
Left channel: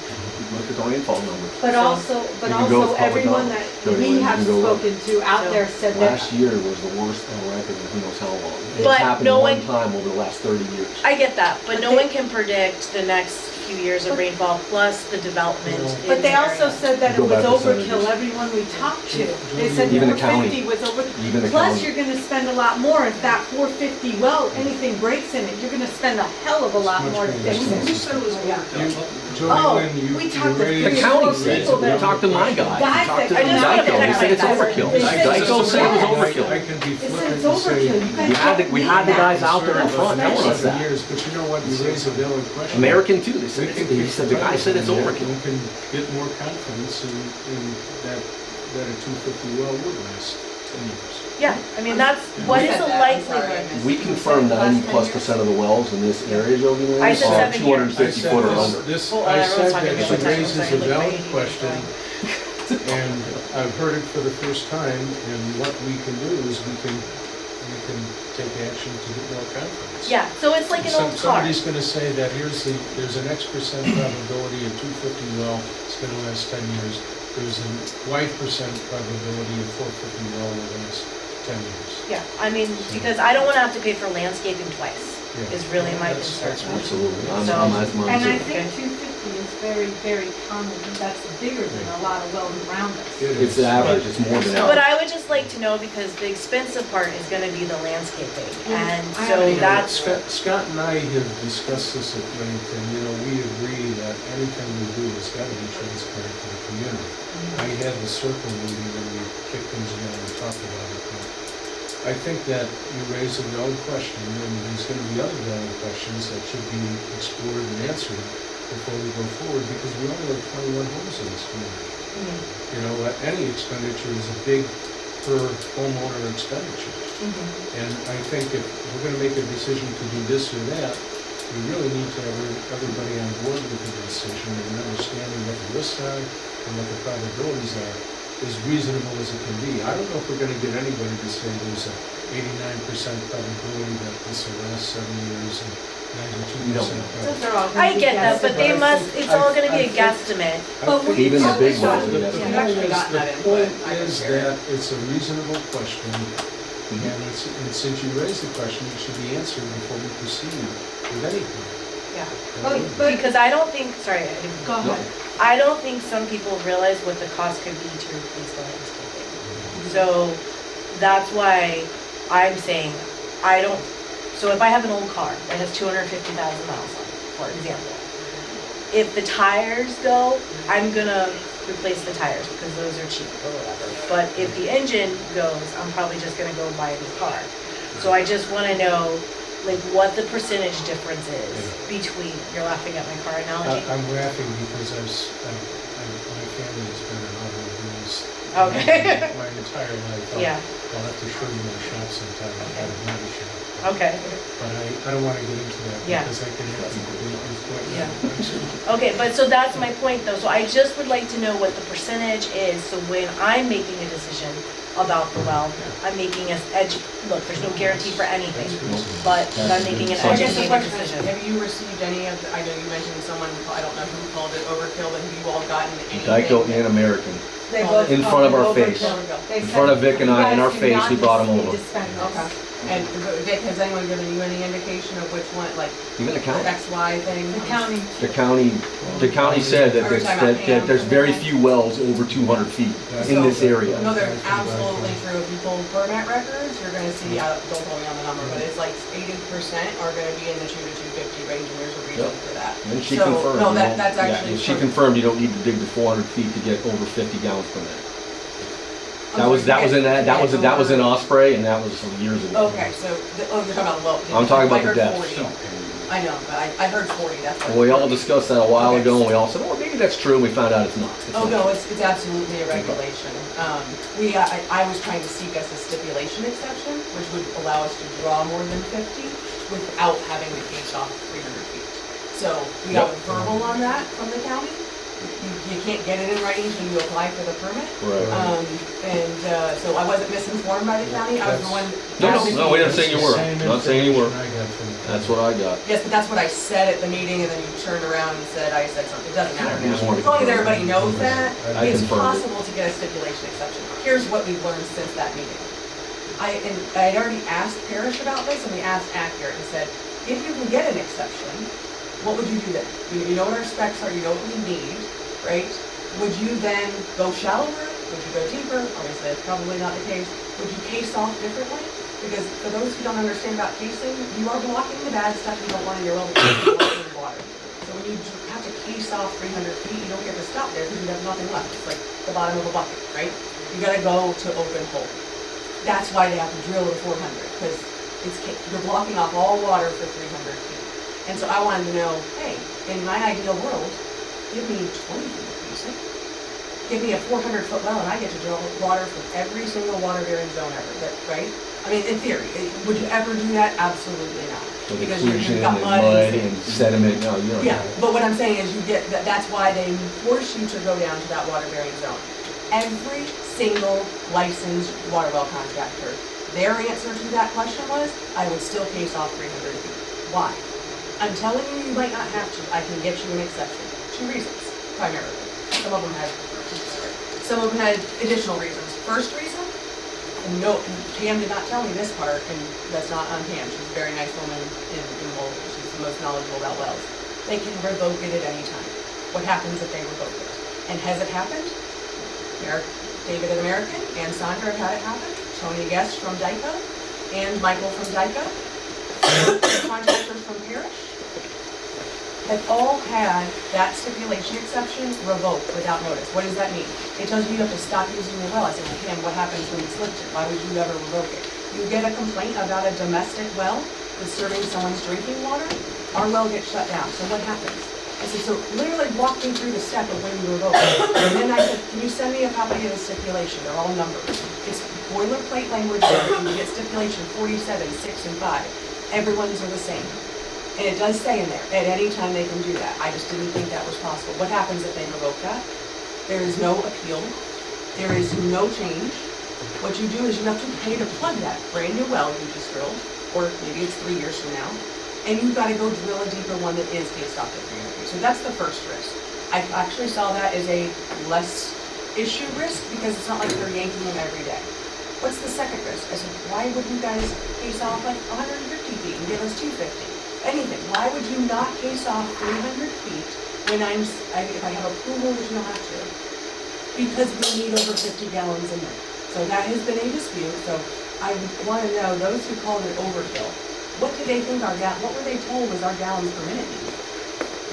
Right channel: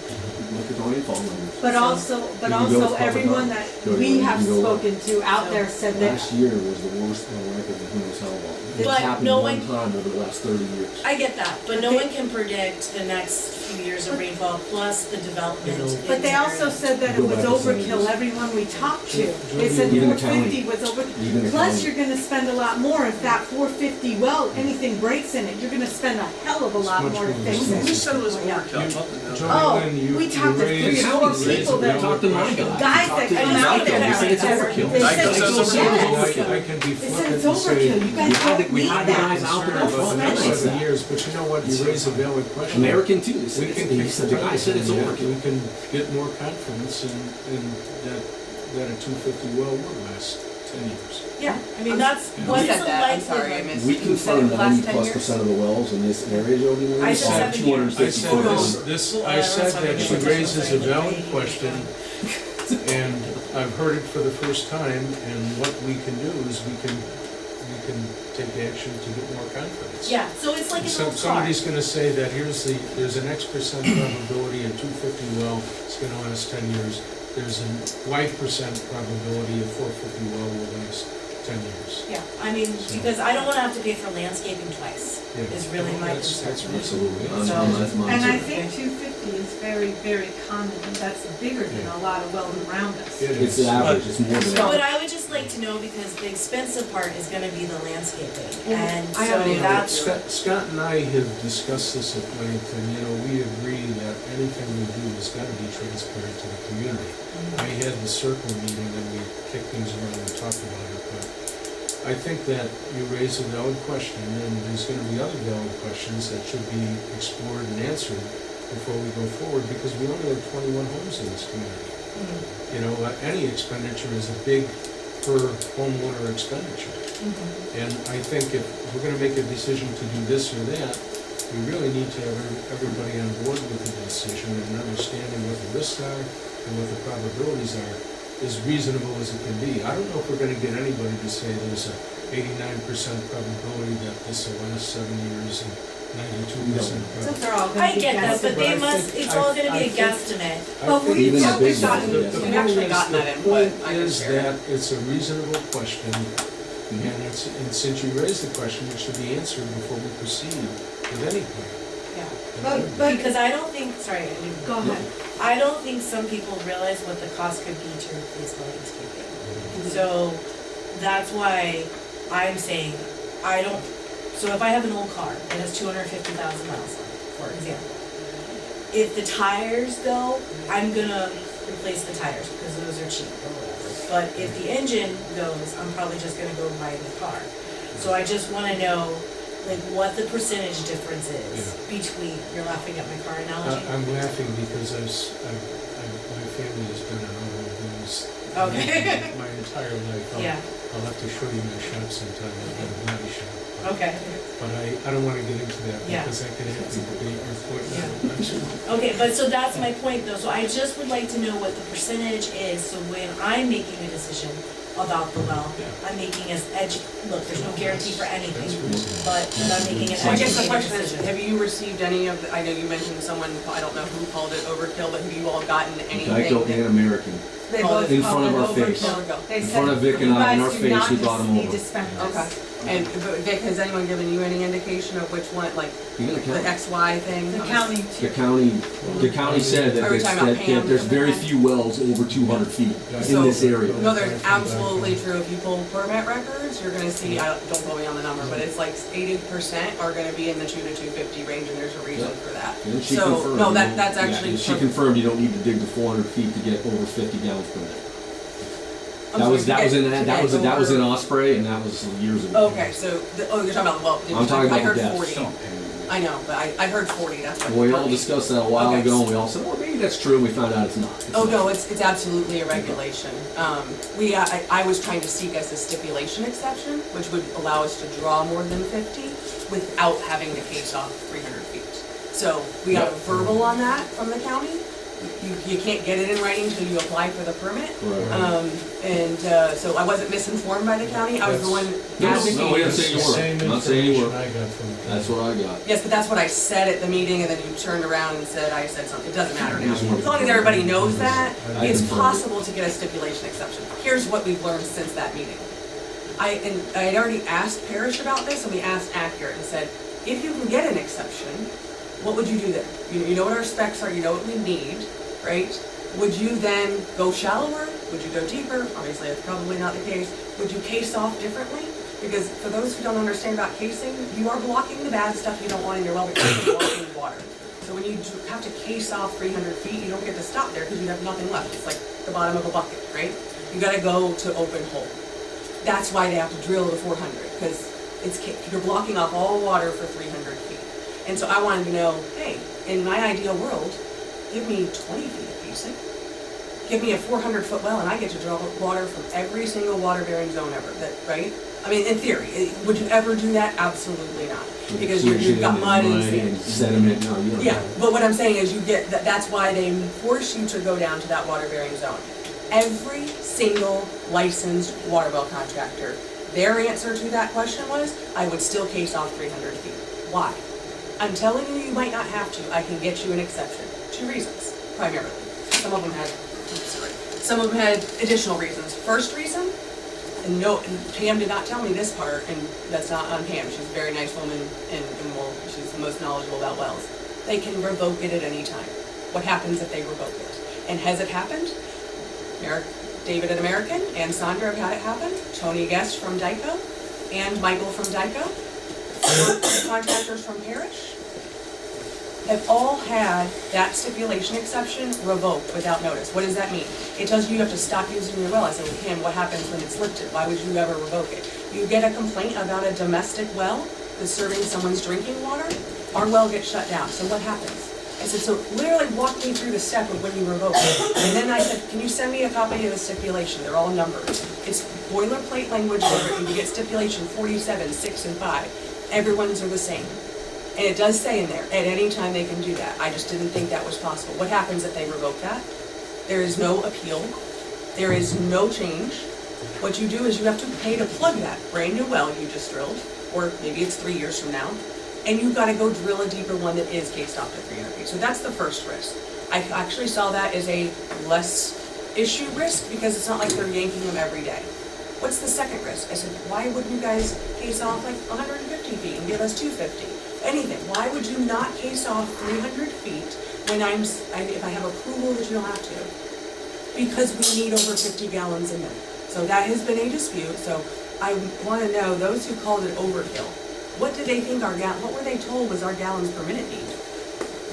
Look at the rainfall numbers. But So- also, You can go with public everyone knowledge. that Go ahead, we you have can go up. spoken to out So- there said that, Last year was the worst on record in who knows how long. It's But happened no one one- time over the last 30 years. I get that, but But no they- one can predict the next few years of But- rainfall plus the development. You know- in but they the also area. said that it Go by was percentages. overkill, everyone we talked to. They Jody, said Even the 450 county. was over, Even the plus county. you're gonna spend a lot more if that 450 well, anything breaks in it, you're gonna spend a hell of a lot much more to more fix expensive. it. You- Yeah. Jody Oh, Lynn, you we you talked to raised- The three or county four said, people you that- talked to my guy, you Guys talked that to come out Geico, there they said it's that overkill. they said Geico said it was yes. overkill. I can be They said flippant it's and say. overkill, you guys don't We need had the that. guys out there in front telling us For that. years, but you know what, you raise a valid question. American too, they said, We can he kick said, the guy said it's tires on that, overkill. We can get more confidence in that a 250 well would last 10 years. Yeah, I mean, that's, Yeah. what You is said the that, I'm sorry, I likelihood? missed. We You said confirmed the last 10 90+% of the wells in this area, Jody Lynn, I said are 7 years. 250 I foot or said under. this, Oh, I I was said talking that about she the raises a difference. valid question, and I've heard it for the first time, and what we can do is we can take action to get more confidence. Yeah, so it's like an old car. Somebody's gonna say that there's an X% probability a 250 well is gonna last 10 years. there's a wide percent probability a 450 well will last 10 years. Yeah, I mean, because I don't wanna have to pay for landscaping twice, Yeah. is really my That's concern. Absolutely. So- That's mine And I too. think 250 is very, very common, that's bigger than a lot of wells around us. It It's is. average, it's more than But average. I would just like to know, because the expensive part is gonna be the landscaping, Well, and I so haven't that's, Scott and I have discussed this at length, and, you know, we agree that anything we do has gotta be transparent to the community. I had the circle meeting and we kicked things around and talked about it, but I think that you raise a valid question, and there's gonna be other valid questions that should be explored and answered before we go forward, because we only have 21 homes in this community. You know, any expenditure is a big per homeowner expenditure. And I think if we're gonna make a decision to do this or that, we really need to have everybody on board with the decision and understanding what the risks are and what the probabilities are, as reasonable as it can be. I don't know if we're gonna get anybody to say there's a 89% probability that this will last 7 years and 92% Since probability. they're all gonna I be get that, but they I must, think- it's all gonna I be a think- guesstimate. I But think we Even the talked big about ones, it. yes. The We've point actually is, gotten the that input. point I can is share it. that it's a reasonable question, and since you raised the question, it should be answered before we proceed with any plan. Yeah, But because I don't think, sorry, I didn't. go ahead. I don't think some people realize what the cost could be to replace the landscaping. So that's why I'm saying, I don't, so if I have an old car that has 250,000 miles on it, for example, if the tires go, I'm gonna replace the tires because those are cheap or whatever. But if the engine goes, I'm probably just gonna go buy a new car. So I just wanna know, like, what the percentage difference is between, you're laughing at my car analogy? I'm laughing because my family has been in automobiles Okay. my entire life. Yeah, I'll have to show you my shop sometime, I've got a body shop. okay. But I don't wanna get into that Yeah. because I can have to debate your point. Yeah. Okay, but so that's my point though, so I just would like to know what the percentage is, so when I'm making a decision about the well, Yeah. I'm making an look, there's no guarantee for anything, That's reasonable. but I'm making an So I guess the educated question is, decision. have you received any of, I know you mentioned someone, I don't know who called it overkill, but have you all gotten anything? Geico and American. They Oh, both in call front of it our overkill. face. Overkill. They In said, front of Vic and "You I, in guys our do face, not we brought 'em need over." to spend this." Okay. And Vic, has anyone given you any indication of which one, like, Even the the county. XY thing? The county The too. county said that Are we talking about that there's Pam very and few wells over 200 feet in this area. No, they're absolutely true. If you pull permit records, you're gonna see, don't quote me on the number, but it's like 80% are gonna be in the 2 to 250 range, and there's a reason Yep. for that. And she So, confirmed. no, you that- know, that's yeah, actually she for- confirmed you don't need to dig the 400 feet to get over 50 gallons per minute. I'm That was sorry, in to get that was in over- Osprey, and that was some years ago. Okay, so, you're talking about, well. I'm talking about I heard the depth. 40. I know, but I heard 40, that's what. And we all discussed that a while Okay. ago, and we all said, "Oh, maybe that's true." And we found out it's not. It's Oh, not. no, it's absolutely a regulation. I was trying to seek as a stipulation exception, which would allow us to draw more than 50 without having to case off 300 feet. So we got a verbal on that from the county. You can't get it in writing until you apply for the permit. Right. So I wasn't misinformed by the county, I was the one. No, we didn't say you were. Same Not saying you were. information I got from the That's what I got. Yes, but that's what I said at the meeting, and then you turned around and said, I said something, it doesn't matter We just wanted now. to As long as confirm. everybody knows that, I it's confirmed it. possible to get a stipulation exception. Here's what we've learned since that meeting. I had already asked Parrish about this, and we asked Accurate, and said, if you can get an exception, what would you do then? You know what our specs are, you know what we need, right? Would you then go shallower? Would you go deeper? Obviously, that's probably not the case. Would you case off differently? Because for those who don't understand about casing, you are blocking the bad stuff you don't want in your well because you're blocking water. So when you have to case off 300 feet, you don't get to stop there because you have nothing left. It's like the bottom of a bucket, right? You gotta go to open hole. That's why they have to drill the 400, because you're blocking off all water for 300 feet. And so I wanted to know, hey, in my ideal world, give me 20 feet of casing. Give me a 400-foot well, and I get to draw water from every single water-bearing zone ever, right? I mean, in theory, would you ever do that? Absolutely not. With Because inclusion you've got and mud and and sediment. No, you don't. yeah, but what I'm saying is you get, that's why they force you to go down to that water-bearing zone. Every single licensed water well contractor, their answer to that question was, I would still case off 300 feet. Why? I'm telling you, you might not have to. I can get you an exception. 2 reasons, primarily. Some of them have, Some of them had additional reasons. First reason, and no, and Pam did not tell me this part, and that's not on Pam, she's a very nice woman, and well, she's the most knowledgeable about wells. They can revoke it at any time. What happens if they revoke it? And has it happened? David at American and Sandra have had it happen. Tony Guest from Dyko and Michael from Dyko, contractors from Parrish, have all had that stipulation exception revoked without notice. What does that mean? It tells you you have to stop using your well. I say, well, Pam, what happens when it's lifted? Why would you ever revoke it? You get a complaint about a domestic well that's serving someone's drinking water, our well gets shut down. So what happens? I said, so literally walk me through the step of when you revoke it. And then I said, can you send me a copy of the stipulation? They're all numbered. It's boilerplate language there. You get stipulation 47, 6, and 5. Everyone's are the same. And it does say in there, at any time they can do that. I just didn't think that was possible. What happens if they revoke that? There is no appeal. There is no change. What you do is you have to pay to plug that brand new well you just drilled, or maybe it's 3 years from now, and you've got to go drill a deeper one that is cased off to 300 feet. So that's the first risk. I actually saw that as a less issue risk because it's not like they're yanking them every day. What's the second risk? I said, why would you guys case off like 150 feet and give us 250? Anything. Why would you not case off 300 feet when if I have approval that you don't have to? Because we need over 50 gallons a minute. So that has been a dispute. So I want to know, those who called it overkill, what did they think what were they told was our gallons per minute need?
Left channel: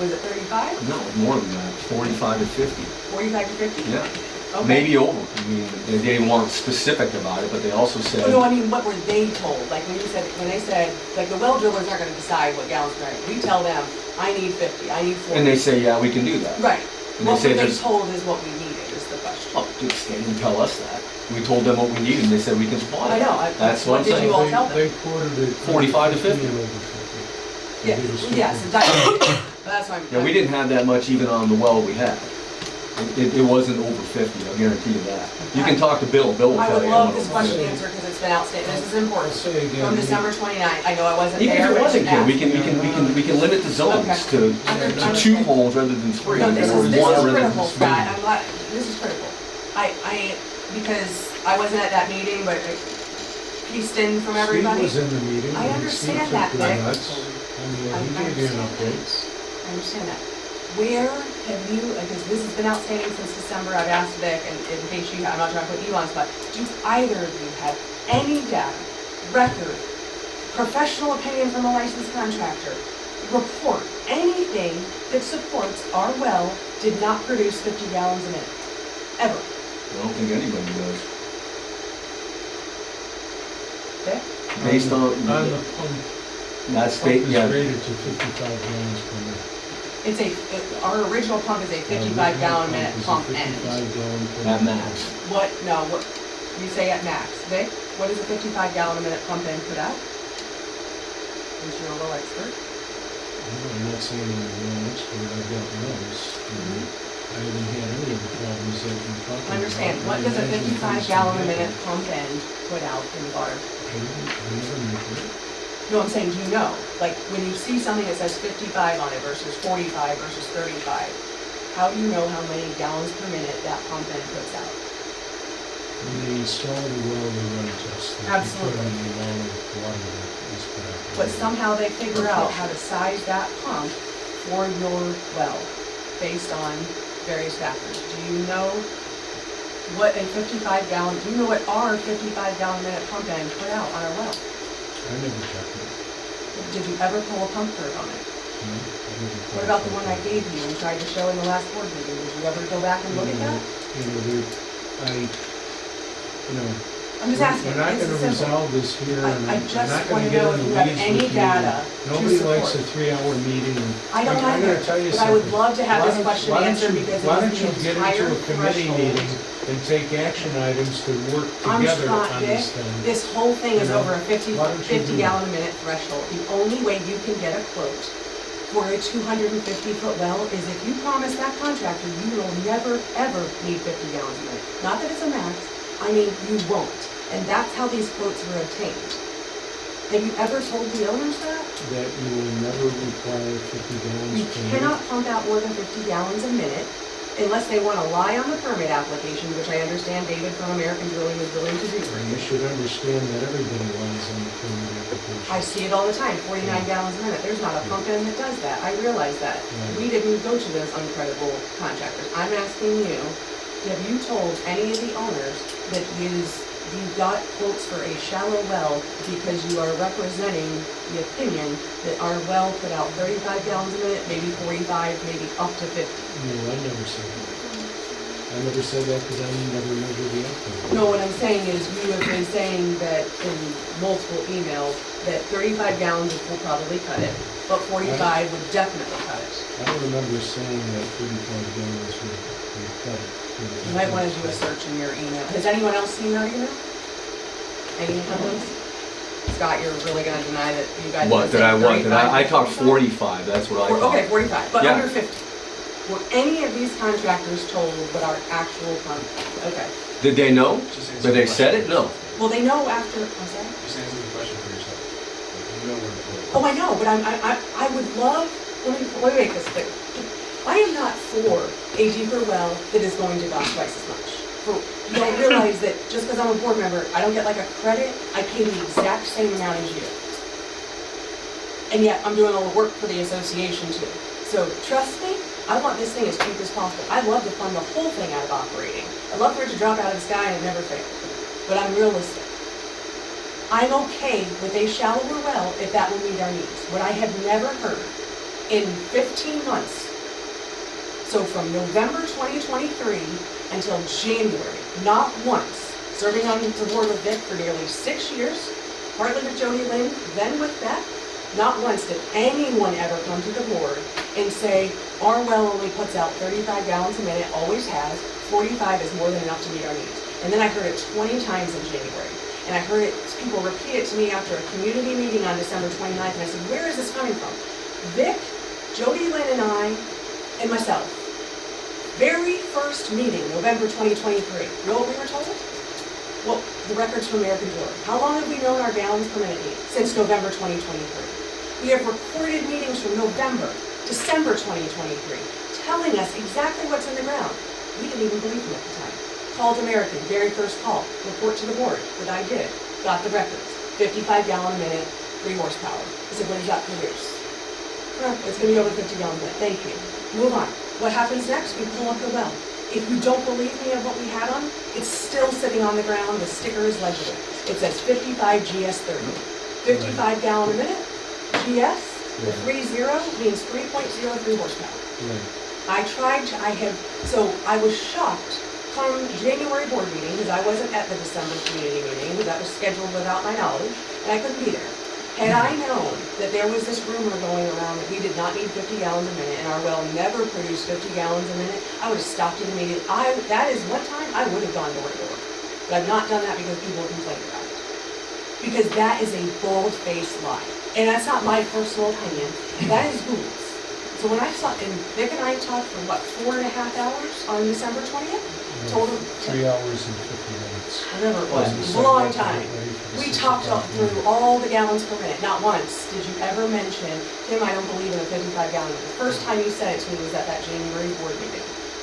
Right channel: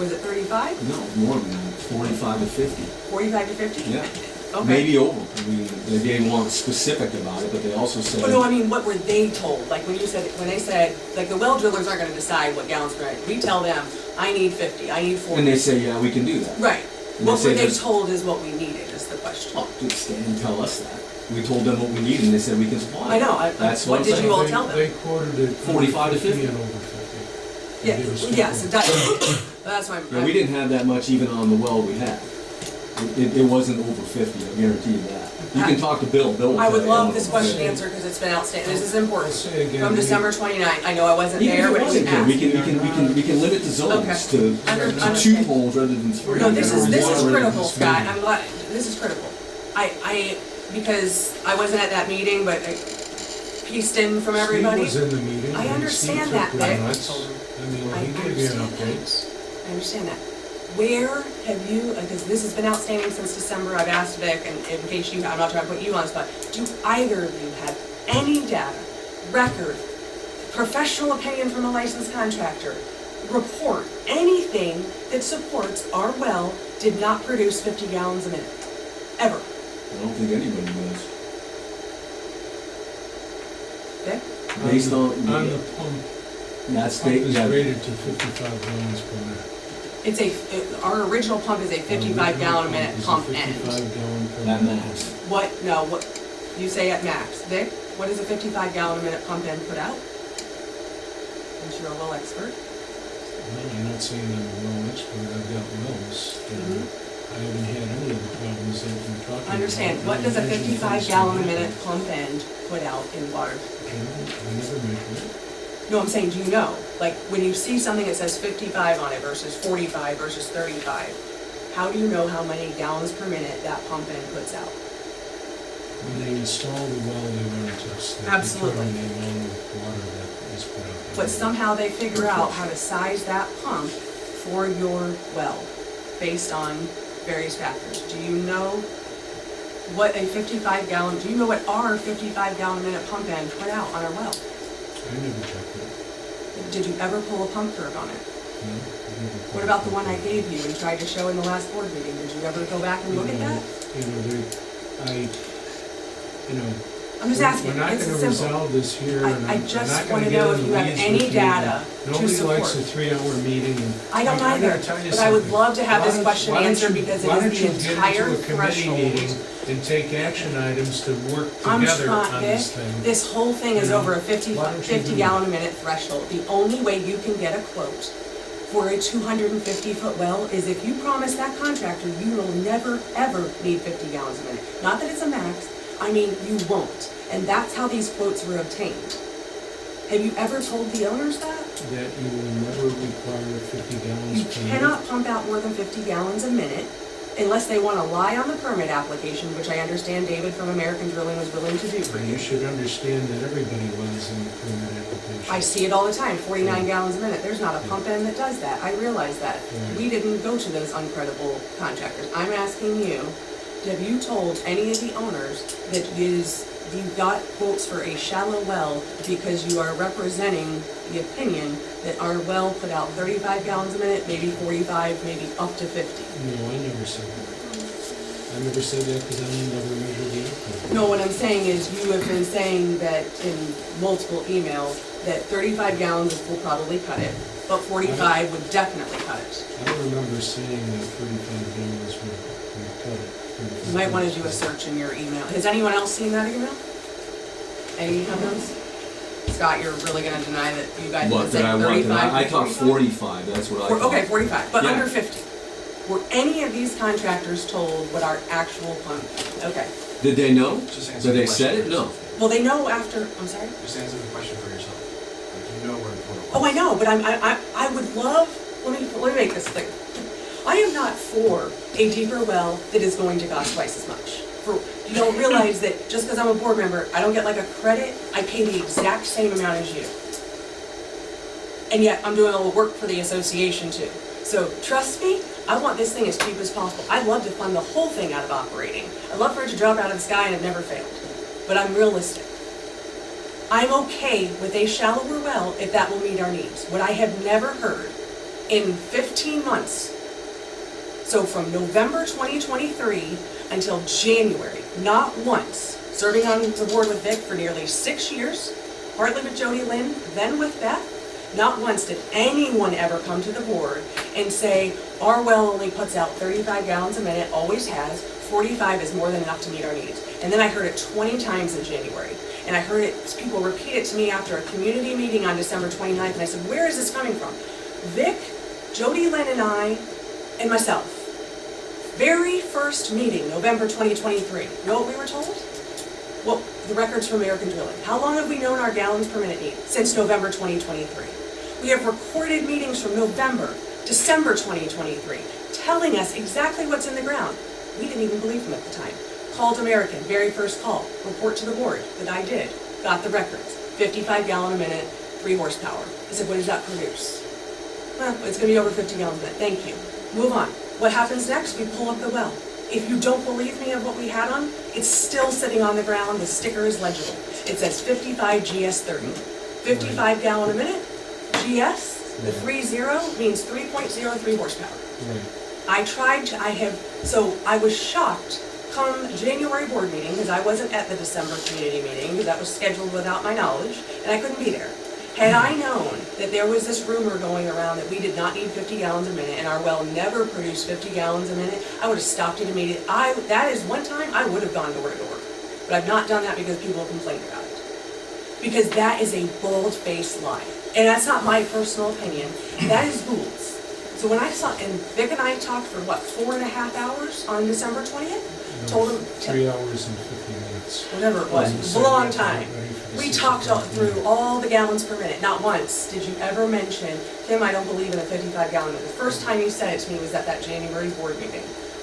Was it 35? No, more than that, 45 to 50. 45 to 50? Yeah. Okay. Maybe over. I mean, they weren't specific about it, but they also said. Oh, no, I mean, what were they told? Like when they said, like the well drillers aren't gonna decide what gallons per minute. We tell them, I need 50, I need 40. And they say, yeah, we can do that. Right. And What they were say they told is what we needed is the question. Oh, dude, they didn't tell us that. We told them what we needed, and they said we can supply it. I know. That's what I'm did saying. you all tell them? They quoted it. 45 to 50. And over 50. They did a strip Yes, of- that's why I'm. Yeah, we didn't have that much even on the well we had. It wasn't over 50, I'll guarantee you that. You can talk to Bill, Bill will I tell would you. love this question answered because it's been outstanding. This is I'll important. say again. From December 29th, I know I wasn't Even there. if it but wasn't, just Ken, we asked. can limit the zones Okay. to Under- 2 homes rather than 3. No, this or is one rather than critical, 3. Scott. I'm glad, this is critical. Because I wasn't at that meeting, but I pieced in from everybody. Steve was in the meeting. I and understand Steve that, took the Vic. nuts. I mean, I he gave you an understand update. I understand that. Where have you, because this has been outstanding since December, I've asked Vic, and in case I'm not trying to put you on the spot, do either of you have any data, record, professional opinion from a licensed contractor, report, anything that supports our well did not produce 50 gallons a minute? Ever? I don't think anybody does. Vic? Based on the pump, that's pump is yeah. rated to 55 gallons per minute. It's our original pump is a 55 gallon a minute pump end. 55 gallon per At minute. max. What, no, what, you say at max. Vic, what does a 55 gallon a minute pump end put out? Since you're a well expert. No, I'm not saying I'm a well expert, I've got wells. and Mhm. I haven't had any of the problems that you're talking about. I understand. What I does a imagine 55 things gallon a can minute happen. pump end put out in water? I never measured it. No, I'm saying, do you know? Like, when you see something that says 55 on it versus 45 versus 35, how do you know how many gallons per minute that pump end puts out? When they install the well, they run tests. They Absolutely. determine the amount of water that is put out. But somehow they figure out how to size that pump for your well based on various factors. Do you know what a 55 gallon, do you know what our 55 gallon a minute pump end put out on our well? I never checked it. Did you ever pull a pump curve on it? No, I never. What about the one I gave you and tried to show in the last board meeting? Did you ever go back and look at that? You know, I'm just asking, we're not this gonna is simple. resolve this here, and I I'm just not wanna gonna get know in if the you have weeds any with you. data to Nobody likes a support. 3-hour meeting, and I don't I'm gonna either, tell you but I would something. love to have Why this don't- question why don't answered you- because it why is don't the you get entire into a committee threshold. meeting and take action items to work I'm together trying, on Vic, this thing? this whole thing is You know, over a 50 why don't you do gallon a minute threshold. The only way you can get a quote for a 250-foot well is if you promise that contractor you will never, ever need 50 gallons a minute. Not that it's a max, I mean, you won't. And that's how these quotes were obtained. Have you ever told the owners that? That you will never require 50 gallons You per minute? cannot pump out more than 50 gallons a minute unless they wanna lie on the permit application, which I understand David from American Drilling was willing to do for And you. you should understand that everybody lies on the permit application. I see it all the time, 49 gallons a minute. There's not a pump in that does that. I realize that. Right. We didn't go to those uncredible contractors. I'm asking you, have you told any of the owners that you got quotes for a shallow well because you are representing the opinion that our well put out 35 gallons a minute, maybe 45, maybe up to 50? No, I never said that. I never said that because I never measured the output. No, what I'm saying is you have been saying that in multiple emails that 35 gallons will probably cut it, but 45 would definitely cut it. I don't remember saying that 35 gallons would cut it. You might want to do a search in your email. Has anyone else seen that email? Any of those? Scott, you're really gonna deny that you guys. What, that I want, 35 I talked 45? 45, that's what I thought. Okay, 45, but Yeah. under 50. Were any of these contractors told what our actual pump? Okay. Did they know? Just answer Did they the said question. it? No. Well, they know after. I'm sorry. Just answer the question for yourself. You know where the. Oh, I know, but I would love. Let me make this clear. I am not for a deeper well that is going to cost twice as much. You don't realize that just because I'm a board member, I don't get like a credit. I pay the exact same amount as you. And yet I'm doing all the work for the association too. So trust me, I want this thing as cheap as possible. I'd love to fund the whole thing out of operating. I'd love for it to drop out of the sky and it never failed. But I'm realistic. I'm okay with a shallower well if that will meet our needs. What I have never heard in 15 months, so from November 2023 until January, not once, serving on the board with Vic for nearly 6 years, partly with Jody Lynn, then with Beth, not once did anyone ever come to the board and say, our well only puts out 35 gallons a minute, always has, 45 is more than enough to meet our needs. And then I heard it 20 times in January. And I heard it, people repeat it to me after a community meeting on December 29th, and I said, where is this coming from? Vic, Jody Lynn and I, and myself. Very first meeting, November 2023. You know what we were told? Well, the records from American Drilling. How long have we known our gallons per minute need? Since November 2023. We have recorded meetings from November, December 2023, telling us exactly what's in the ground. We didn't even believe them at the time. Called American, very first call, report to the board that I did, got the records, 55 gallon a minute, 3 horsepower. I said, what does that produce? Well, it's gonna be over 50 gallons a minute, thank you. Move on. What happens next? We pull up the well. If you don't believe me of what we had on, it's still sitting on the ground, the sticker is legible. It says 55 GS30. 55 gallon a minute, GS, the 30 means 3.03 horsepower. Right. So I was shocked come January board meeting, because I wasn't at the December community meeting, because that was scheduled without my knowledge, and I couldn't be there. Had I known that there was this rumor going around that we did not need 50 gallons a minute and our well never produced 50 gallons a minute, I would have stopped it immediately. That is one time I would have gone door to door. But I've not done that because people complained about it. Because that is a bald-faced lie. And that's not my personal opinion. That is Gould's. So when I saw, and Vic and I talked for what, 4.5 hours on December 20th? Told him 3 hours and 50 minutes. Whatever it was, it was a long time. We talked through all the gallons per minute. Not once did you ever mention, Tim, I don't believe in a 55 gallon minute. The first time you said it to me was at that January board meeting.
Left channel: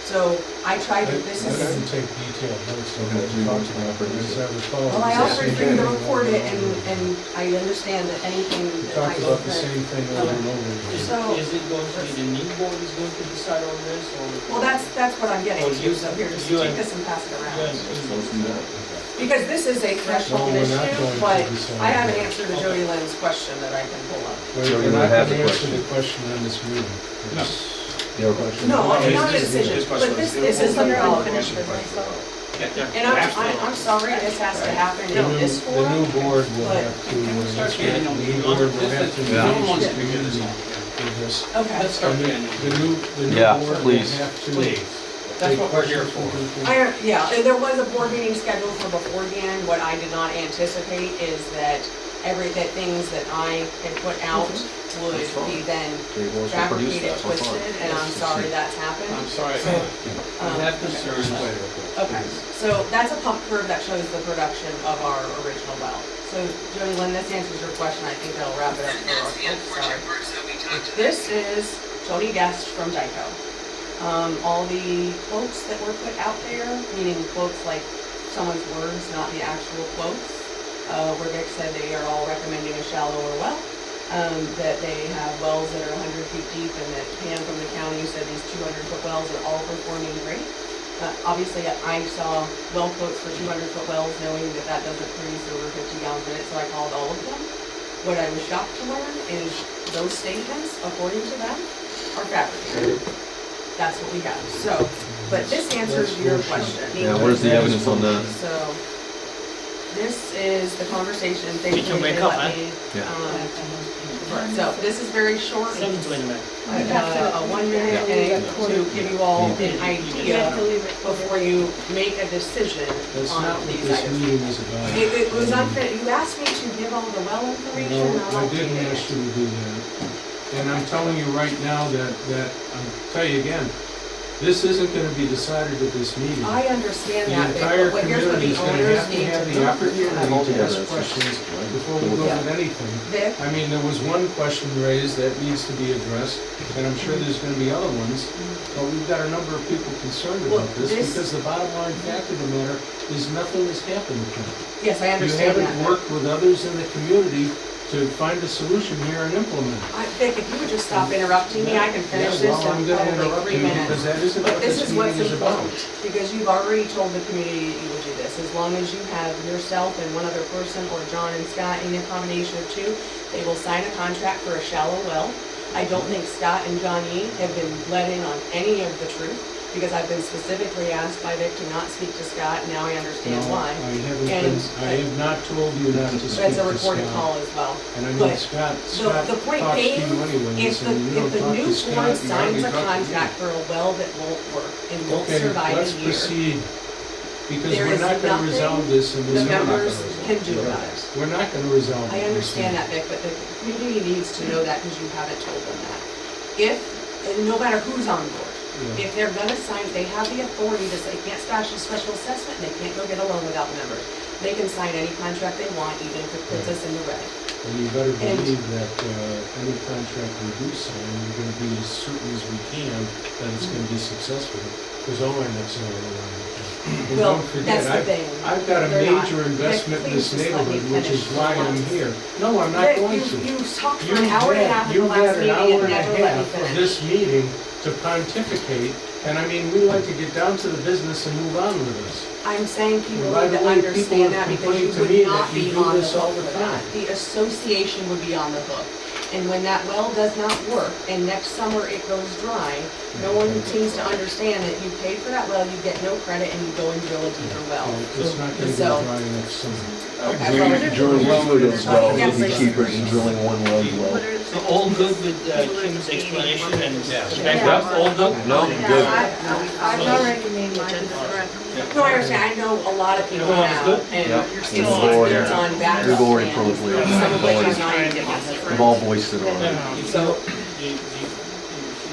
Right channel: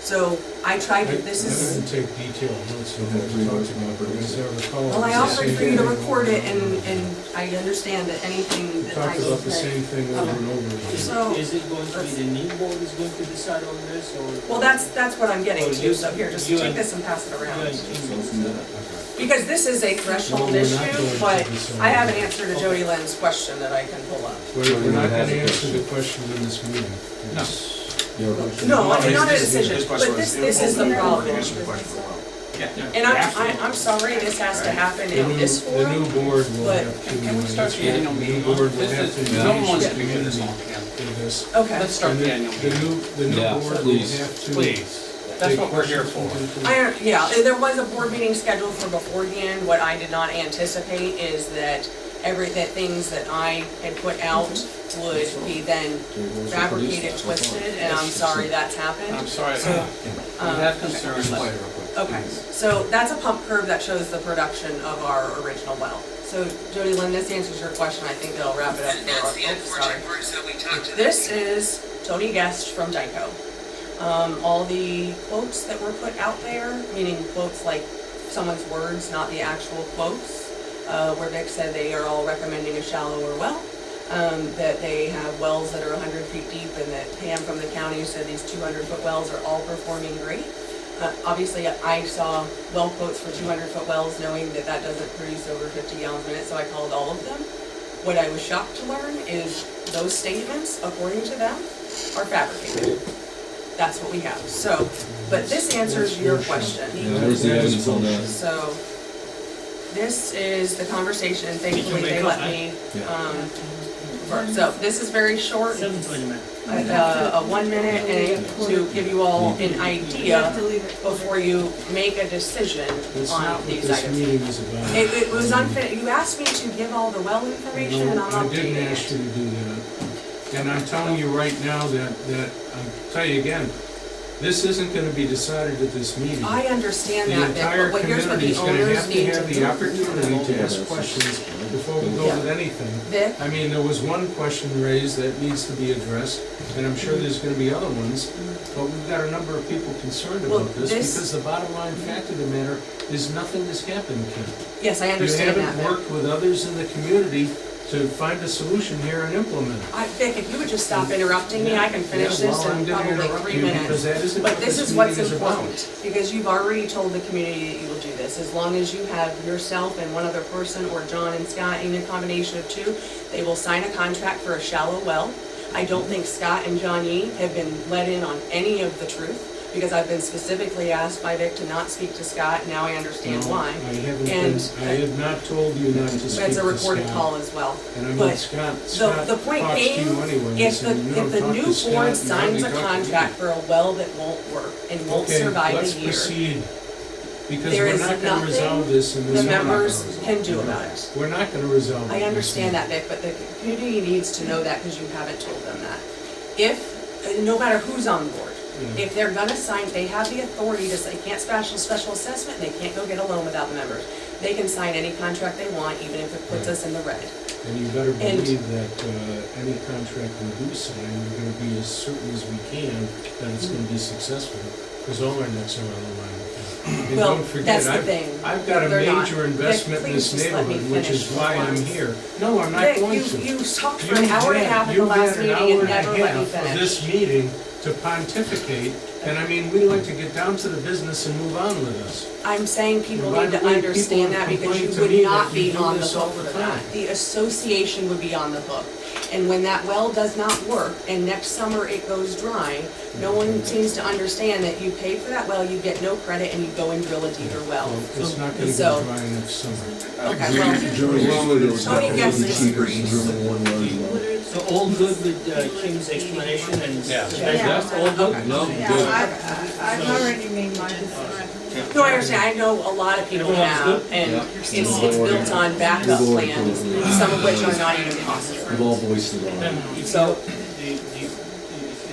So I tried to, I didn't take detailed notes on what you talked about, but as I recall. Well, I it was the offered same for you to thing. record it, and I understand that anything We that I talked about the said. same thing over and over. Is So- is it going to be the new board is going to decide on this, or? Well, that's what I'm getting Or to, you- so here, just you take and- this and pass it Yeah, around. you- Because this is a threshold No, we're not issue, going to but decide. I have an answer to Jody Lynn's question that I can pull up. We're not have gonna a answer question. the question in this meeting. It's- No, I mean, not a His decision, question but was- this is the problem. Answer the question for a while. And I'm sorry this has to happen The in this new forum. board will but- have to Can we start answer the it. annual The meeting new on board will this? have to No one engage wants the to do this community all again. in this. Okay. Let's start And the annual the meeting. new Yeah, board will please. have to. Please, that's take what we're here questions for. from people. Yeah, there was a board meeting scheduled for beforehand. What I did not anticipate is that that things that I had put out would be then fabricated, twisted, and I'm sorry that's happened. I'm sorry, So, we have concerns. Okay, so that's a pump curve that shows the production of our original well. So Jody Lynn, this answers your question. I think that'll wrap it up for our, sorry. This is Tony Guest from Dyko. All the quotes that were put out there, meaning quotes like someone's words, not the actual quotes, where Vic said they are all recommending a shallower well, that they have wells that are 100 feet deep, and that Pam from the county said these 200-foot wells are all performing great. Obviously, I saw well quotes for 200-foot wells, knowing that that doesn't produce over 50 gallons a minute, so I called all of them. What I was shocked to learn is those statements, according to them, are fabricated. That's what we have. So, but this answers your question. Yeah, where's the evidence on that? So, this is the conversation, thankfully can make they up, let me, Yeah. so this is very short. 7:20, man. A 1 minute and to give you all an You have idea to leave it. before you make a decision That's not on what these this items. meeting is about. It was unfair, you asked me to give all the well information and No, I'm I didn't updating ask it. you to do that. And I'm telling you right now that, I'll tell you again, this isn't gonna be decided at this meeting. I understand The that, Vic, entire but here's what community the is gonna owners have to need to have the do. opportunity to Yeah, ask that's- questions before we go Yeah. with anything. Vic, I mean, there was one question raised that needs to be addressed, and I'm sure there's gonna be other ones, but we've got a number of people concerned Well, about this, this- because the bottom line fact of the matter is nothing has happened, Kim. yes, I You understand that, haven't Vic. worked with others in the community to find a solution here and implement it. Vic, if you would just stop interrupting me, I can finish Yeah, this well, I'm in gonna probably interrupt 3 you minutes. because that isn't But what this this is what's meeting is about. important, because you've already told the community that you will do this. As long as you have yourself and one other person, or John and Scott, in a combination of two, they will sign a contract for a shallow well. I don't think Scott and John Yee have been let in on any of the truth, because I've been specifically asked by Vic to not speak to Scott, now I understand No, why. I haven't And- been, I have not told you not to speak to Scott. That's a recorded call as well. And I mean, But Scott the point talks to being, you anyways, If the, and you don't if the talk new to Scott, board you signs hardly a talk to me. contract for a well that won't work and won't Okay, survive let's a year, proceed, because there we're is not gonna resolve nothing this in this. the members meeting. can do about it. We're not gonna resolve it. I in this understand meeting. that, Vic, but the community needs to know that because you haven't told them that. If, no matter who's on board, Yeah. if they're gonna sign, they have the authority to say, they can't special assessment, and they can't go get a loan without members. They can sign any contract they want, even if it puts us in the red. And you better And- believe that, any contract we do sign, we're gonna be as certain as we can that it's gonna be successful, because all our necks are on the line with that. And Well, don't forget, that's the thing. I've got a They're not. major investment in Vic, this please just let me neighborhood, which is finish why for I'm once. here. No, I'm not Vic, going to. you talked for an hour and a half at the You've last had an meeting hour and and never a let me half of finish. this meeting to pontificate, and I mean, we like to get down to the business and move on with this. I'm saying people And by need the to way, people understand have that because complained you to would me not that you be do on the this all hook the for that. time. The association would be on the hook. And when that well does not work and next summer it goes dry, no one seems to understand that you paid for that well, you get no credit, and you go and drill a deeper well. Well, it's not gonna So- go dry next summer. Okay, well, Drilling one is Oh, yes. definitely cheaper than drilling one well as well. So all good with Kim's explanation and Yeah. background, all good? No, Yeah, good. I've already made my decision. no, I understand, I know a lot of people Everyone's have, good? and Yeah. it's Yeah. built on backup We've already plans, closed it. some of which are not even cost. We've all voiced it Then already. if So- you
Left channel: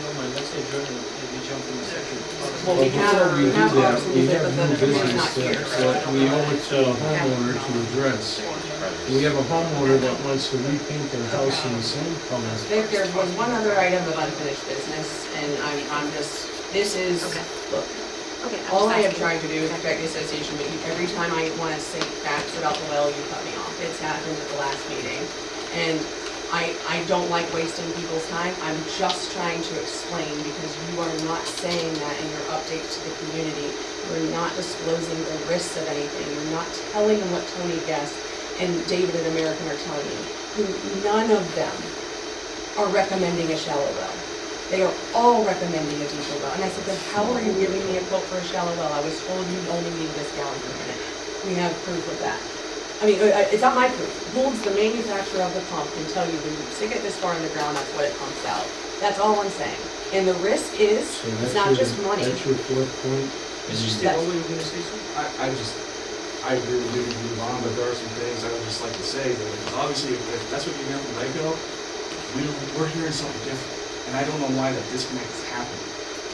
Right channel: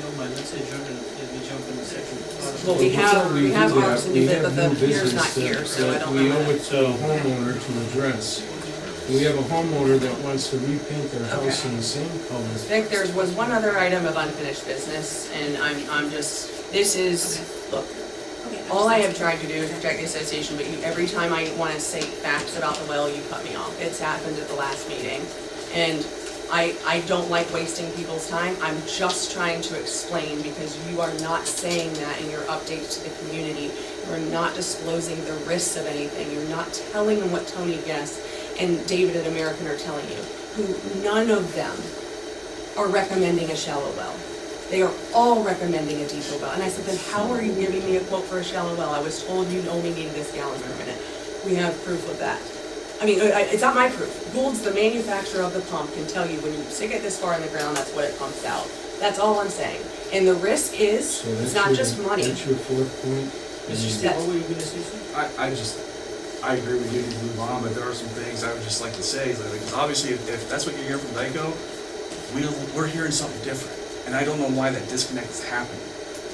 don't mind, let's adjourn and we jump in the second part of the. Well, we Before have we do ours that, in we the- have but the new computer's business not here, so I that don't we know. owe it to a homeowner to address. We have a homeowner that wants to repaint their house in the same color. Vic, there was one other item of unfinished business, and I'm just, this is, Okay. look, Okay. all I have tried to do is protect the association, but you, every time I wanna say facts about the well, you cut me off. It's happened at the last meeting. And I don't like wasting people's time. I'm just trying to explain, because you are not saying that in your updates to the community. You're not disclosing the risks of anything. You're not telling them what Tony Guest and David at American are telling you, who none of them are recommending a shallow well. They are all recommending a deeper well. And I said, then how are you giving me a quote for a shallow well? I was told you only need this gallon per minute. We have proof of that. I mean, it's not my proof. Gould's, the manufacturer of the pump, can tell you when you stick it this far in the ground, that's what it pumps out. That's all I'm saying. And the risk is, So it's that's not your- just money. That's your fourth point. Mr. Steve, what were you gonna say, sir? I agree with you to move on, but there are some things I would just like to say, that, because obviously, if that's what you're hearing from Geico, we're hearing something different, and I don't know why that disconnect is happening.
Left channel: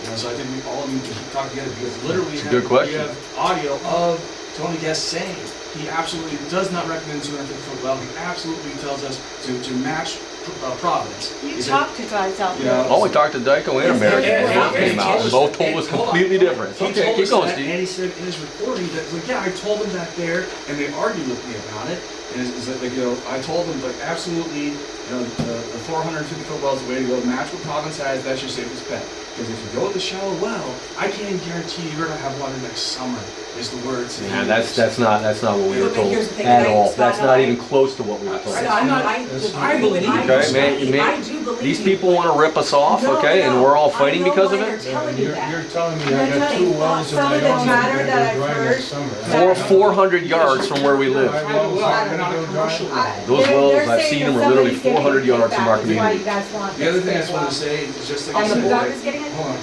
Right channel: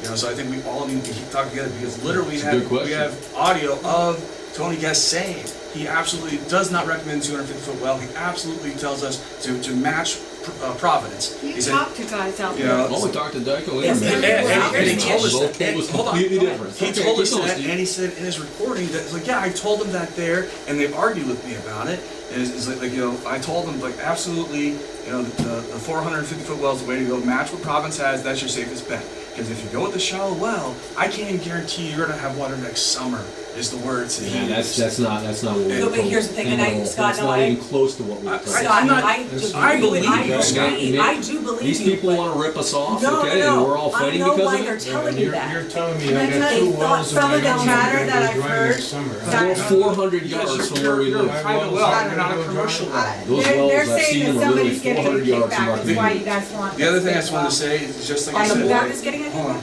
You know, so I think we all need to talk together, because literally It's a good question. we have audio of Tony Guest saying he absolutely does not recommend 250-foot well. He absolutely tells us to match Providence. You He said, talk to guys out you there. know, Oh, we talked to Dyko and Yeah, American. and he told us Both that- told us hold on, completely hold on. different. He Okay, told keep us going, that, Steve. and he said in his recording that, like, yeah, I told them that there, and they argued with me about it. And it's like, you know, I told them, like, absolutely, you know, the 450-foot well is the way to go. Match what Providence has, that's your safest bet. Because if you go with the shallow well, I can't even guarantee you're gonna have water next summer, is the words. Yeah, that's not what we were But told here's the thing, at and I- all. Scott, That's no, not I- even close to what we were told. Scott, I'm not- I I believe you, Okay, Scott. I do believe These you, people but- wanna rip us off, No, okay, and no, we're all I fighting know because why of they're it? telling you You're that. telling me And I I got tell two you, wells in some my of the own chatter that that are I've dry heard, next summer. We're 400 yards from where we live. Private well, I not a don't commercial well. Those They're wells, I've saying seen that them, are literally somebody's getting 400 yards from our kickback, is why community. you guys want The other this thing I big just wanted well. to say is just like On I the said. board is getting it? Hold on.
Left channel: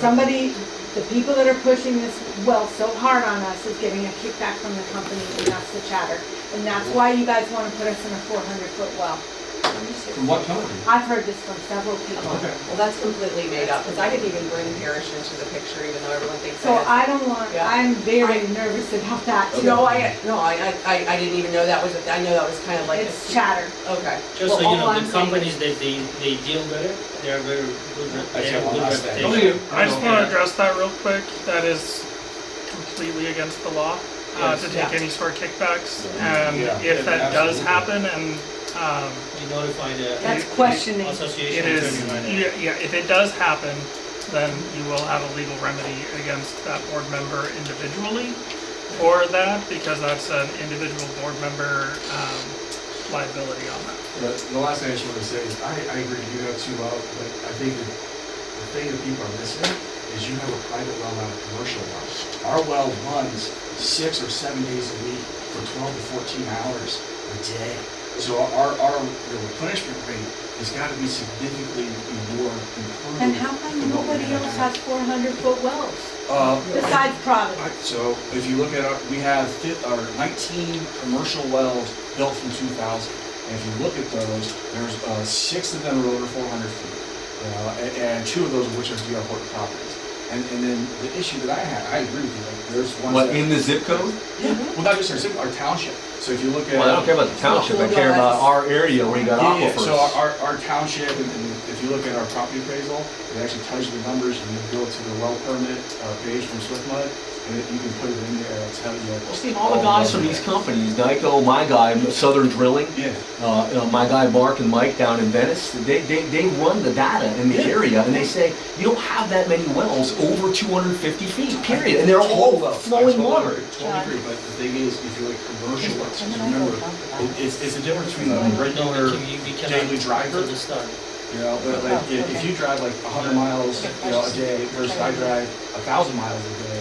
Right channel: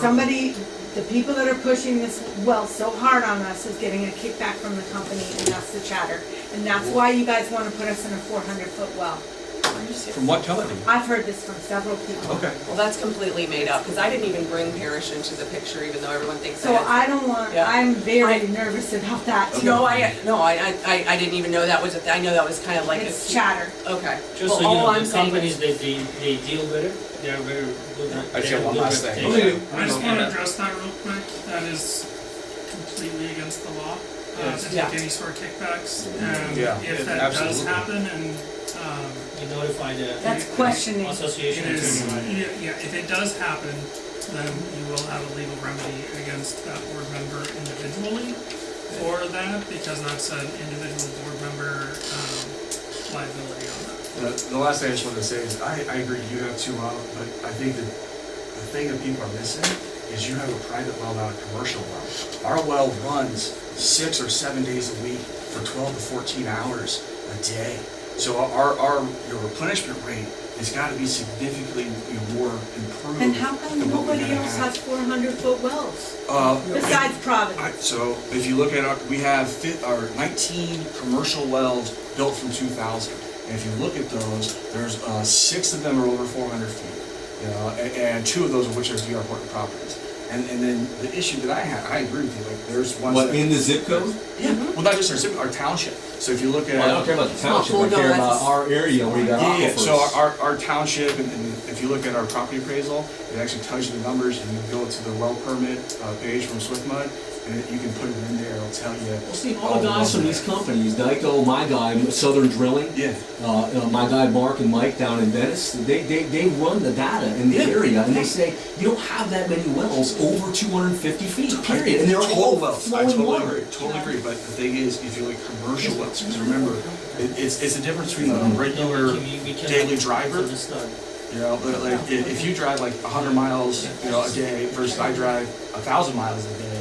Somebody, the people that are pushing this well so hard on us is getting a kickback from the company, and that's the chatter. And that's why you guys wanna put us in a 400-foot well. From what company? I've heard this from several people. Okay. Well, that's completely made up, because I didn't even bring Parrish into the picture, even though everyone thinks So that. I don't want, Yeah. I'm very nervous about that too. No, I didn't even know that was, I know that was kind of like. It's chatter. Okay. Just Well, so you all know, I'm the saying companies is- that they deal with it, they are very good, I they said have one good last thing. reputation. I just wanna address that real quick, that is completely against the law, Yes. to take Yeah. any sort of kickbacks. Yeah. And Yeah, if that does absolutely. happen and, You notify the That's questioning. it association is, attorney. yeah, if it does happen, then you will have a legal remedy against that board member individually for that, because that's an individual board member, liability on that. The last thing I just wanted to say is, I agree, you have two well, but I think that the thing that people are missing is you have a private well, not a commercial well. Our well runs 6 or 7 days a week for 12 to 14 hours a day. So our replenishment rate has got to be significantly more improved. And how come than what we're nobody gonna else have. has 400-foot wells Uh, besides Providence? So if you look at we have 19 commercial wells built from 2000. And if you look at those, there's 6 of them are over 400 feet. You know, and 2 of those of which are DR Horton properties. And then the issue that I have, I agree with you, like there's ones What, that. in the zip code? Yeah, well, not just our zip, our township. So if you look at. Well, I don't care about the township, I Well, no, care that's- about our area where you got Yeah, aquifers. so our township, and if you look at our property appraisal, it actually tells you the numbers, you can go to the well permit page from SwiftMud, and you can put it in there, it'll tell you. Well, Steve, all the guys from these companies, Dyko, my guy, Southern Drilling, Yeah. my guy Mark and Mike down in Venice, they run the data in the Yeah. area, and they say, you don't have that many wells over 250 feet, period, and they're Total all wells. I flowing totally water. agree, totally agree, but the thing is, if you look at commercial wells, because remember, it's the difference between a regular We cannot- daily driver, for the start. you know, but like, if you drive like 100 miles, you know, a day versus I drive 1,000 miles a day,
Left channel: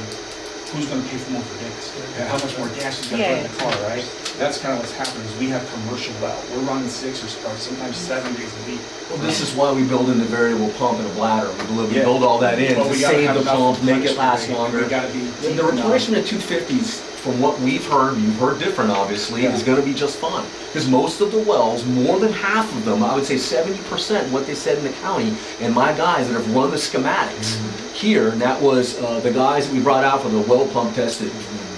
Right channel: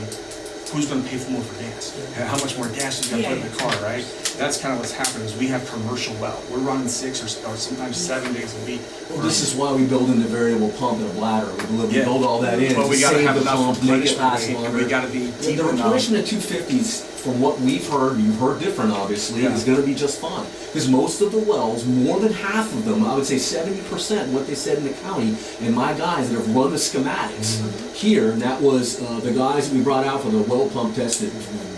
who's gonna pay for more for gas? And how much more gas is gonna put in the car, right? That's kind of what's happening, is we have commercial well, we're running 6 or sometimes 7 days a week. Well, this is why we build in the variable pump and a bladder, we Yeah. build all that in But to we gotta save have the enough pump, make it replenishment last rate, and longer. we gotta be The deep enough. replenishment at 250s, from what we've heard, you've heard different obviously, Yeah. is gonna be just fine. Because most of the wells, more than half of them, I would say 70%, what they said in the county, and my guys that have run the schematics here, and that was the guys that we brought out for the well pump test that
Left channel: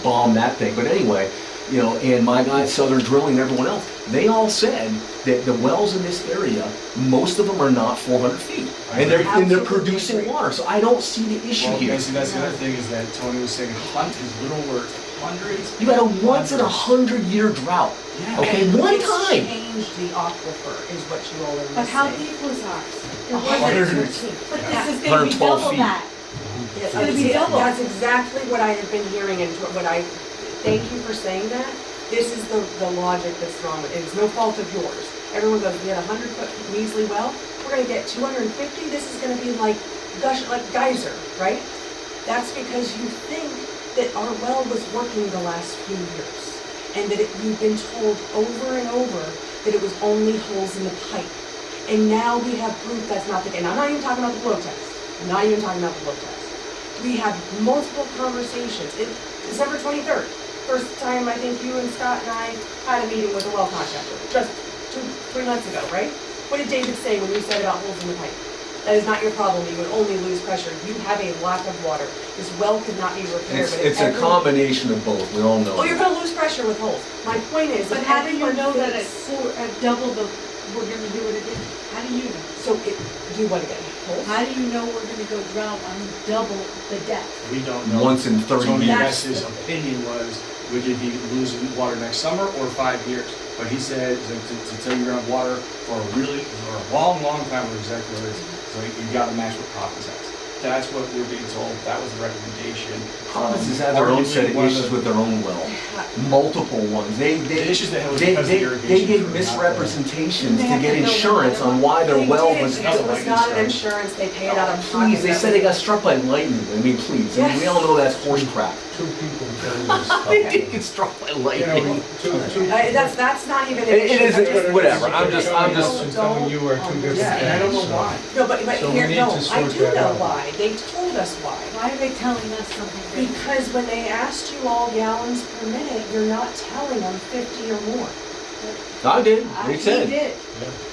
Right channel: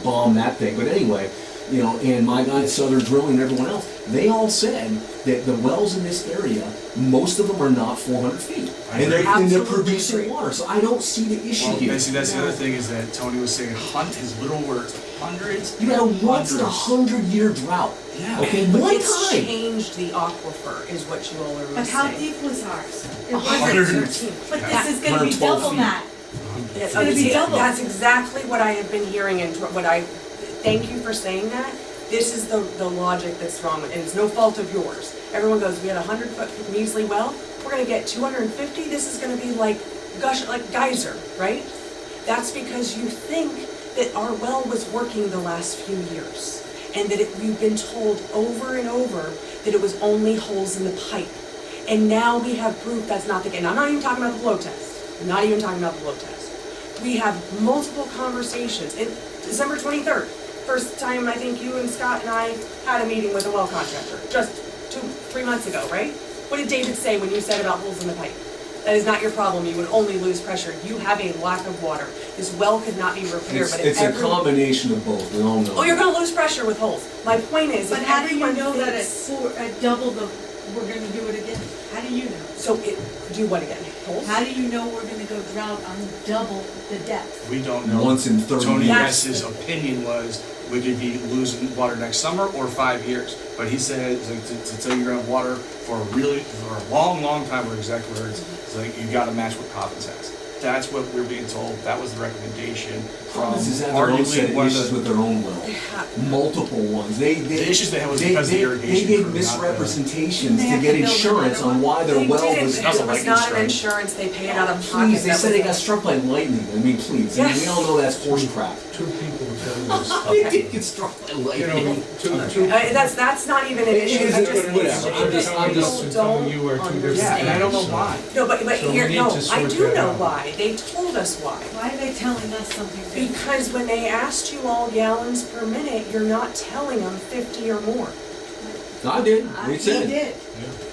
bombed that thing, but anyway, you know, and my guys, Southern Drilling and everyone else, they all said that the wells in this area, most of them are not 400 feet. And they're Absolutely producing agree. water, so I don't see the issue Well, here. see, that's the other thing is that Tony was saying, his little words, hundreds. You got a once in a hundreds. 100-year drought. Yeah. Okay, But one it's time. changed the aquifer, is what you all are missing. But how deep was ours? It 113. But Yeah. this is gonna be 112 double feet. that. It's gonna be double. That's exactly what I have been hearing, and thank you for saying that. This is the logic that's wrong with it. It's no fault of yours. Everyone goes, we had a 100-foot measly well, we're gonna get 250, this is gonna be like geyser, right? That's because you think that our well was working the last few years, and that you've been told over and over that it was only holes in the pipe. And now we have proof that's not the case. And I'm not even talking about the blow test. I'm not even talking about the blow test. We have multiple conversations. December 23rd, first time I think you and Scott and I had a meeting with a well contractor, just 2-3 months ago, right? What did David say when you said about holes in the pipe? That is not your problem. You would only lose pressure. You have a lack of water. This well could not be repaired, but if It's a combination of both, we all know. Oh, you're gonna lose pressure with holes. My point is, But if how do you everyone know that thinks- at double the we're gonna do it again? How do you know? So do what again? Holes? How do you know we're gonna go drought on double the depth? We don't know. Once in 30 Tony years. West's opinion was we could be losing water next summer or 5 years. But he said, it's like, to tell you you're gonna have water for a long, long time, or exact words, it's like, you gotta match what Providence has. That's what we're being told, that was the recommendation. Providence has had their own set of issues with their own well, multiple ones. The issues they had was because of irrigation. They gave for not the- misrepresentations They to have get to build insurance another on why their They well didn't. was. It Doesn't was like not an insurance. insurance, they paid it out of pocket. Please, they That said was they got it. struck by lightning. I mean, please, I mean, we all know that's horse crap. Two people carry this. They did get struck by You know, lightning. two. That's not even an It issue. is- I'm just- whatever. I'm just- I'm telling you are two different. Yeah, and I don't know things, why. No, but So we here, need no, to I sort do that know out. why. They told us why. Why are they telling us something different? Because when they asked you all gallons per minute, you're not telling them 50 or more. I did, we He said. did.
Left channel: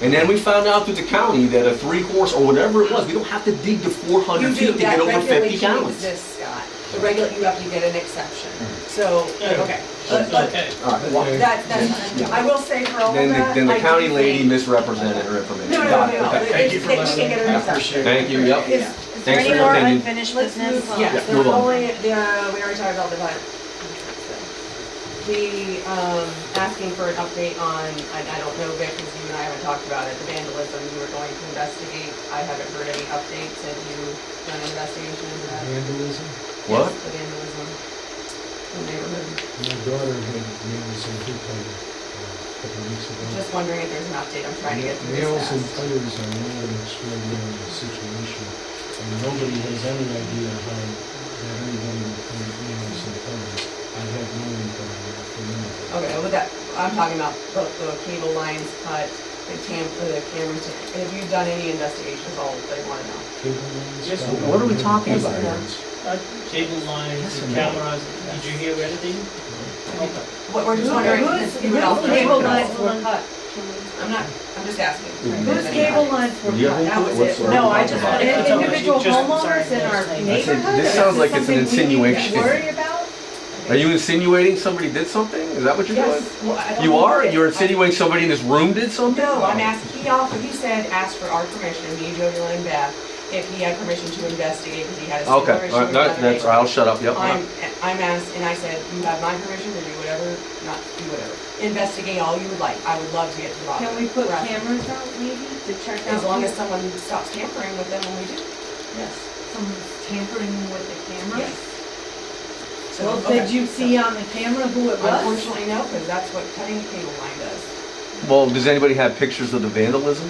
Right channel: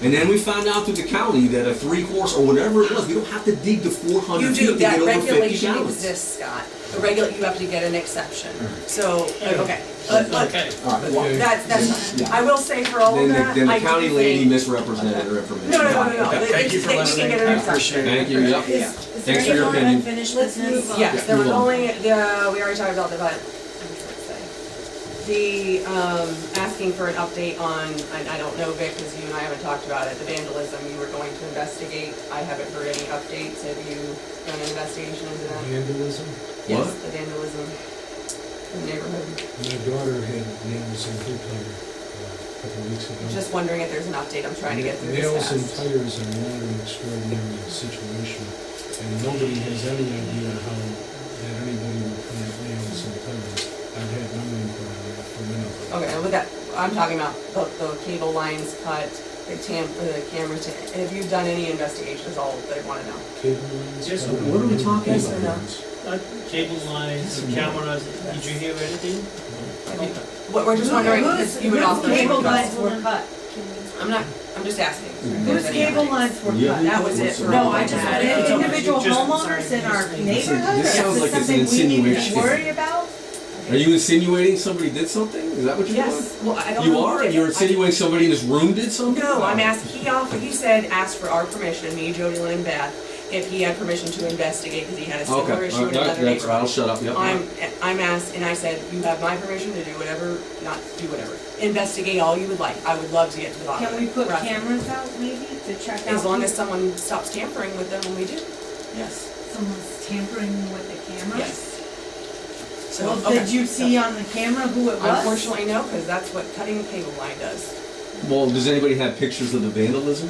And then we found out through the county that a 3-horse or whatever it was, we don't have to dig to 400 You feet do, to that get over 50 regulation gallons. exists, Scott. The you have to get an exception. So, Yeah. okay. But Okay. All right, Okay. that's, I will say for all of then that, the I county do lady think- misrepresented her information. No, Got it, okay. Thank you for They letting can me, get an I exception. appreciate it. Thank you, yep. Yeah. Is Thanks there for any your more opinion. unfinished Let's business? move on. Yes, Yeah, there was move on. only, we already talked about the asking for an update on, I don't know, Vic, because you and I haven't talked about it, the vandalism you were going to investigate. I haven't heard any updates. Have you done an investigation into that? Vandalism? What? Yes, the vandalism in the neighborhood. My daughter had nails in her tire a couple of weeks ago. Just wondering if there's an update. I'm trying to get through Nails this and fast. tires are not an extraordinary situation, and nobody has any idea how that anybody would come at nails and tires. I've had no info on that from anybody. Okay, with that, I'm talking about the cable lines cut, the cameras. Have you done any investigations? All they want to know. Cable lines? Yes, cable what are we lines, talking about? cable lines. Cable lines, the cameras, did you hear anything? Okay. What we're just wondering Whose if you would offer. cable lines were cut? I'm just asking. Whose cable lines were Yeah. cut? That was it. No, I just wanted to- Individual Just- homeowners in our neighborhood? This sounds like it's an Is this something we need insinuation. to worry about? Are you insinuating somebody did something? Is that what you're doing? Yes, well, I don't You know. are? You're insinuating somebody in this room did something? No, I'm asking, he said, ask for our permission, me, Jody, Lynn, and Beth, if he had permission to investigate, because he had a similar Okay, issue all with right, another that's, neighbor. I'll shut up, yep. I'm asked, and I said, you have my permission to do whatever, not do whatever. Investigate all you would like. I would love to get to the bottom of it. Can we put Rather- cameras out maybe to check out? As long as people? someone stops tampering with them when we do. Yes. Someone's tampering with the camera? Yes. So, Well, okay, did you see on the camera who it was? Unfortunately, no, because that's what cutting a cable line does. Well, does anybody have pictures of the vandalism?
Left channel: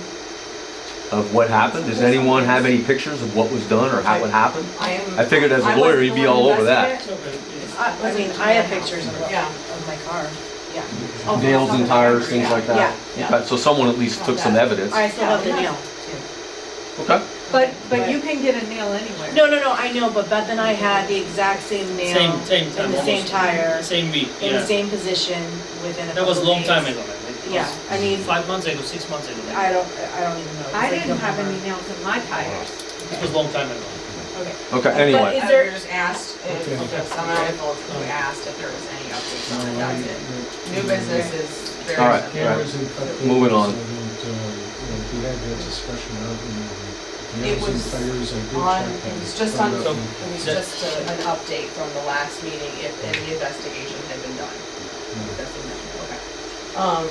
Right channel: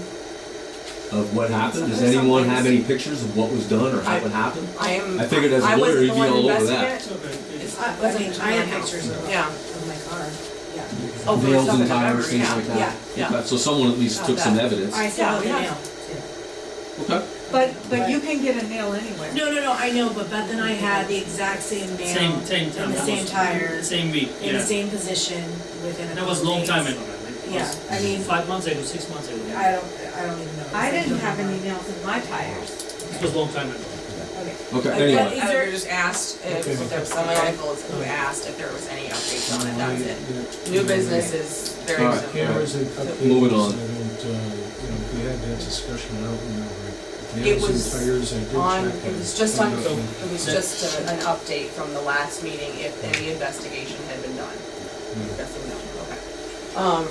Of what happened? Does anyone have any pictures of what was done or how it happened? I figured as a lawyer, wasn't you'd the be one all over that. investigating it. It's okay. I mean, I have pictures of Yeah. my car. Yeah. Oh, for Nails stuff and that I tires, remember, things yeah, like that? Yeah, yeah. Okay, so someone at least took some evidence. I still have the Yeah. nail too. Okay. But you can get a nail anywhere. No, I know, but Beth and I had the exact same nail. Same time. In the same almost. tire, Same week, in the yeah. same position, within a That was a couple long time days. ago, man. It was Yeah, I mean, 5 months ago, 6 months ago. I don't even know. It was I like didn't have any November. nails in my tires. This was a long time ago. Okay. Okay, But anyway. is I there- just asked Okay. if someone who asked if there was any updates on it, that's it. Yeah. New business is very All right. simple. Cameras and cut Moving cables, on. I don't, we had that discussion, I don't remember. It Nails was and tires, I did on, check. it and was just found on, out So- no- it was just an update from the last meeting if any investigation had been done. no. That's a no, okay.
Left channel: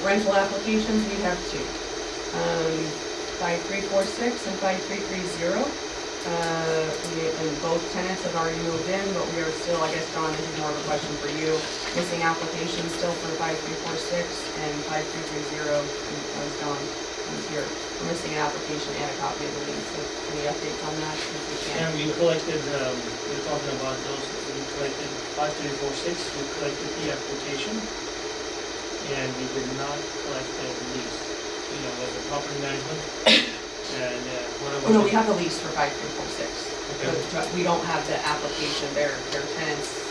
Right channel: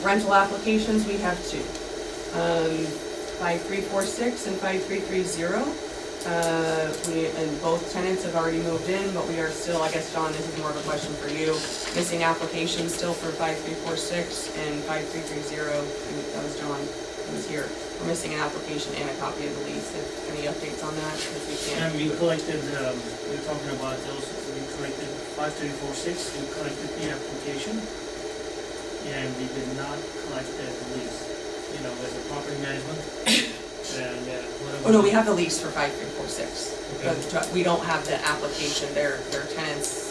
Rental applications, we have two. 5346 and 5330. And both tenants have already moved in, but we are still, I guess, Don, this is more of a question for you. Missing applications still for 5346 and 5330, and that was John, who was here. We're missing an application and a copy of the lease. Any updates on that? Because we can't. And we collected, we were talking about those, we collected 5346, we collected the application. And we did not collect the lease, you know, as a property management. And whatever. Oh, no, we have the lease for 5346. Okay. But we don't have the application, their tenants,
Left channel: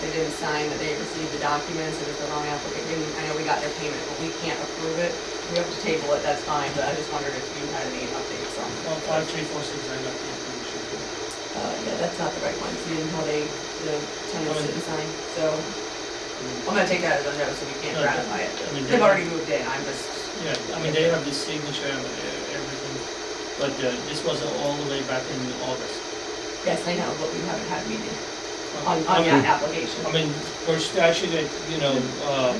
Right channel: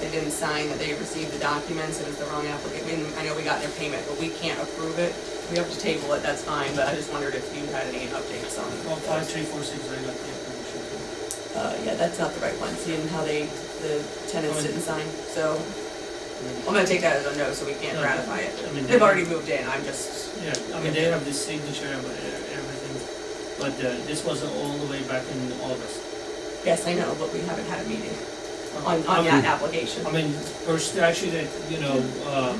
they didn't sign that they received the documents, it was the wrong application. I know we got their payment, but we can't approve it. We have to table it, that's fine, but I just wondered if you had any updates on. Well, 5346, I got the application too. Yeah, that's not the right one, seeing how the tenants didn't sign, so. I'm gonna take that as a no, so we can't No, ratify it. I mean, They've already moved in, I'm just, Yeah, I mean, they have the signature and everything, but this was all the way back in August. yes, I know, but we haven't had a meeting I on mean- that application. I mean, per statute, that,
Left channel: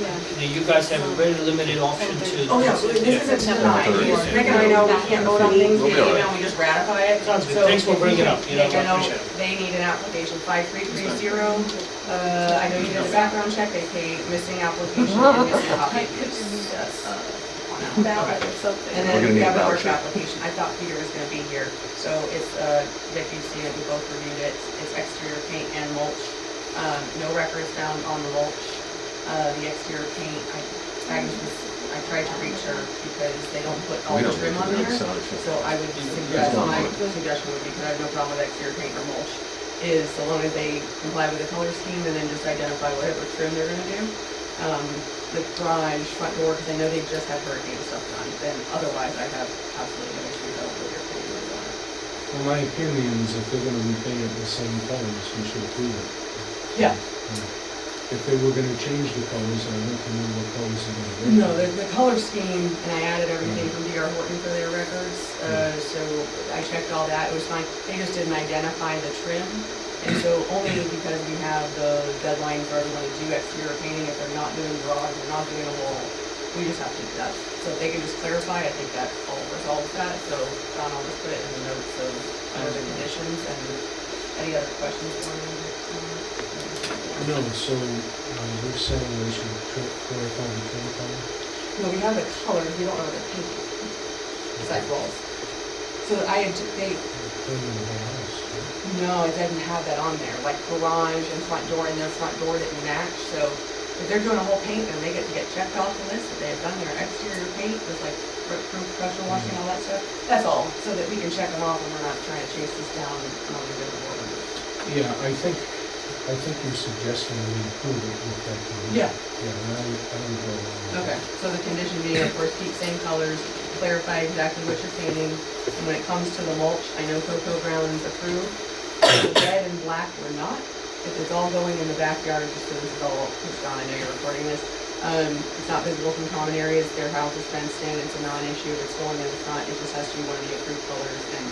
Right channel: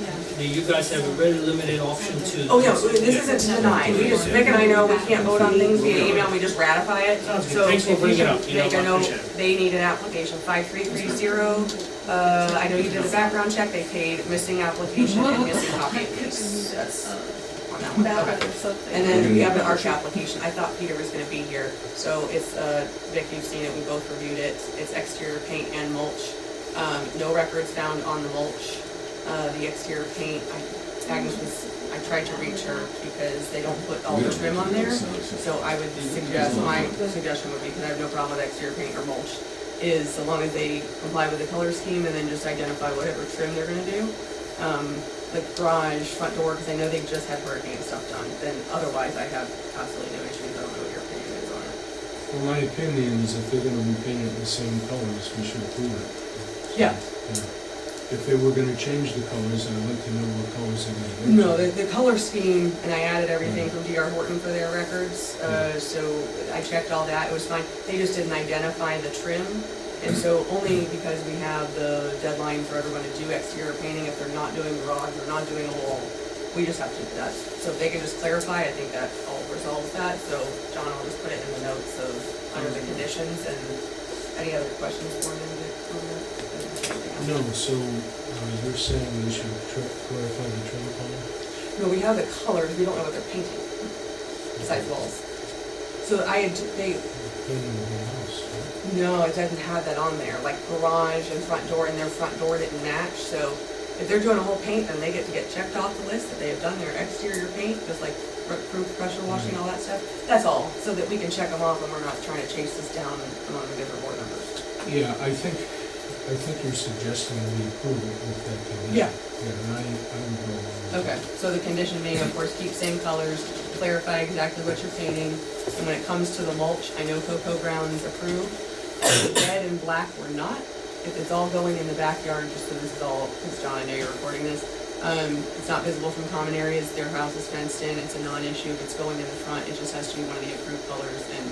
Yeah. you guys have a very limited option to. Oh, no, this isn't to deny, we just, Vic and I know we can't vote on things via email, we just ratify it. Sounds good. So Thanks for if you bringing it could up. You know, make a I note, appreciate it. they need an application, 5330. I know you did a background check, they paid missing application and missing copy of use. Yes. On that one. Ballot Okay. or something. And We're then gonna we need have the a ARC voucher. application, I thought Peter was gonna be here, so it's, Vic, you've seen it, we both reviewed it, it's exterior paint and mulch. No records found on the mulch, the exterior paint, Agnes I tried to reach her because they don't put all We the don't trim need on to do there. the sound check. So I would suggest, my suggestion would be, because I have no problem with exterior paint or mulch, is so long as they comply with the color scheme and then just identify whatever trim they're gonna do. The garage, front door, because I know they just had hurricane stuff done, then otherwise I have absolutely no issues, I don't know what your opinion is on it. Well, my opinion is if they're gonna repaint it in the same colors, we should approve it. Yeah. If they were gonna change the colors, I'd like to know what colors they're gonna go to. No, the color scheme, and I added everything from DR Horton for their records, so I checked all that, it was fine. They just didn't identify the trim, and so only because we have the deadline for everyone to do exterior painting, if they're not doing the rods or not doing a wall, we just have to do that. So if they can just clarify, I think that all resolves that, so John, I'll just put it in the notes of, under the conditions, and any other questions for me on that? No, so, you're saying they should clarify the trim color? No, we have the colors, we don't know what they're painting, besides walls. So I had, they, Painting the whole house, right? no, it doesn't have that on there, like garage and front door, and their front door didn't match, so if they're doing a whole paint, then they get to get checked off the list, that they have done their exterior paint, just like proof pressure washing, all that stuff. That's all, so that we can check them off and we're not trying to chase this down among the different board members. Yeah, I think you're suggesting we approve it with that condition. Yeah. Yeah, and I would go along with that. Okay, so the condition being, of course, keep same colors, clarify exactly what you're painting, and when it comes to the mulch, I know Cocoa Grounds approved. The red and black were not. If it's all going in the backyard, just so this is all, because John, I know you're recording this, it's not visible from common areas, their house is fenced in, it's a non-issue, if it's going in the front, it just has to be one of the approved colors, and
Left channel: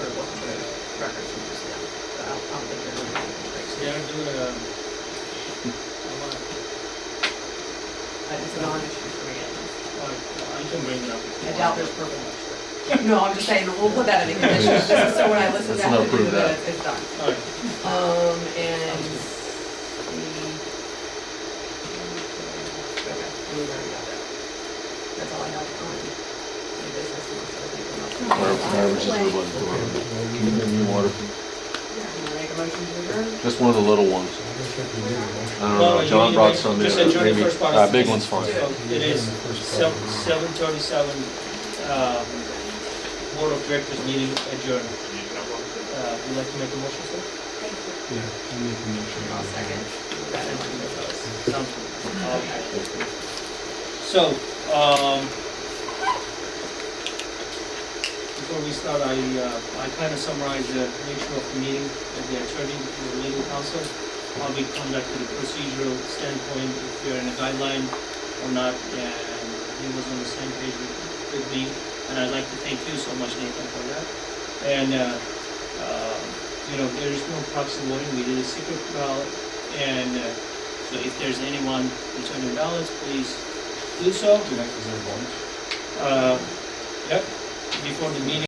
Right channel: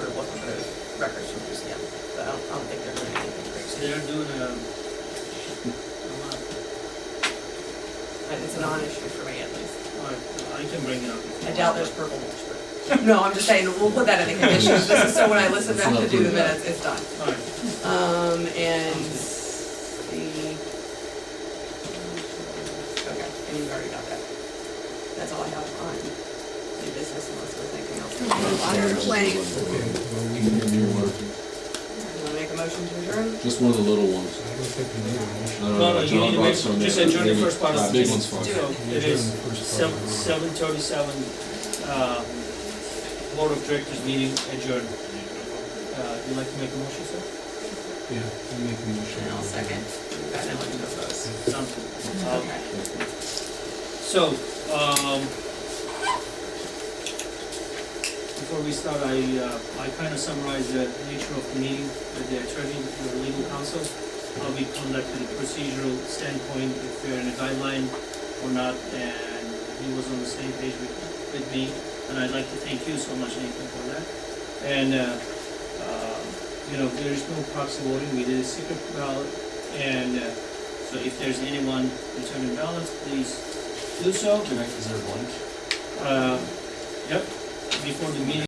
we're looking for those records from yeah. So I don't think they're doing anything crazy. They are doing It's a non-issue for me at least. I can bring it up. I doubt there's purple mulch, but, no, I'm just saying, we'll put that in the conditions, just so when I listen Let's back not to do the approve that. minutes, it's done. Alright, And okay, you've already got that. That's all I have on new business unless there's anything else. Okay, well, we Can you give me water? You wanna make a motion to adjourn? Just one of the little ones. I don't think we need a motion. I don't Well, know, you John need to brought make- some. just there, adjourn the maybe- first part of the Big meeting. one's fine. so it is 7:37, Board of Directors meeting adjourned. Would you like to make a motion, sir? Yeah, you make a motion. I'll second. You got it on your post. Sounds good. Okay. So, before we start, I kind of summarize the nature of the meeting with the attorney, your legal counsel, how we conducted a procedural standpoint, if we're in a guideline or not, and he was on the same page with me, and I'd like to thank you so much, Nathan, for that. And, there is no proxy voting, we did a secret ballot, and so if there's anyone returning ballots, please do so. Tonight, is there a lunch? Yep, before the meeting.